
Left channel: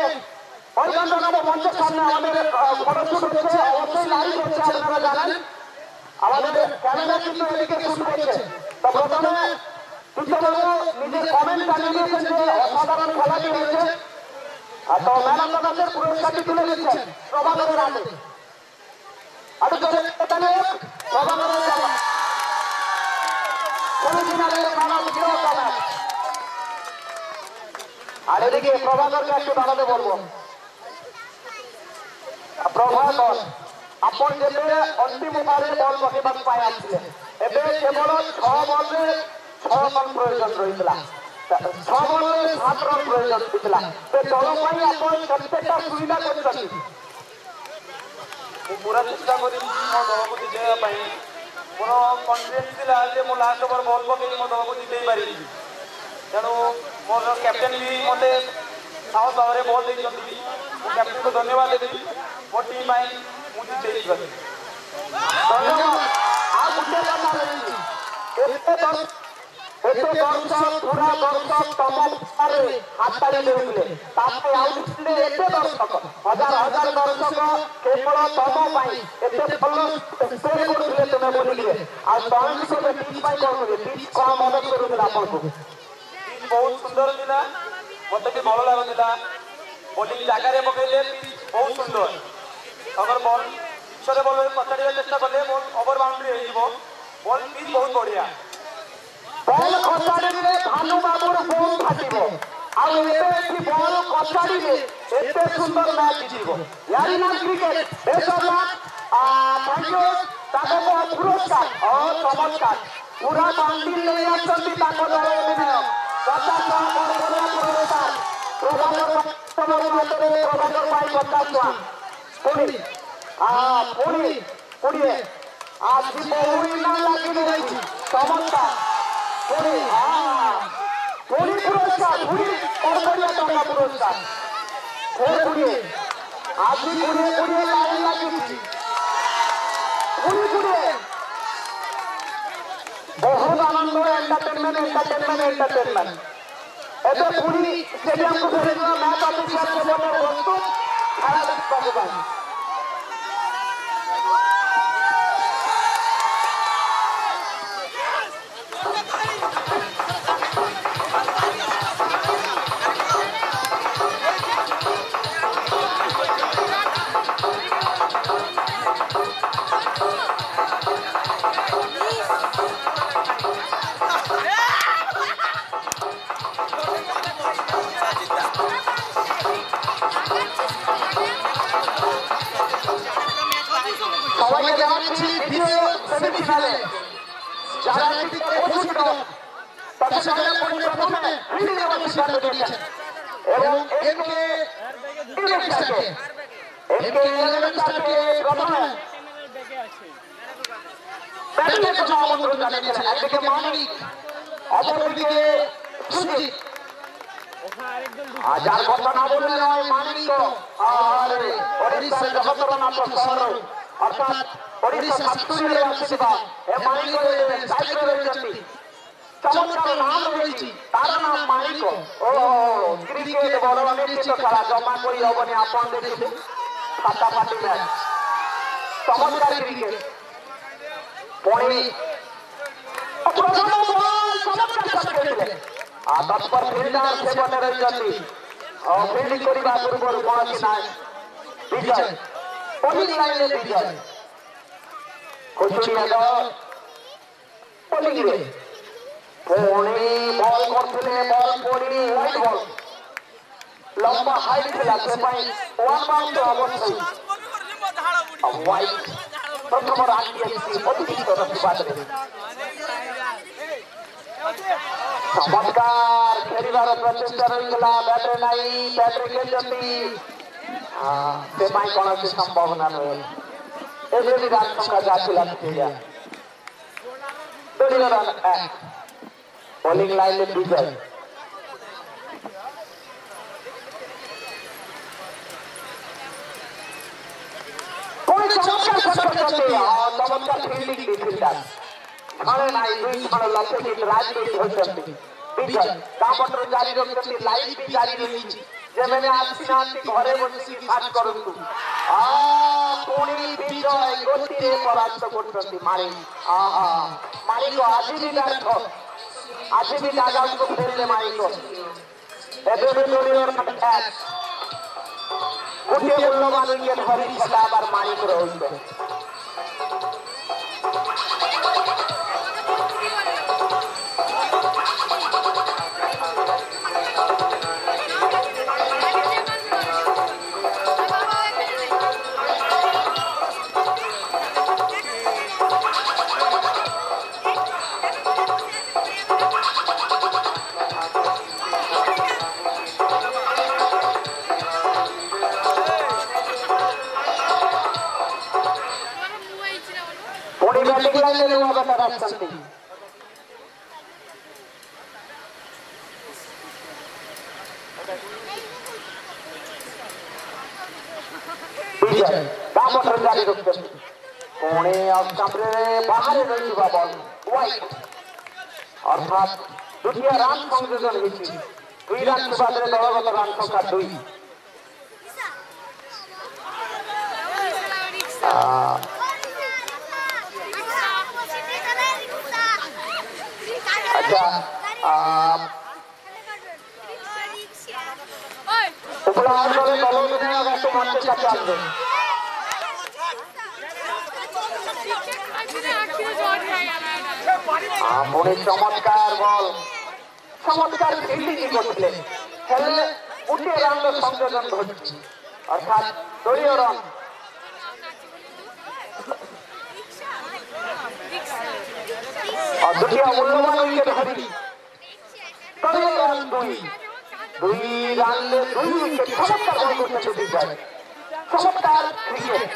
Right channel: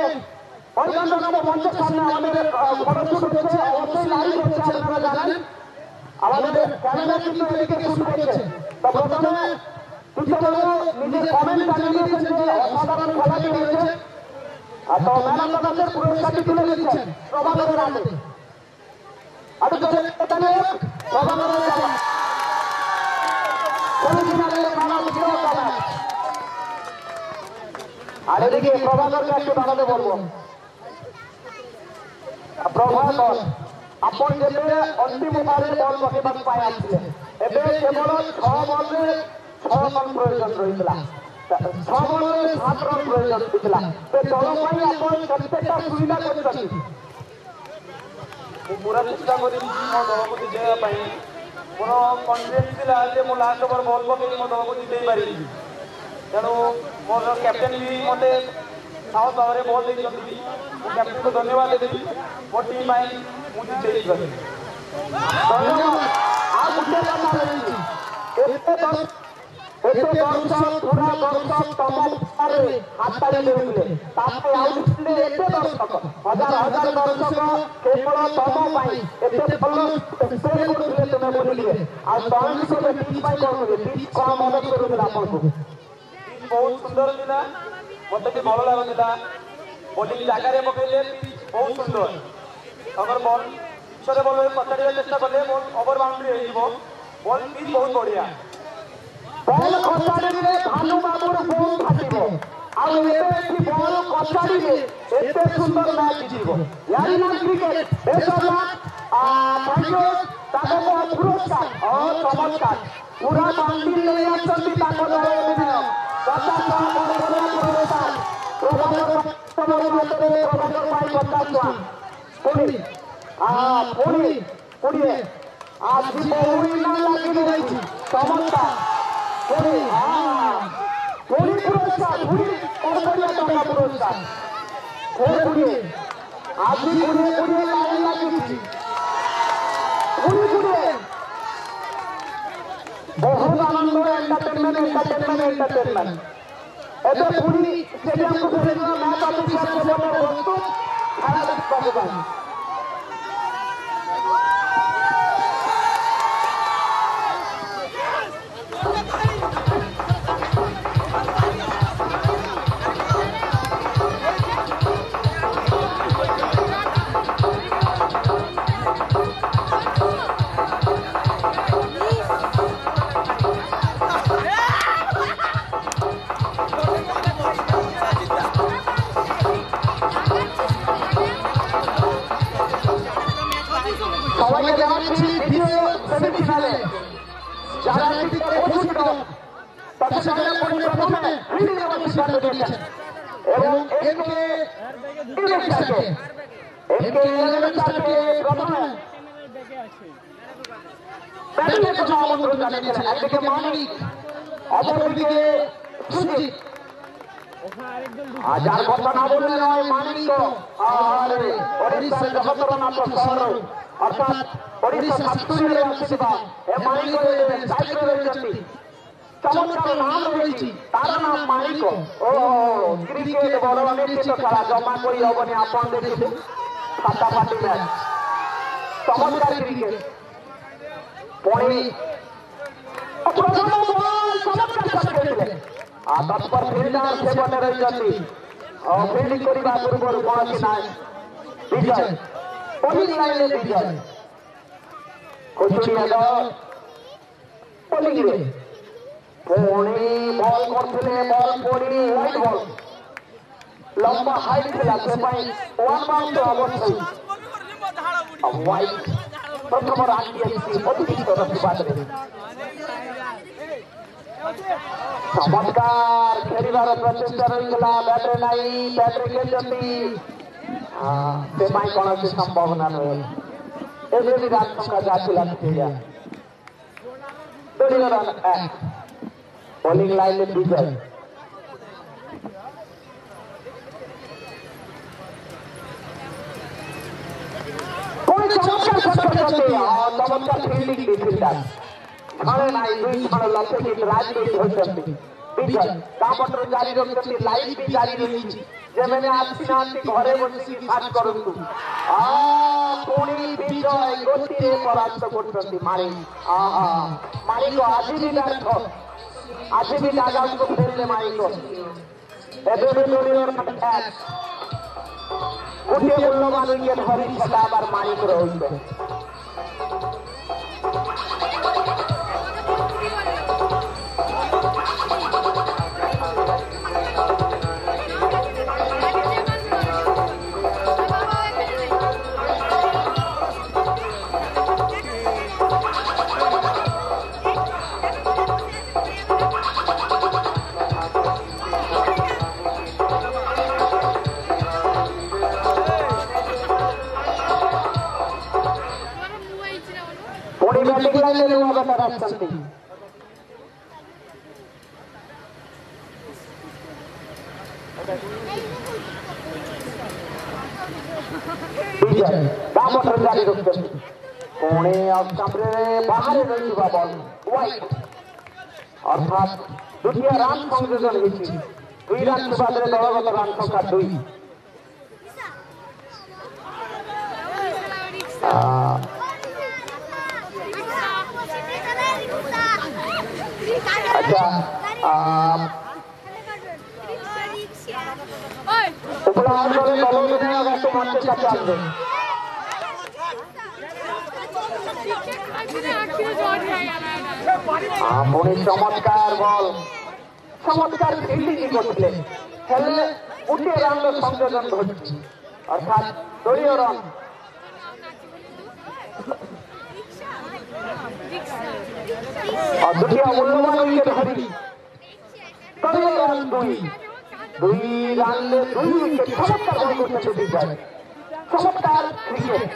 ওয়েলকাম জানাবো মঞ্চের সামনে আমাদের ফটোশুট হচ্ছে, অবশ্যই লাইভ হচ্ছে আপনারা জানেন। আমাদের ক্যামেরা কিন্তু এদিকে শুট করছে। তো প্রথমে তীর্থবাবু নিজের কমেন্ট জানিয়ে দিয়েছেন যে অসাধারণ খেলাটি হয়েছে। তো ম্যান অফ দ্য ম্যাচের পুরস্কারটি তুলে দিচ্ছেন প্রভাকরের হাতে। আর এদিকে প্রভাকরকে একটু দাঁড়াতে বলবো। প্রভাকর ଆପଣ ଯେବେ ଅନ୍ତିମ ଓଭରରେ ବଲ୍ ପକେଇବାକୁ ପାଇ ଆସିଥିଲେ, ଏବେ କେବଳ 6 ବଲରେ 6 ରନ୍ ପ୍ରয়োଜନ ରହିଥିଲା, 6 ବଲରେ 7 ରନ୍ ପ୍ରୟୋଜନ ହୋଇଥିଲା। ସେ ଦଳ ପାଇଁ ଆପଣ କେତେଟା ସୁବିଧା କରିଛନ୍ତି? ମୁଁ ପୁରା ଚେଷ୍ଟା କରିବି ମୋ ଦଳକୁ ଜିତେଇବା ପାଇଁ। ମୋର କନଫିଡେନ୍ସ ଥିଲା ଯେ ମୁଁ ଲାଷ୍ଟ ଓଭର ବଲ୍ ପକେଇ ମୋ ଦଳକୁ ଜିତେଇ ପାରିବି। ତେଣୁ ମୋର କ୍ୟାପ୍ଟେନ୍ ବି ମୋତେ ସାହସ ଭାବରେ ବଲ୍ ଦେଇଛନ୍ତି। ମୁଁ କ୍ୟାପ୍ଟେନ୍କୁ ଧନ୍ୟବାଦ ଦେବି ମୋ ଟିମ୍ ପାଇଁ ମୁଁ ଜିତେଇ ପାରିବି। ଧନ୍ୟବାଦ। ଆଉ ଗୋଟେ କଥା ରହିଛି, ଏତେ ଦର୍ଶକ ପୁରା ଦର୍ଶକ ତମ ପାଖରେ ହାତତାଳି ଦେଉଥିଲେ, ତାପରେ ଆଉ ଥିଲେ ଏତେ ଦର୍ଶକ, ହଜାର ହଜାର ଦର୍ଶକ କେବଳ ତମ ପାଇଁ ଏତେ ଭଲ ପ୍ରେ କରୁଥିଲେ ତୁମେ ବୋଲିକିରେ। ଆଉ ତମେ ବି କେବେ ଟିମ୍ ପାଇଁ କରୁଥିଲେ, ଟିମ୍ କଣ ମଦତ କରୁଥିଲା ଆପଣଙ୍କୁ? ବହୁତ ସୁନ୍ଦର ଥିଲା, ମୋତେ ବି ଭଲ ଲାଗୁଥିଲା। ବୋଲିଂ ଜାଗାରେ ପକେଇଲେ ବହୁତ ସୁନ୍ଦର। ତାଙ୍କର ବଲ୍ ପଛରେ ବଲ୍ ପଚାରିବା ଚେଷ୍ଟା କଲେ ବଲ୍ ଓଭର ବାଉଣ୍ଡ୍ରି ହେଇଯିବ। ବଲ୍ ପିଚ୍ ବହୁତ ବଢିଆ। ବଲ୍ ଖସାଡ଼ିଲେ ଭାନୁ ବାବୁର ବୋମ୍ ଫାଟିବ। ଆଉ ଏବେ ଏଠି ବଲ୍ କଚାଡ଼ିଲେ ଏତେ ସୁନ୍ଦର ମ୍ୟାଚ୍ ଜିତିବ। ୟାରି ନାମ କ୍ରିକେଟ ବେସରଲା ତାଙ୍କ ପୁରସ୍କାର ଚମତ୍କାର ପୁରା ବାନ୍ଧି ନେଇ ଆସନ୍ତି ତାଙ୍କ ଦଳ ବିଭିନ୍ନ 50 ଟଙ୍କା ପୁରସ୍କାର ପ୍ରଭାକର ପାଇଁ 50 ଟଙ୍କା ପୁଣି 20 ଆଜି ବହୁ ଇନାମ ଲାଗି ରହିଛି ଚମତ୍କାର ପୁଣି ପୁରସ୍କାର ପୁଣି କଡ଼କଡ଼ିଆ ଟଙ୍କା ପୁରସ୍କାର ପୁଣି ଆଜି 20 ଲାଇନ୍ ଲାଗିଛି ପୁଣି ବହୁତ ଆନନ୍ଦ ଏଣ୍ଟରଟେନମେଣ୍ଟ ଏବେ ପୁଣି ଷ୍ଟେଡିୟମକୁ ଫେରିଯିବା ମ୍ୟାଚ୍ ଅଫିସିଆଲ ସେବନରେ ପ୍ରସ୍ତୁତ ଖେଳ ଦେଖିବାକୁ ପାଇଁ। সবাইকে জানাচ্ছি দ্বিতীয় সেমিফাইনালে যারা উপস্থিত তাদের সাথে প্রথমে ফিল্ডিং এর সিদ্ধান্ত নিয়েছেন এবং এনকে 11 স্টারকে প্রথমে ব্যাটিংয়ের জন্য আমন্ত্রণ জানিয়েছেন। একদিকে মানিক অপরদিকে সুজিত। যার কথা না বললে নয় মানিক ওড়িশার জগতরনাথ সহর অর্থাৎ ওড়িশা সাতপুরে আসিবা এ মানিক দায়িত্ব রয়েছেন। চমৎকার নাম রয়েছে তার নাম মানিক। ক্রিকেট বড় নিশ্চিত খেলা জমা করি হবনি আপন দেখুন ফাটাফাটি ম্যাচ চমৎকার ক্রিকেট পরে তৎপর ফিল্ডার সেবনে রয়েছেন ফিল্ডিং করা পূର୍ବରୁ କୌଣସି ନାହିଁ ବିଜୟ ବୋଲିଂ ଲାଇନରେ ବିଜୟ ବୋଲିଂରେ ପୁଣି ବଲ୍ କରୁଥିଲେ ବଲ୍ ପଡ଼ିନି ହ୍ୱାଇଟ୍ ବଲ୍ ଲମ୍ବା ହାଇଟ୍ ଥିଲା ସେ ପାଇଁ 1 ବାଉଣ୍ଡ ଅବଶ୍ୟ ହ୍ୱାଇଟ୍ ପ୍ରଥମ ରାନ୍ ଦିଆଯାଇଛି ଅତିରିକ୍ତ ପ୍ରତିବାଦରେ। ଚମତ୍କାର ଖେଳିବାର ପ୍ରଚେଷ୍ଟା ରହିଥିଲା ବ୍ୟାଟ୍ରେ ନାହିଁ ବ୍ୟାଟ୍ରେ ଖେଳିଛନ୍ତି ସେ ପାଇଁ କୌଣସି ସମ୍ଭାବନା ନୁହେଁ। ଏବେ ବି ରାନ୍ ସଂଖ୍ୟା ଯାହା ଥିଲା ଦଳୀୟ ରନ୍ 1 ବୋଲିଂ ଲାଇନରେ ବିଜୟ চমৎকার ফিল্ডিং ফিল্ডার ঘরে নাই 2 জন লক্ষ্য রাজনীতি হচ্ছেন বিজয় কামটর জারি রয়েছে লাইভ ବି জারি রয়েছে যেমন আসিনাନ୍ତି ঘরে বসিকি কাজ করন্তু পুଣି বিজয় গোটিয়ে পরাস্ত করছেন মানিক। মানিক আଜି ବି ব্যর্থ আଜି ବି ডাগাউটକୁ ফেললে মানিক। ଏବେ ବି দলীয় গোটিয়ে মূল্যবান উইকেট ধরি সেটা আবার মানিক রয়েছে। बैटिंग लाइन में हुआ बता राजस्थान विजय दामोदर जारी रखते पुणे कमरे बाहर रही बॉल वाइट अर्थात द्वितीय रान संयोजन होती 2 रान के बाद दलगत रान संख्या 2। अच्छा उपलब्ध করে দলগত রাস্তা মারতে চাচ্ছে পুনে চমৎকার বল চমৎকার ফিল্ডিং করছিলেন খেলে উঠিয়ে রানলে সংযোজন ঘটছে, অর্থাৎ দলীয় রান। দ্বিতীয় মূল্যবান উইকেট হারি, দলীয় রান 2 রানলে 2 উইকেট। চমৎকার বল করছে বিজয়, চমৎকার ক্রিকেট।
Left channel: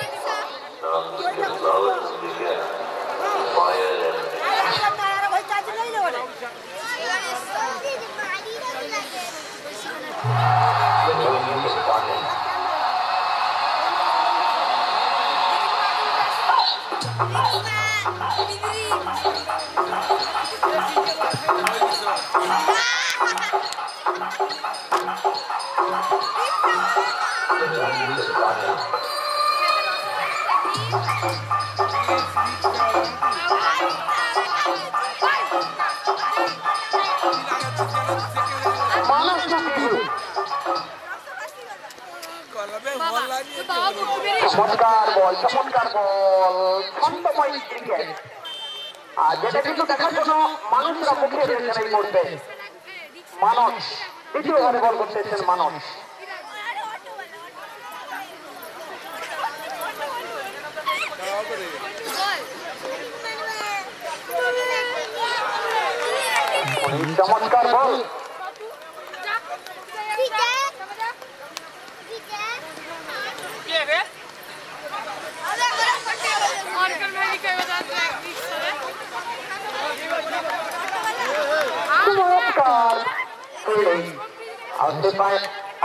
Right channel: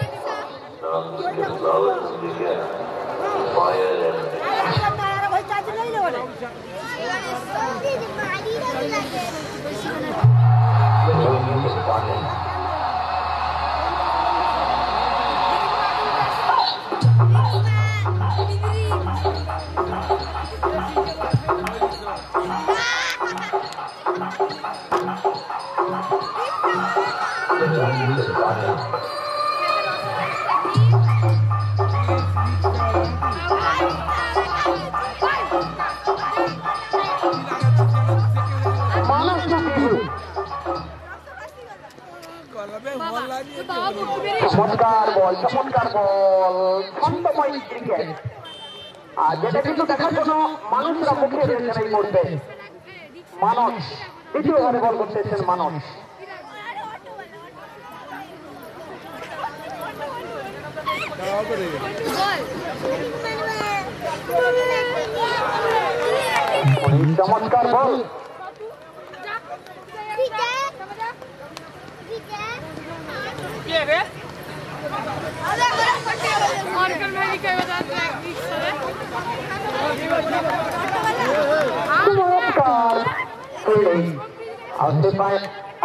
চমৎকার বল, চমৎকার বল, ছন্দময় ক্রিকেট। আর যেটা কিন্তু দেখার জন্য মানুষরা মুখে রয়েছেন এই মুহূর্তে। মানস দ্বিতীয় ওভারে বল করতেছেন মানস। চমৎকার বল,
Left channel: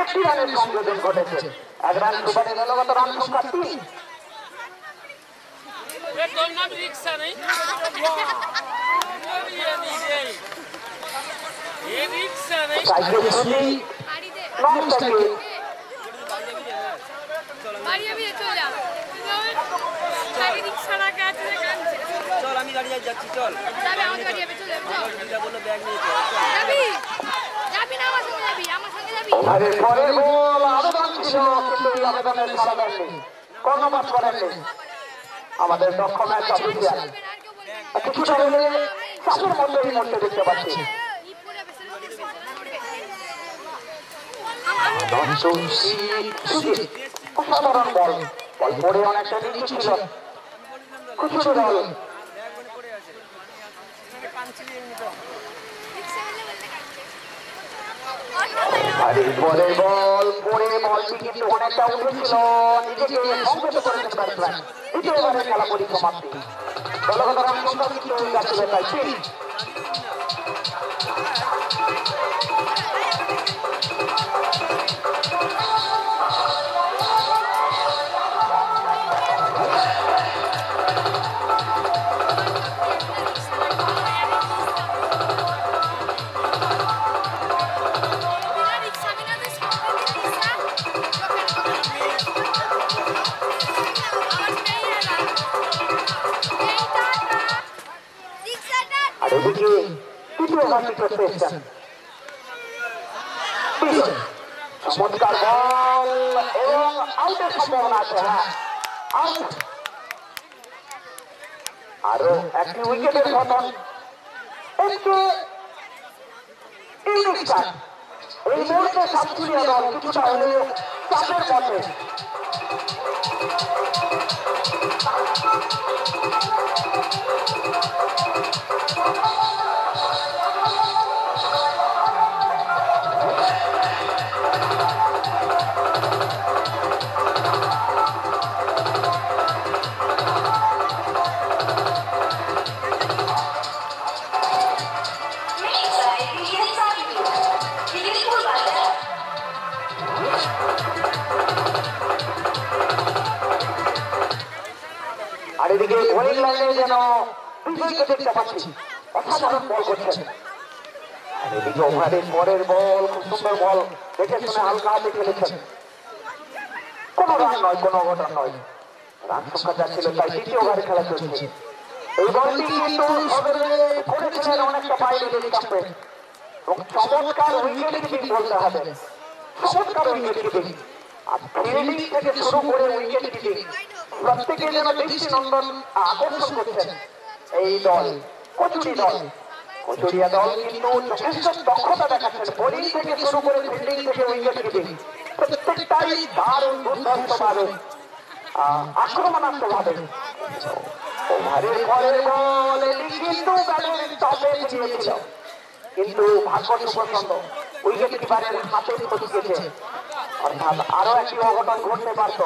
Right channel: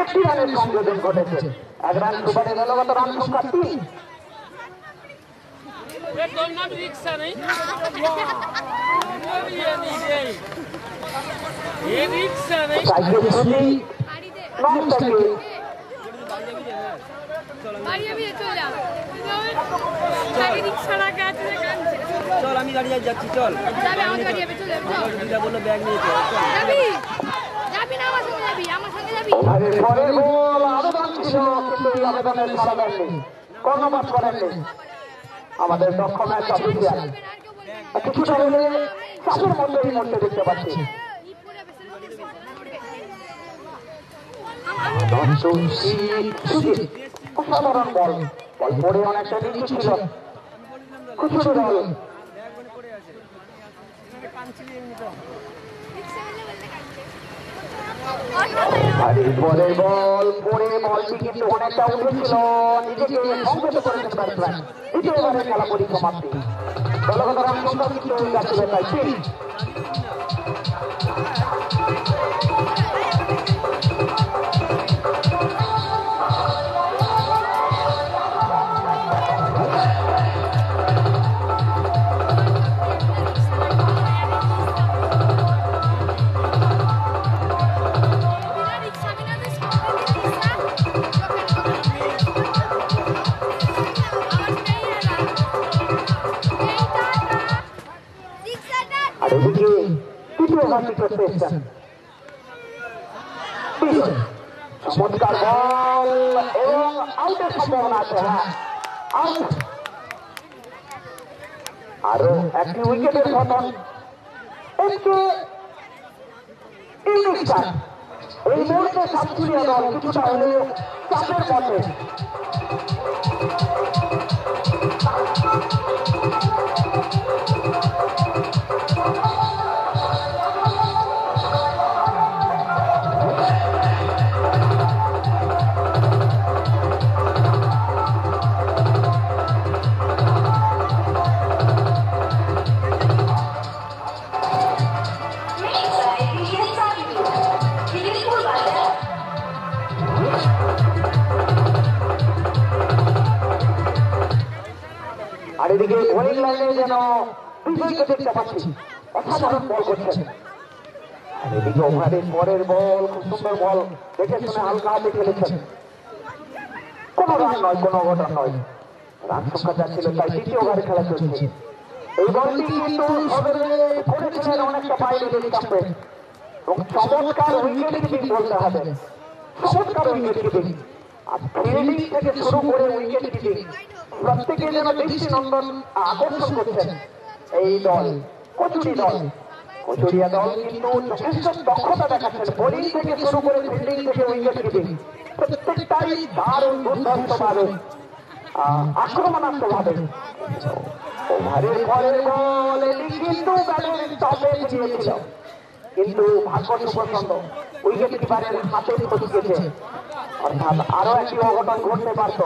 একটি রানের সংযোজন ঘটেছে। 1 রান দুবারে দলগত রান সংখ্যা 3। চল আমি গাড়ি যাচ্ছি, চল বললো ব্যাগ নিয়ে আমাদের দক্ষ ম্যাচ অফিসিয়াল কিছুটা হলে চাপের মধ্যেই মধ্যে দেখতে পাচ্ছি। অসাধারণ বল, বল পড়ে অনেকটা নিচে ছিল। খুচরো বল, বল পড়ে বলটি কিন্তু অনেকটা উঠেছিল, নিজেকে সংযত করেছেন ব্যাটসম্যান। দ্বিতীয় ওভারের খেলা পরিসমাপ্তি, দলগত রান সংখ্যা কিন্তু যাচ্ছে তাই 3। এদিকে তৃতীয় ওভারটি করতে এসেছেন। চমৎকার বল এবং আউটের সম্ভাবনা আছে। হ্যাঁ, আউট। আরো একটি উইকেটের পতন। এই মুহূর্তে সাতক্ষীরা দল কিছুটা হলেও চাপের পথে। আর এদিকে বোলিং লাইনে যেন বিজয়কে দেখতে পাচ্ছি, অসাধারণ বল করছেন। আর এদিকে ওভারের পরের বল, খুব সুন্দর বল, দেখে শুনে হালকা হাতে খেলেছেন। কোনো রান নয়, কোনো অঘটন নয়, রান সংখ্যা যাচ্ছিল তাই তৃতীয় ওভারে খেলা চলছে। এই বলটি কিন্তু করেছিলেন অনেকটা বাইরে স্টাম্পে এবং চমৎকার উইকেট কিপিং বলতে হবে, চমৎকার উইকেট কিপিং। আর ফিল্ডিং থেকে শুরু করে উইকেট কিপিং প্রত্যেকে যেন দৃষ্টি নন্দন আকর্ষণ করছেন এই দল, কচুরি দল। কচুরিয়া দল কিন্তু যথেষ্ট দক্ষতা দেখাচ্ছেন, বোলিং থেকে শুরু করে ফিল্ডিং থেকে উইকেট কিপিং প্রত্যেকটাই দারুণ দুর্ধর্ষ ভাবে আক্রমণাত্মক ভাবে। ওভারের পরের বল এটি কিন্তু ব্যাটের টপে গিয়েছিল, কিন্তু ভাগ্য সুপ্রসন্ন উইকেট কিপারের হাতে পৌঁছেছে, অর্থাৎ আরো একটি অঘটন ঘটতে পারত।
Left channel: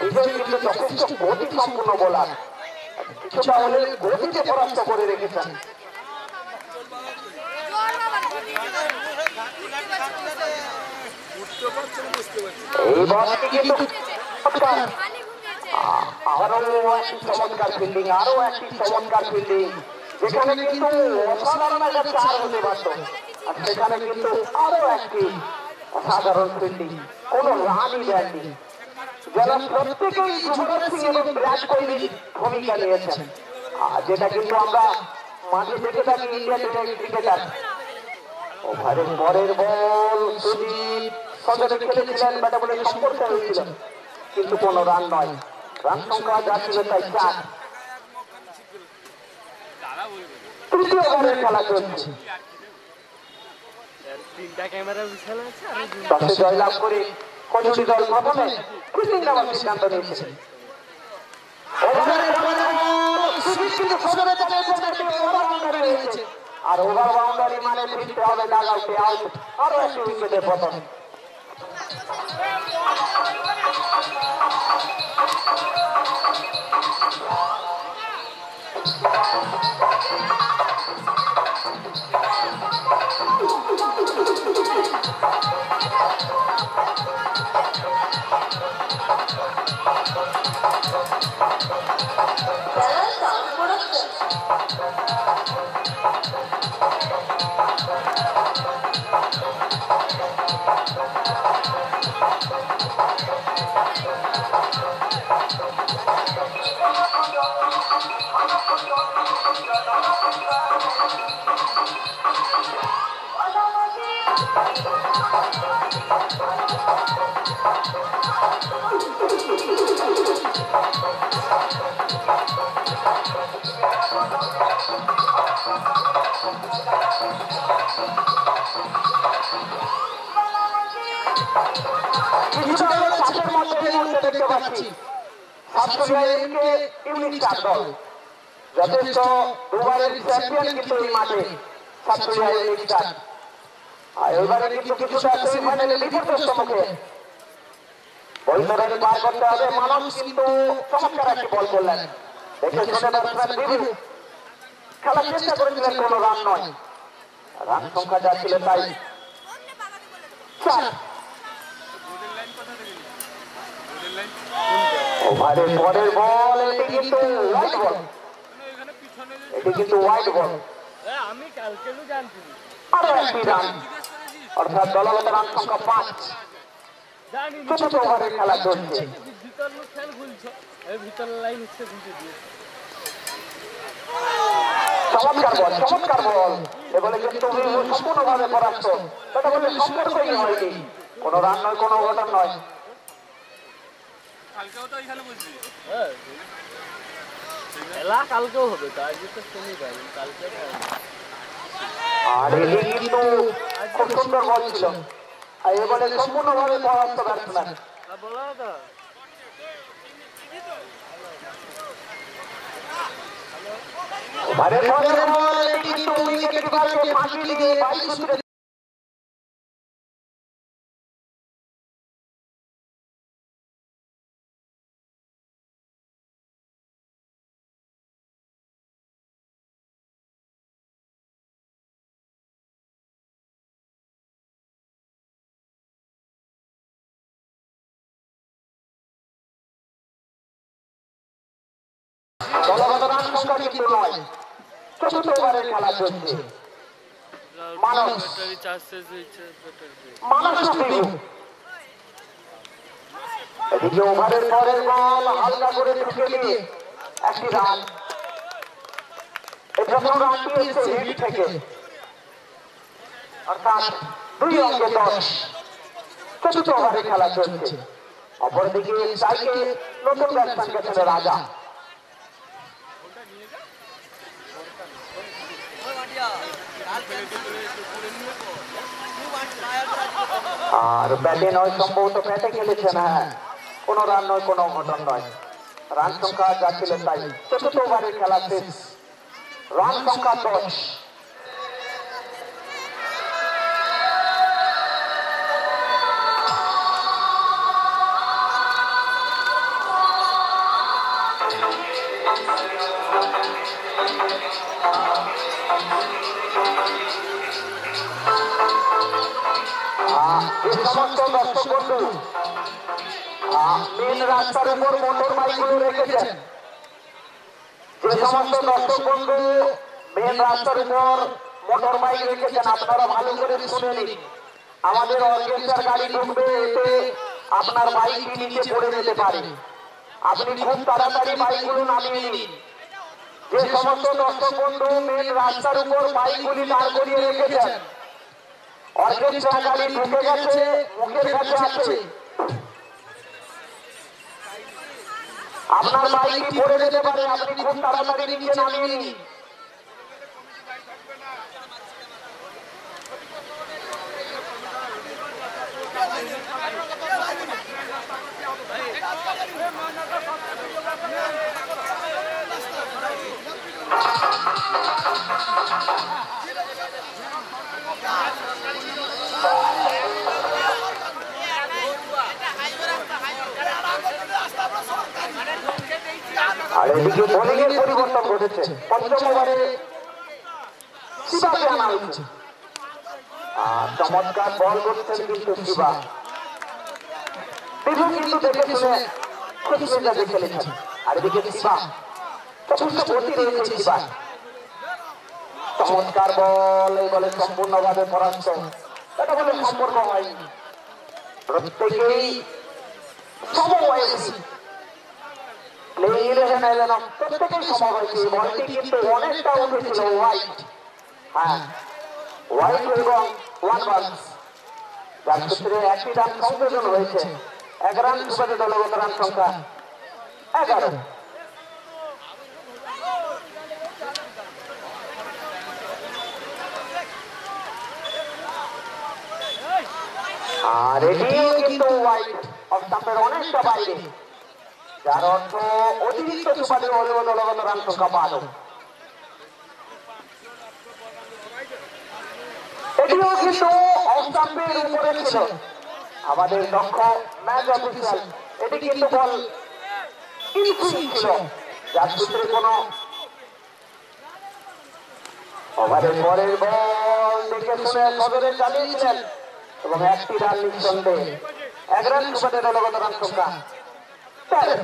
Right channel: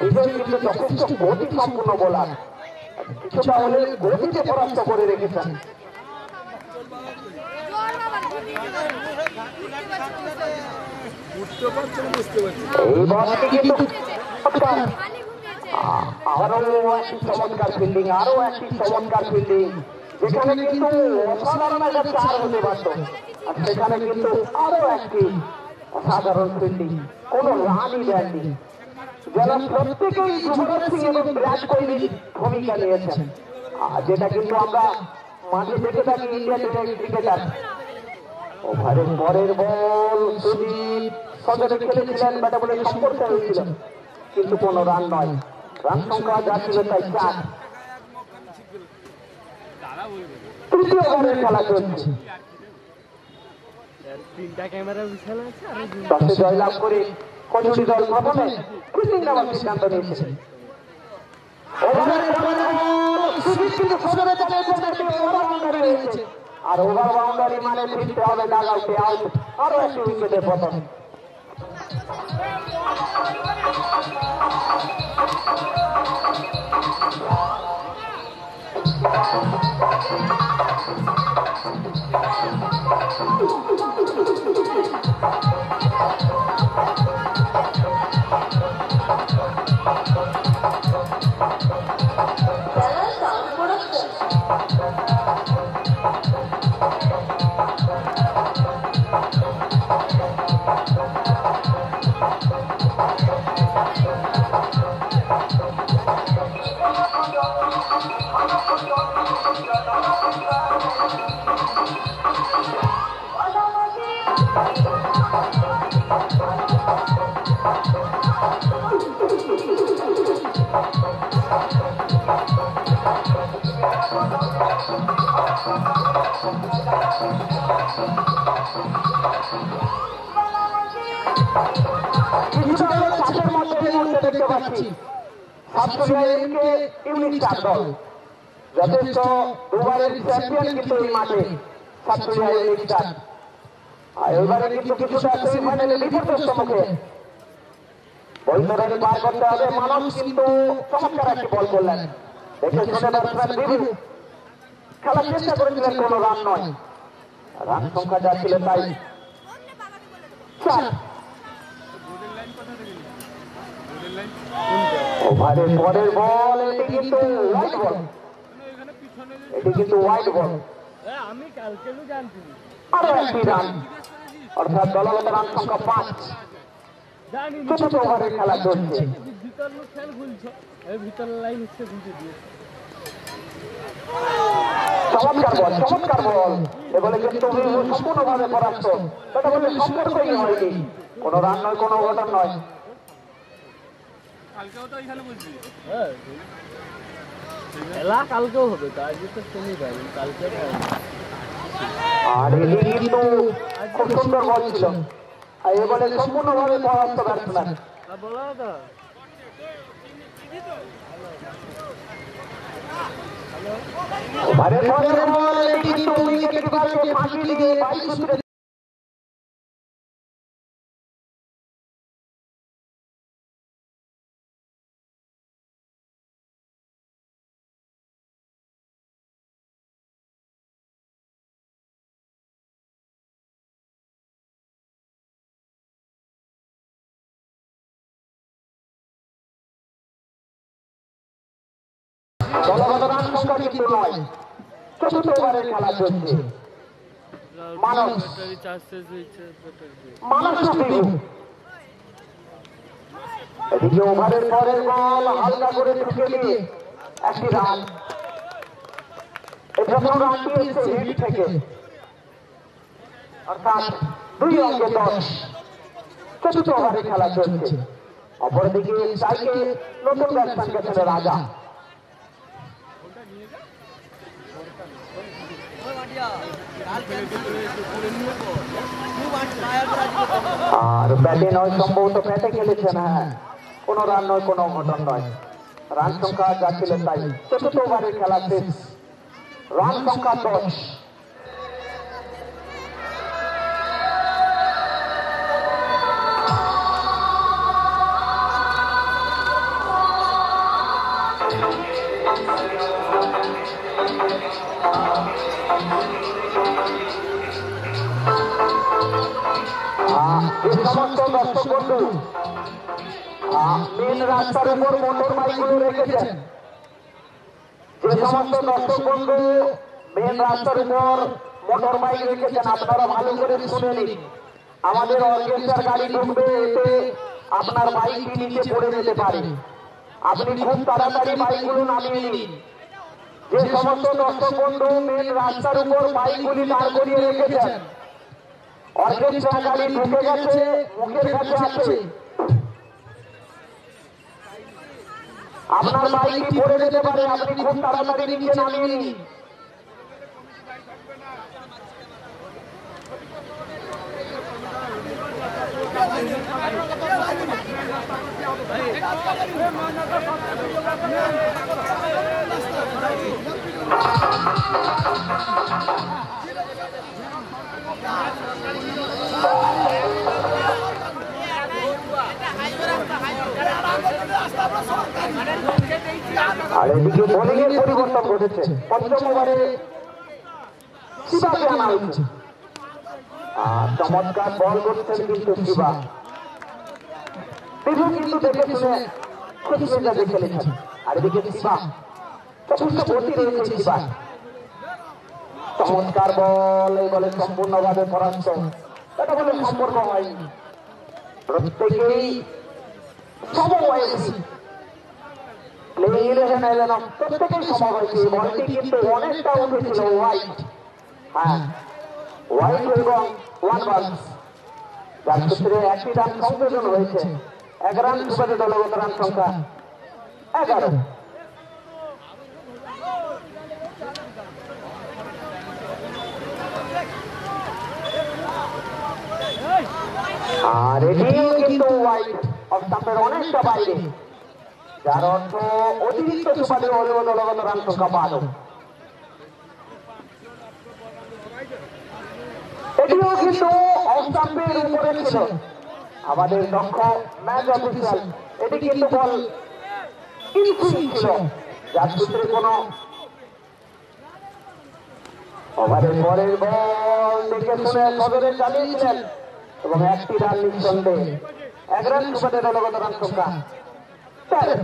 বিজয় কিন্তু যথেষ্ট গতি সম্পূর্ণ বোলার, কিছুটা হলে গতিতে পরাস্ত করে রেখেছেন। এই বলটি কিন্তু আরো একটি চমৎকার ফিল্ডিং, আরো একটি চমৎকার ফিল্ডিং, যেখানে কিন্তু অসাধারণ একটা চার হতে পারত, আর সেখানে কিন্তু আরো একটি অসাধারণ ফিল্ডিং, কোন রানই দেননি, যারা প্রত্যেকেই যুবরাজ সিং এবং বিরাট কোহলির ভূমিকা নিয়েছেন, যেটা কিন্তু আমরা মাঠে দেখে থাকি ইন্ডিয়ান ক্রিকেটার। ওভারের পরের বল সুজিত সজরে খেলেছিলেন, ব্যাটে বলে সম্পর্ক হয়েছিল, কিন্তু কোনো রান নয়, রান সংখ্যা যা ছিল তাই 4। তৃতীয় ওভারের খেলা চলছে, টসে জয়লাভ করে কচুরি দল প্রথমে ফিল্ডিং নেওয়ার সিদ্ধান্ত নিয়েছে। ওভারের পরের বল সুজিত কিন্তু সজরে ওভার বাউন্ডারি রয়েছে, আর ওভার বাউন্ডারি মানে ফিরতে হবে ডাগ আউটে, আউট, আরো একটি উইকেটের পতন। যথেষ্ট দুবারের চ্যাম্পিয়ন কিন্তু এই মাঠে সাতক্ষীরা ইউনিক স্টার, আর এবারে কিন্তু কিছুটা সেমিফাইনালে বিপর্যস্ত মুখে বৈতরণী পার করতে হবে। মানুষ কিন্তু চমৎকার একটি বল করলেন, দেখে শুনে ব্যাটসম্যান বিভু খেলার চেষ্টা করেছিলেন, কোনো রান নয়, রান সংখ্যা যা ছিল তাই 4। ওভারের পরের বল এটি কিন্তু হোয়াইট বল, এটি কিন্তু হোয়াইট বল, আমি কালকেও জানছি, আরো একটি রান, অর্থাৎ দলগত রান সংখ্যা 5। চতুর্থ ওভারের খেলা চলছে, ভিতর লোক খেল খুলছে, ভিতর লাইন হচ্ছে খুলছে দিয়ে চমৎকার বল, চমৎকার বল, এবারে কিন্তু সম্পূর্ণভাবে পরাস্ত, সেটা বলে সম্পর্কই হয়নি, কোনো রান নয়, কোনো অঘটন নয়। খেলা কালকেও হবে, তো আজকে তো সেমিফাইনাল, কালকে আর এটি কিন্তু খুব সুন্দর বল ছিল, আর এবারে সম্পূর্ণভাবে পরাস্ত ব্যাটসম্যান। বলো তো ওভারের পরের বল এটি কিন্তু উইকেট কিপারকে ফাঁকি দিয়ে 22 উইকেটে দলগত রান সংখ্যা কিন্তু নয়। চতুর্থ ওভারের খেলা চলছে, মানস এদিকে ওভারের পরের বল হালকা করে ঢুকে দিয়ে একটি রান, এই প্রথম রানটি হচ্ছে হিট থেকে, অর্থাৎ 2 অঙ্কে 10। চতুর্থ ওভারের খেলা চলছে, অপরদিকে স্ট্রাইকে নতুন ব্যাটসম্যান গেছেন রাজা। আর ব্যাটে নয়, সম্ভবত ব্যাটে খেলেছেন। হ্যাঁ, কোনো রান নয়, কোনো অঘটন নয়। রান সংখ্যা যা ছিল তাই। চতুর্থ ওভারের খেলা শেষ, রান সংখ্যা 10। যে সমস্ত দর্শক বন্ধু মেন রাস্তার উপর মোটর বাইকগুলো রেখেছেন, যে সমস্ত দর্শক বন্ধু মেন রাস্তার উপর মোটর বাইক রেখেছেন, আপনারা ভালো করে শুনে নিন। আমাদের অর্কেস্ট্রার গাড়ি ঢুকবে, এতে আপনার বাইকটি নিচে পড়ে যেতে পারে। আপনি খুব তাড়াতাড়ি বাইকগুলো নামিয়ে নিন। যে সমস্ত দর্শক বন্ধু মেন রাস্তার উপর বাইকগুলি দাঁড় করিয়ে রেখেছেন, অর্কেস্ট্রা গাড়ি ঢুকে গেছে, মুখের কাছে আছে, আপনার বাইকটি পড়ে যেতে পারে। আপনি খুব তাড়াতাড়ি নিচে নামিয়ে নিন। আর এদিকে বোলিং এর পরিবর্তন ঘটেছে। পঞ্চম ওভারে শিবাকে আনা হয়েছে। চমৎকার বল করছেন কিন্তু শিবা। বিভু কিন্তু দেখে শুনে খুব মেজাজে খেলেছেন। আর এদিকে শিবা, যথেষ্ট গতি রয়েছে শিবা। চমৎকার বল, এই বলে সম্পূর্ণভাবে পরাস্ত। এটা বলে সম্পর্ক হয়নি, প্রত্যেকেই সমবয়সী। প্রত্যেকেই সমবয়সী। বলটি কিন্তু অনেকটা উঠেছিল হোয়াইট। হ্যাঁ, হোয়াইট এবং ওয়ান বাউন্স, যার ক্ষেত্রে একটি রান সংযোজন হয়েছে। 11 রান সুবাদে দলগত রান সংখ্যা 11। আর এটিও কিন্তু হোয়াইট অফ স্টাম্পের অনেকটা বাইরে, যার অর্থ অতিরিক্ত সুবাদে হলেও দলগত রান সংখ্যা 12। এটিও কিন্তু অফ স্টাম্পের উপরে ছিল। আমাদের দক্ষ ম্যাচ অফিসিয়াল এটি কিন্তু বল ইনফিল্ড ছিল, যার সূত্রে কোনো ওভারের পরের বল দেখে শুনে সদরে চালিয়েছিলেন এবং একটি রান নিঃসন্দেহে। 11 রান সুবাদে দলগত রান সংখ্যা 13।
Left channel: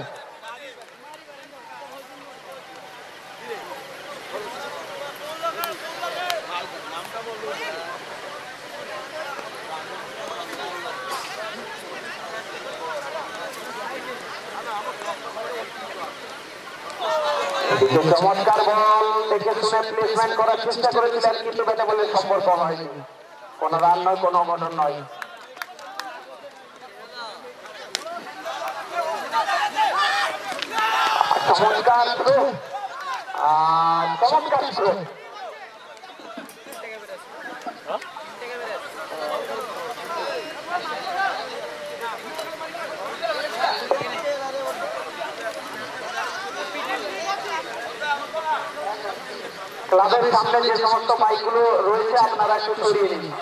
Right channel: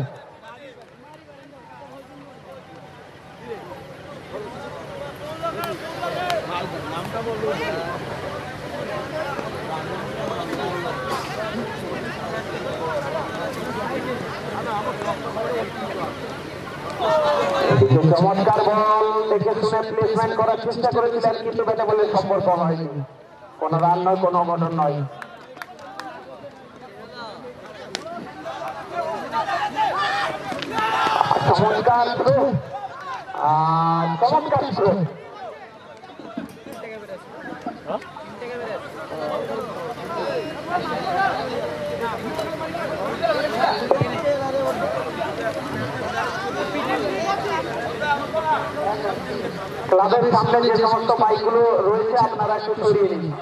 চমৎকার বল দেখে শুনে প্লেসমেন্ট করার চেষ্টা করেছিলেন, কিন্তু ব্যাটে বলে সম্পর্ক হয়নি। কোনো রান নয়, কোনো অঘটন নয়। চমৎকার থ্রো, চমৎকার থ্রো। ক্লাবের সামনে যে সমস্ত বাইকগুলো রয়েছে আপনারা একটু সরিয়ে নিন।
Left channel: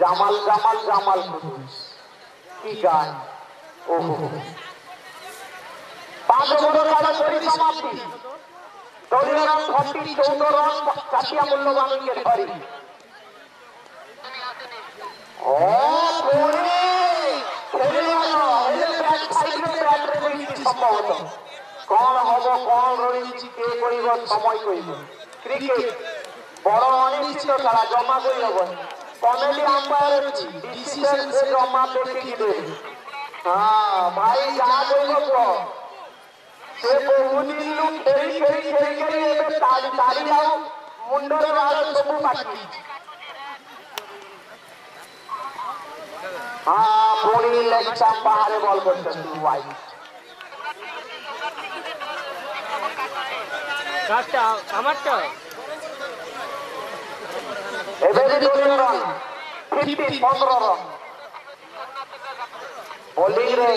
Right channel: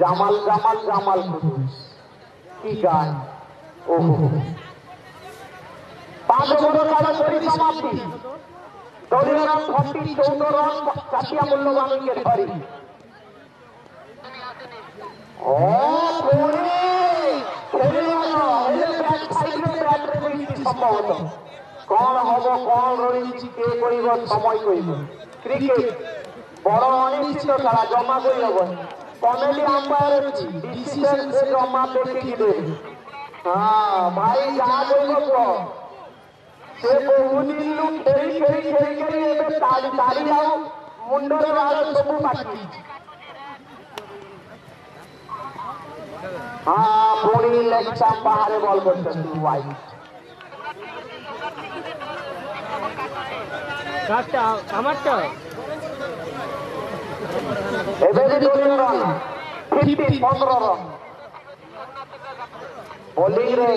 জামাল জামাল জামাল কি গান! ওহো, 5 ওভারের খেলা পরিসমাপ্তি। দলীয় রান 40, 14 রান জাতীয় মূল্যবান উইকেট ধরি। ও পরে ব্যাট সাইডে সম্ভবত কণ হব কণ রয়েছি কে করিব সময় করিব ক্রিকেট বড় অনিশ্চিত খেলা জমা করি হব কমেডি আম্পায়ার ডিসিশন সে জমা দেখে দিবে হ্যাঁ ভাই যা করিব সে বহুদিন খেলি খেলি খেলি খেলি ଏବେ ତାଳି ଆଉ ମୁଣ୍ଡରେ ବାଳ ସବୁ ପାଟି ହଁ ପୁଣି ଲେଗ୍ ଷ୍ଟାମ୍ପ ବାହାରେ ବଲ୍ କରିଛନ୍ତି ୱାଇଡ୍ কাজটা আমারটা ଏବେ ବି 2 ରନ୍ 15 ରନ୍ ବୋଲିଂରେ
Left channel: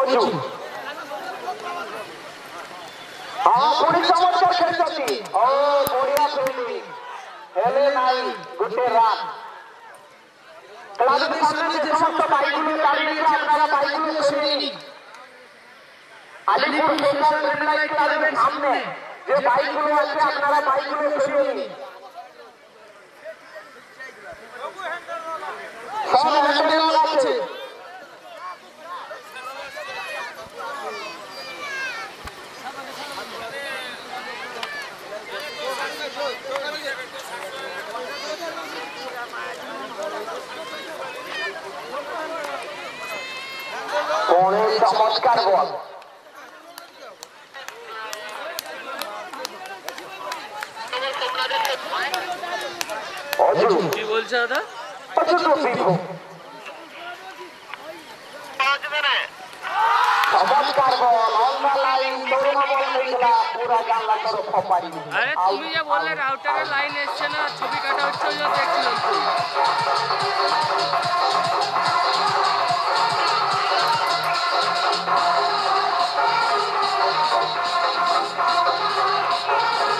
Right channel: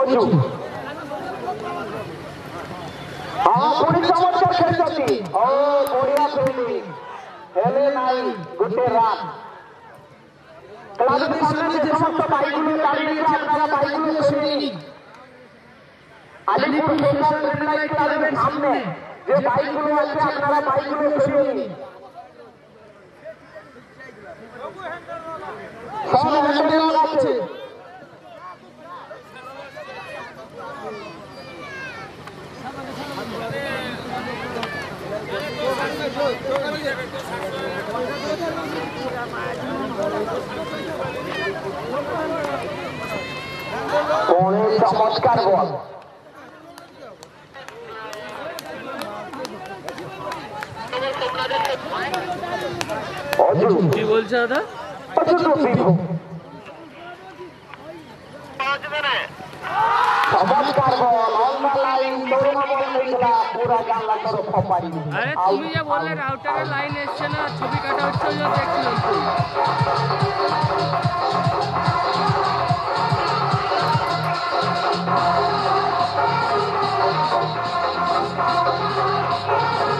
ଅଜୁ ହଁ ପୁଣି ଚମତ୍କାର ଖେଳିଛନ୍ତି ଓ ବଢିଆ ଖେଳିଲି ହେଲେ ନାହିଁ ଗୋଟେ ରାନ୍ ক্লাবের সামনে যে সমস্ত বাইকগুলো দাঁড়িয়ে আছে আপনারা বাইকগুলো সরিয়ে নিন আলিপুর সোশ্যাল রেড ক্লাবের সামনে যে বাইকগুলো আছে আপনারা বাইকগুলো সরিয়ে নিন সব হ্যান্ডেল আছে কোণে চমৎকার বল কি বলছে দাদা চমৎকার বল লম্বা লাইন তরুণ বল হয়েছিল পুরা জানলা তোর খপারি আরে তুমি যে বললে রাউটারের লাইন এসছে না ছবি কাটা হচ্ছে ওই জন্য দেখছিলাম তো